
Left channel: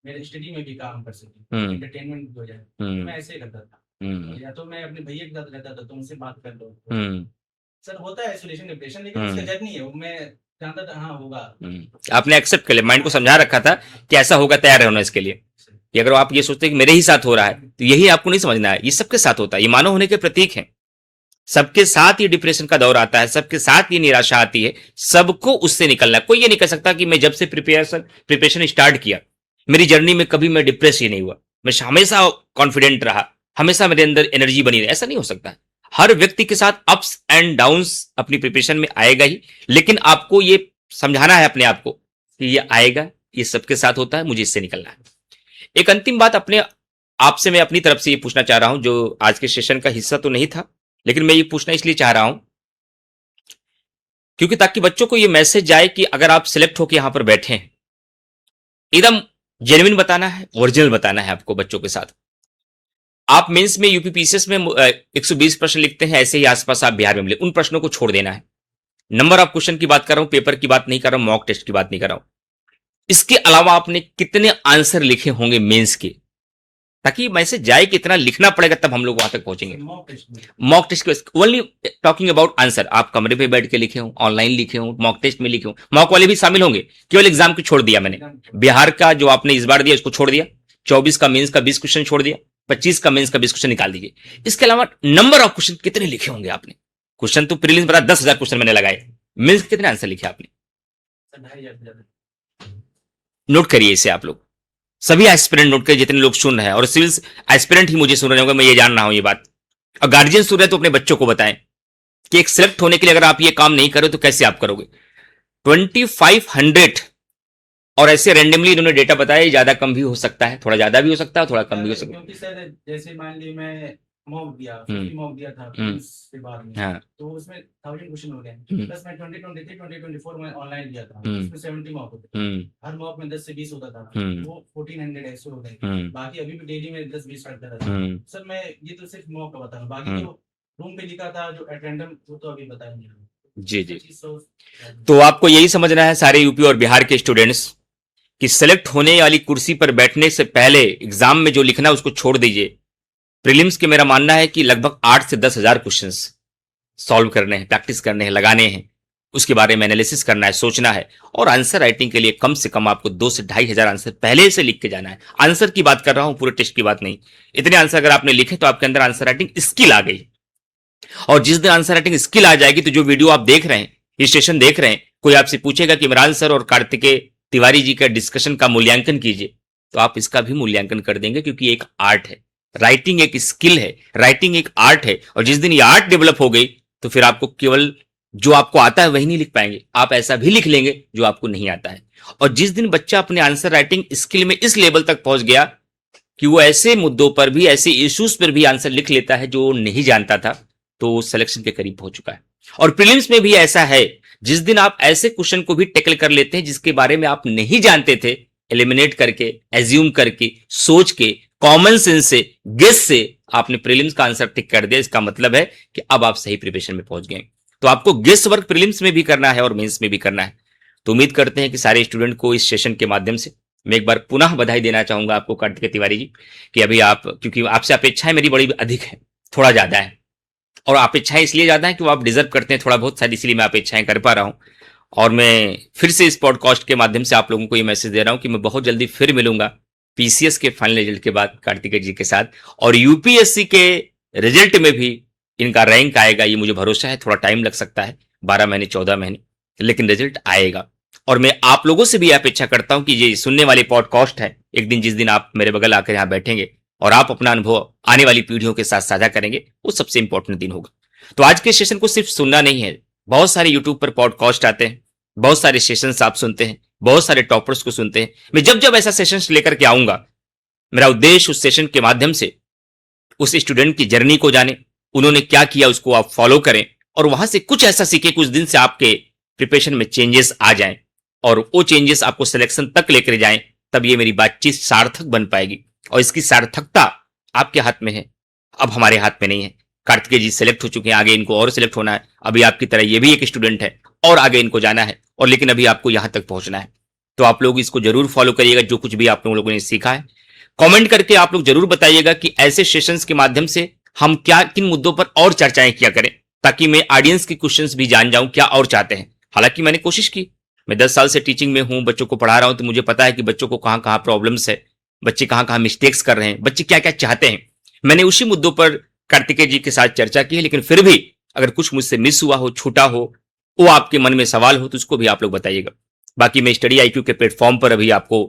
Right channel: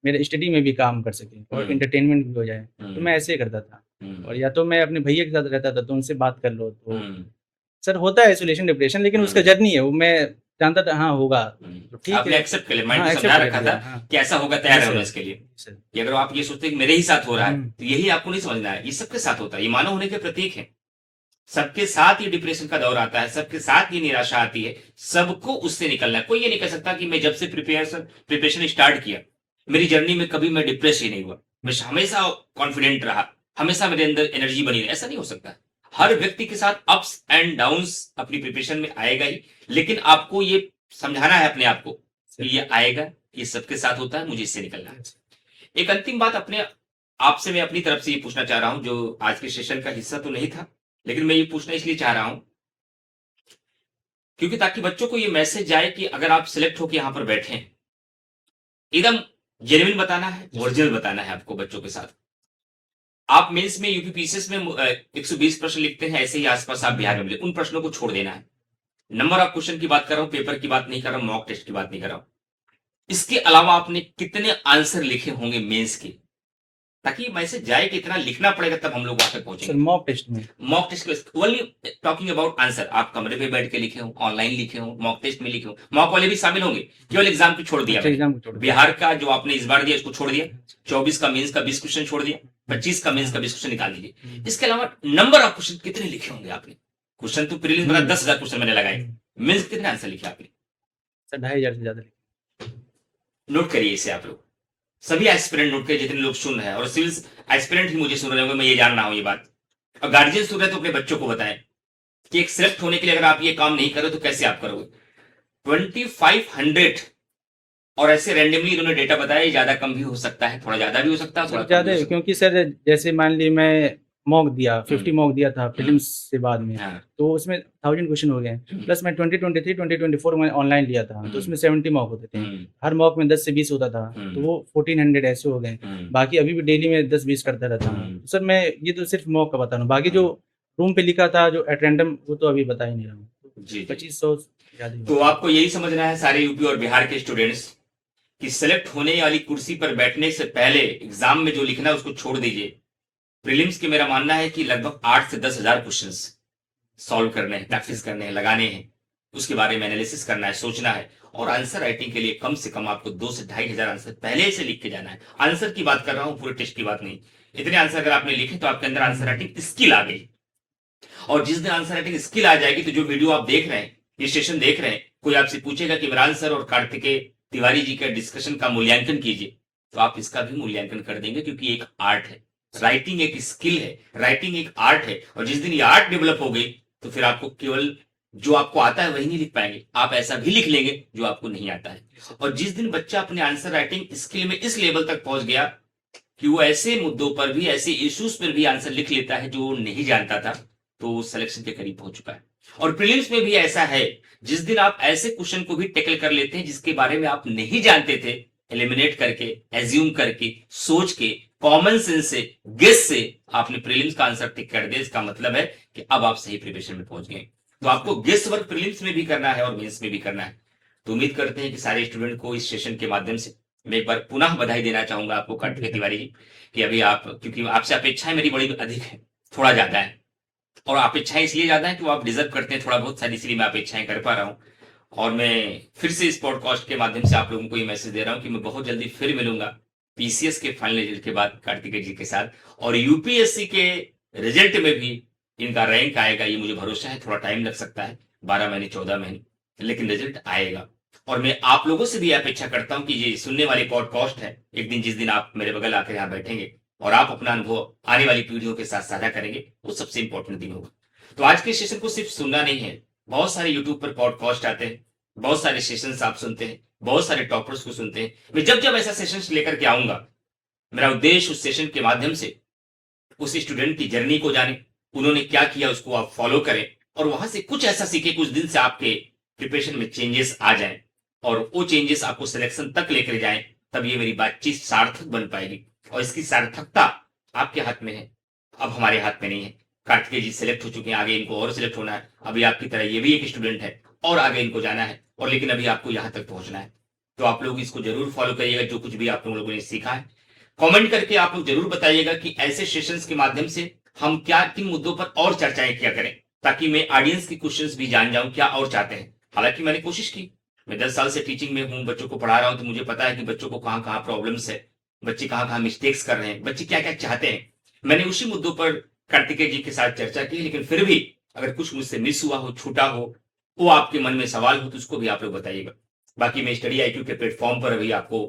मेरे स्टडी में भी काम कर सके और इंटरटेनमेंट भी हो जाए। तो मैं ऐसे ही करता था। और या तो मैं अपने भैया के साथ रहता था तो उनसे बात कर लो। तो सर होता है आइसोलेशन डिप्रेशन, लेकिन उसका जर्नी है वो, मैं जानता था हाँ होगा। आपने एक्सेप्ट कर लिया, माइंड को समझा रखा था कि ऐसा होगा, तैयार रहना इसके लिए। कि अगर आप ये सोचते हैं कि मेरे ही साथ हो रहा है तो यही आपको नहीं समझना है, ये सबके साथ होता है, ये मानव होने के प्रतीक है। सबके साथ ये डिप्रेशन का दौर आता है, सबके साथ ये निराशा आती है, सबको उससे निकलना है। कोई ये नहीं कह सकता कि मैं जब से प्रिपरेशन स्टार्ट किया मेरी जर्नी में कभी मैं डिप्रेस ही नहीं हुआ, मैं हमेशा कॉन्फिडेंट रहा, हमेशा मेरे अंदर एनर्जी बनी रही। ऐसा नहीं हो सकता। हर व्यक्ति के साथ अप्स एंड डाउन्स अपनी प्रिपरेशन में आएगा ही, लेकिन आपको ये समझाना है अपने आप को कि ये आएगा, ये सबके साथ होता है, मुझे इससे निकलना है। एक अंतिम बात अपने आपसे मैं अपनी तरफ से ये पूछना चाह रहा हूं, जो आज के सेशन का हिस्सा तो नहीं था, लेकिन मैं ये पूछना इसलिए चाह रहा हूं क्योंकि ताकि बच्चों को ये मैसेज जाए कि अगर आप सिलेक्ट होकर यहां पर बैठे हैं, एकदम जेन्युइन बताना है, ओरिजिनल बताना है आपको बच्चों के साथ। आप मेंस में यूपीपीसीएस में 120 प्रश्न लिखते हैं, ऐसे ही आसपास आप बिहार में मिले, उन प्रश्नों को छोड़ देना है। नंबर ऑफ क्वेश्चन की बात कर रहा हूं, पेपर की बात नहीं कर रहा हूं, मॉक टेस्ट की बात नहीं कर रहा हूं। इसके अलावा आपने कितने आंसर लिखे होंगे मेंस के, ताकि मैसेज जाए कि इतना लिखना पड़ेगा तब हम लोग वहां तक पहुंचेंगे। मॉक टेस्ट में, मॉक टेस्ट के ओनली टॉकिंग अबाउट आंसर, आप कमरे पे बैठ के लिखे हो, ऑनलाइन लिखे हो, मॉक टेस्ट में लिखे हो, मॉक वाले भी शामिल होंगे, केवल एग्जाम को छोड़ दिया मैंने। बिहार का जो आपने इस बार दिया उसको छोड़ दिया, 24 का मेंस का 20 क्वेश्चन छोड़ दिया, 25 का मेंस का 20 क्वेश्चन निकाल दीजिए। इसके अलावा नंबर ऑफ क्वेश्चन कितने लिखे होंगे आपने? क्वेश्चन तो प्रीलिम्स बना 10,000 क्वेश्चन मैंने लगाए, मेंस कितने आंसर लिखे आपने? 2,500 से ज्यादा। नोट करिए इसे आप लोग, सभी एस्पिरेंट नोट करिए, जितने लोग सुन रहे हैं, और सिविल एस्पिरेंट ही मुझे सुन रहे होंगे, मैं ये जान रहा हूं ये बात। और गार्जियन सुन रहे हैं तो अपने बच्चों को बताएं कि एक सिलेक्ट होने के लिए अगर आप ये काम नहीं करो तो कैसे आप करोगे। 2500 और ऐसे रैंडमली इन्होंने डेटा बताया, ज्यादा कम भी हो सकता है, थोड़ा ज्यादा भी हो सकता है, थोड़ा कम भी हो सकता है। क्योंकि सर जैसे मान ली मैं मॉक दिया 50 मॉक दिया था प्रीलिम्स से बाद में, हाँ। तो उसमें 1000 क्वेश्चन हो गए, प्लस मैं 2023 2024 में ऑनलाइन लिया था, तो उसमें 70 मॉक होते थे, हर मॉक में 10 से 20 होता था, तो वो 1400 ऐसे हो गए। बाकी अभी भी डेली में 10-20 करता रहता हूँ। सर मैं ये तो सिर्फ मॉक का बता रहा हूँ, बाकी जो रूम पे लिखा था जो एट रैंडम, वो तो अभी बता ही नहीं रहा हूँ। जी 2500। तो आपको यही समझना है सारे यूपी और बिहार के स्टूडेंट्स कि सेलेक्ट होने वाली कुर्सी पर बैठने से पहले एग्जाम में जो लिखना है उसको छोड़ दीजिए। प्रीलिम्स के मेरा मानना है कि लगभग 8 से 10,000 क्वेश्चंस सॉल्व करने हैं, प्रैक्टिस करने हैं, लगाने हैं, उसके बारे में एनालिसिस करना है, सोचना है, और आंसर राइटिंग के लिए कम से कम आपको 2 से 2,500 आंसर पहले से लिख के जाना है। आंसर की बात कर रहा हूं, पूरे टेस्ट की बात नहीं। इतने आंसर अगर आपने लिखे तो आपके अंदर आंसर राइटिंग स्किल आ गई, और जिस दिन आंसर राइटिंग स्किल आ जाएगी तो जो वीडियो आप देख रहे हैं, ये सेशन देख रहे हैं, कोई आपसे पूछेगा कि इमरान सर और कार्तिकेय तिवारी जी का डिस्कशन का मूल्यांकन कीजिए, तो आप इसका भी मूल्यांकन कर देंगे, क्योंकि एक आर्ट है, राइटिंग एक स्किल है, राइटिंग एक आर्ट है। और जिस दिन ये आर्ट डेवलप हो गई तो फिर आपको केवल जो आपको आता है वही नहीं लिख पाएंगे, आप ऐसा भी लिख लेंगे जो आपको नहीं आता है। और जिस दिन बच्चा अपने आंसर राइटिंग स्किल में इस लेवल तक पहुंच गया कि वो ऐसे मुद्दों पर भी, ऐसे इश्यूज पर भी आंसर लिख लेता है जो नहीं जानता था, तो सिलेक्शन के करीब पहुंच चुका है। और प्रीलिम्स में भी ऐसा है, जिस दिन आप ऐसे क्वेश्चन को भी टैकल कर लेते हैं जिसके बारे में आप नहीं जानते थे, एलिमिनेट करके, एज्यूम करके, सोच के, कॉमन सेंस से, गेस से आपने प्रीलिम्स का आंसर टिक कर दिया, इसका मतलब है कि अब आप सही प्रिपरेशन में पहुंच गए। तो आपको गेस वर्क प्रीलिम्स में भी करना है और मेंस में भी करना है। तो उम्मीद करते हैं कि सारे स्टूडेंट को इस सेशन के माध्यम से मैं एक बार पुनः बधाई देना चाहूंगा आपको कार्तिकेय तिवारी जी, कि अभी आप, क्योंकि आपसे अपेक्षाएं मेरी बड़ी अधिक है, थोड़ा ज्यादा है, और अपेक्षाएं इसलिए ज्यादा है कि वो आप डिजर्व करते हैं थोड़ा बहुत, शायद इसलिए मैं अपेक्षाएं कर पा रहा हूं। और मैं फिर से इस पॉडकास्ट के माध्यम से आप लोगों को ये मैसेज दे रहा हूं कि मैं बहुत जल्दी फिर मिलूंगा पीसीएस के फाइनल रिजल्ट के बाद कार्तिकेय जी के साथ, और यूपीएससी के रिजल्ट में भी इनका रैंक आएगा, ये मुझे भरोसा है। थोड़ा टाइम लग सकता है, 12 महीने 14 महीने, लेकिन रिजल्ट आएगा। और मैं आप लोगों से भी अपेक्षा करता हूं कि ये सुनने वाले पॉडकास्ट है, एक दिन जिस दिन आप मेरे बगल आकर यहाँ बैठेंगे और आप अपना अनुभव आने वाली पीढ़ियों के साथ साझा करेंगे, वो सबसे इंपॉर्टेंट दिन होगा। तो आज के सेशन को सिर्फ सुनना नहीं है, बहुत सारे यूट्यूब पर पॉडकास्ट आते हैं, बहुत सारे सेशंस आप सुनते हैं, बहुत सारे टॉपर्स को सुनते हैं। मैं जब जब ऐसा सेशंस लेकर के आऊंगा, मेरा उद्देश्य उस सेशन के माध्यम से उस स्टूडेंट की जर्नी को जाने, उन्होंने क्या किया उसको आप फॉलो करें, और वहां से कुछ ऐसा सीखे कुछ दिन से आपके प्रिपरेशन में चेंजेस आ जाएं, और वो चेंजेस आपको सिलेक्शन तक लेकर जाएं, तब ये मेरी बातचीत सार्थक बन पाएगी। और इसकी सार्थकता आपके हाथ में है, अब हमारे हाथ में नहीं है। कार्तिकेय जी सिलेक्ट हो चुके हैं, आगे इनको और सिलेक्ट होना है, अभी आपकी तरह ये भी एक स्टूडेंट है और आगे इनको जाना है, और लेकिन अभी आपको यहां तक पहुंचना है। तो आप लोग इसको जरूर फॉलो करिएगा, जो कुछ भी आप लोगों ने सीखा है। कमेंट करके आप लोग जरूर बताइएगा कि ऐसे सेशंस के माध्यम से हम क्या, किन मुद्दों पर और चर्चाएं किया करें, ताकि मैं ऑडियंस की क्वेश्चंस भी जान जाऊं क्या और चाहते हैं। हालांकि मैंने कोशिश की, मैं 10 साल से टीचिंग में हूं, बच्चों को पढ़ा रहा हूं, तो मुझे पता है कि बच्चों को कहां कहां प्रॉब्लम्स है, बच्चे कहां कहां मिस्टेक्स कर रहे हैं, बच्चे क्या क्या चाहते हैं। मैंने उसी मुद्दों पर कार्तिकेय जी के साथ चर्चा की है, लेकिन फिर भी अगर कुछ मुझसे मिस हुआ हो, छूटा हो, वो आपके मन में सवाल हो, तो उसको भी आप लोग बताइएगा। बाकी मैं स्टडी आईक्यू के प्लेटफॉर्म पर अभी आपको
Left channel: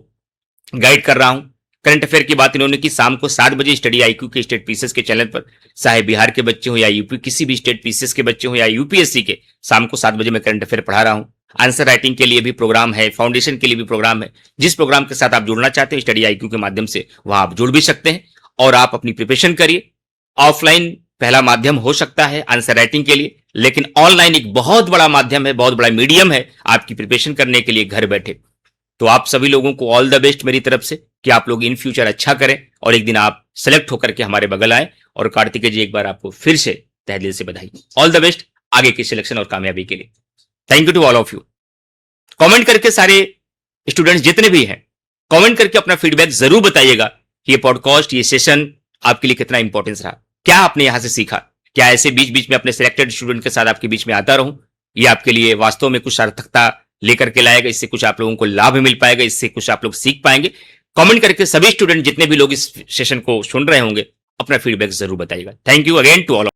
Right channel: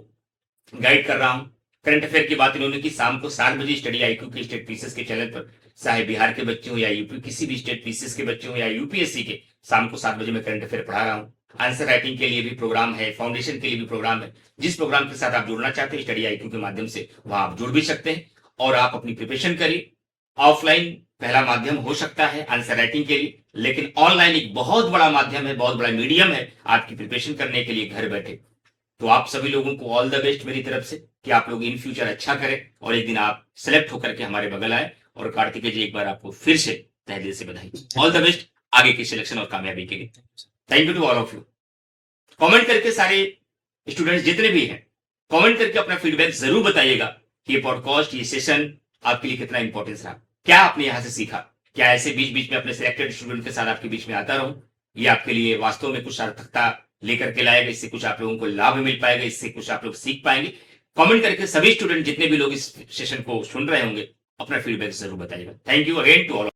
गाइड कर रहा हूं। करंट अफेयर की बात इन्होंने की, शाम को 7 बजे स्टडी आईक्यू के स्टेट पीसीएस के चैनल पर, चाहे बिहार के बच्चे हो या यूपी, किसी भी स्टेट पीसीएस के बच्चे हो या यूपीएससी के, शाम को 7 बजे मैं करंट अफेयर पढ़ा रहा हूं। आंसर राइटिंग के लिए भी प्रोग्राम है, फाउंडेशन के लिए भी प्रोग्राम है। जिस प्रोग्राम के साथ आप जुड़ना चाहते हैं स्टडी आईक्यू के माध्यम से, वहां आप जुड़ भी सकते हैं, और आप अपनी प्रिपरेशन करिए। ऑफलाइन पहला माध्यम हो सकता है आंसर राइटिंग के लिए, लेकिन ऑनलाइन एक बहुत बड़ा माध्यम है, बहुत बड़ा मीडियम है आपकी प्रिपरेशन करने के लिए घर बैठे। तो आप सभी लोगों को ऑल द बेस्ट मेरी तरफ से, कि आप लोग इन फ्यूचर अच्छा करें और एक दिन आप सेलेक्ट होकर के हमारे बगल आए। और कार्तिकेय जी, एक बार आपको फिर से तहे दिल से बधाई, ऑल द बेस्ट आगे की सिलेक्शन और कामयाबी के लिए। Thank you to all of you. Comment करके सारे स्टूडेंट्स जितने भी हैं, कमेंट करके अपना फीडबैक जरूर बताइएगा कि ये पॉडकास्ट, ये सेशन आपके लिए कितना इंपॉर्टेंस रहा, क्या आपने यहां से सीखा। क्या ऐसे बीच बीच में अपने सिलेक्टेड स्टूडेंट के साथ आपके बीच में आता रहूं, ये आपके लिए वास्तव में कुछ सार्थकता लेकर के लाएगा, इससे कुछ आप लोगों को लाभ मिल पाएगा, इससे कुछ आप लोग सीख पाएंगे। कमेंट करके सभी स्टूडेंट जितने भी लोग इस सेशन को सुन रहे होंगे अपना फीडबैक जरूर बताइएगा। Thank you again to all.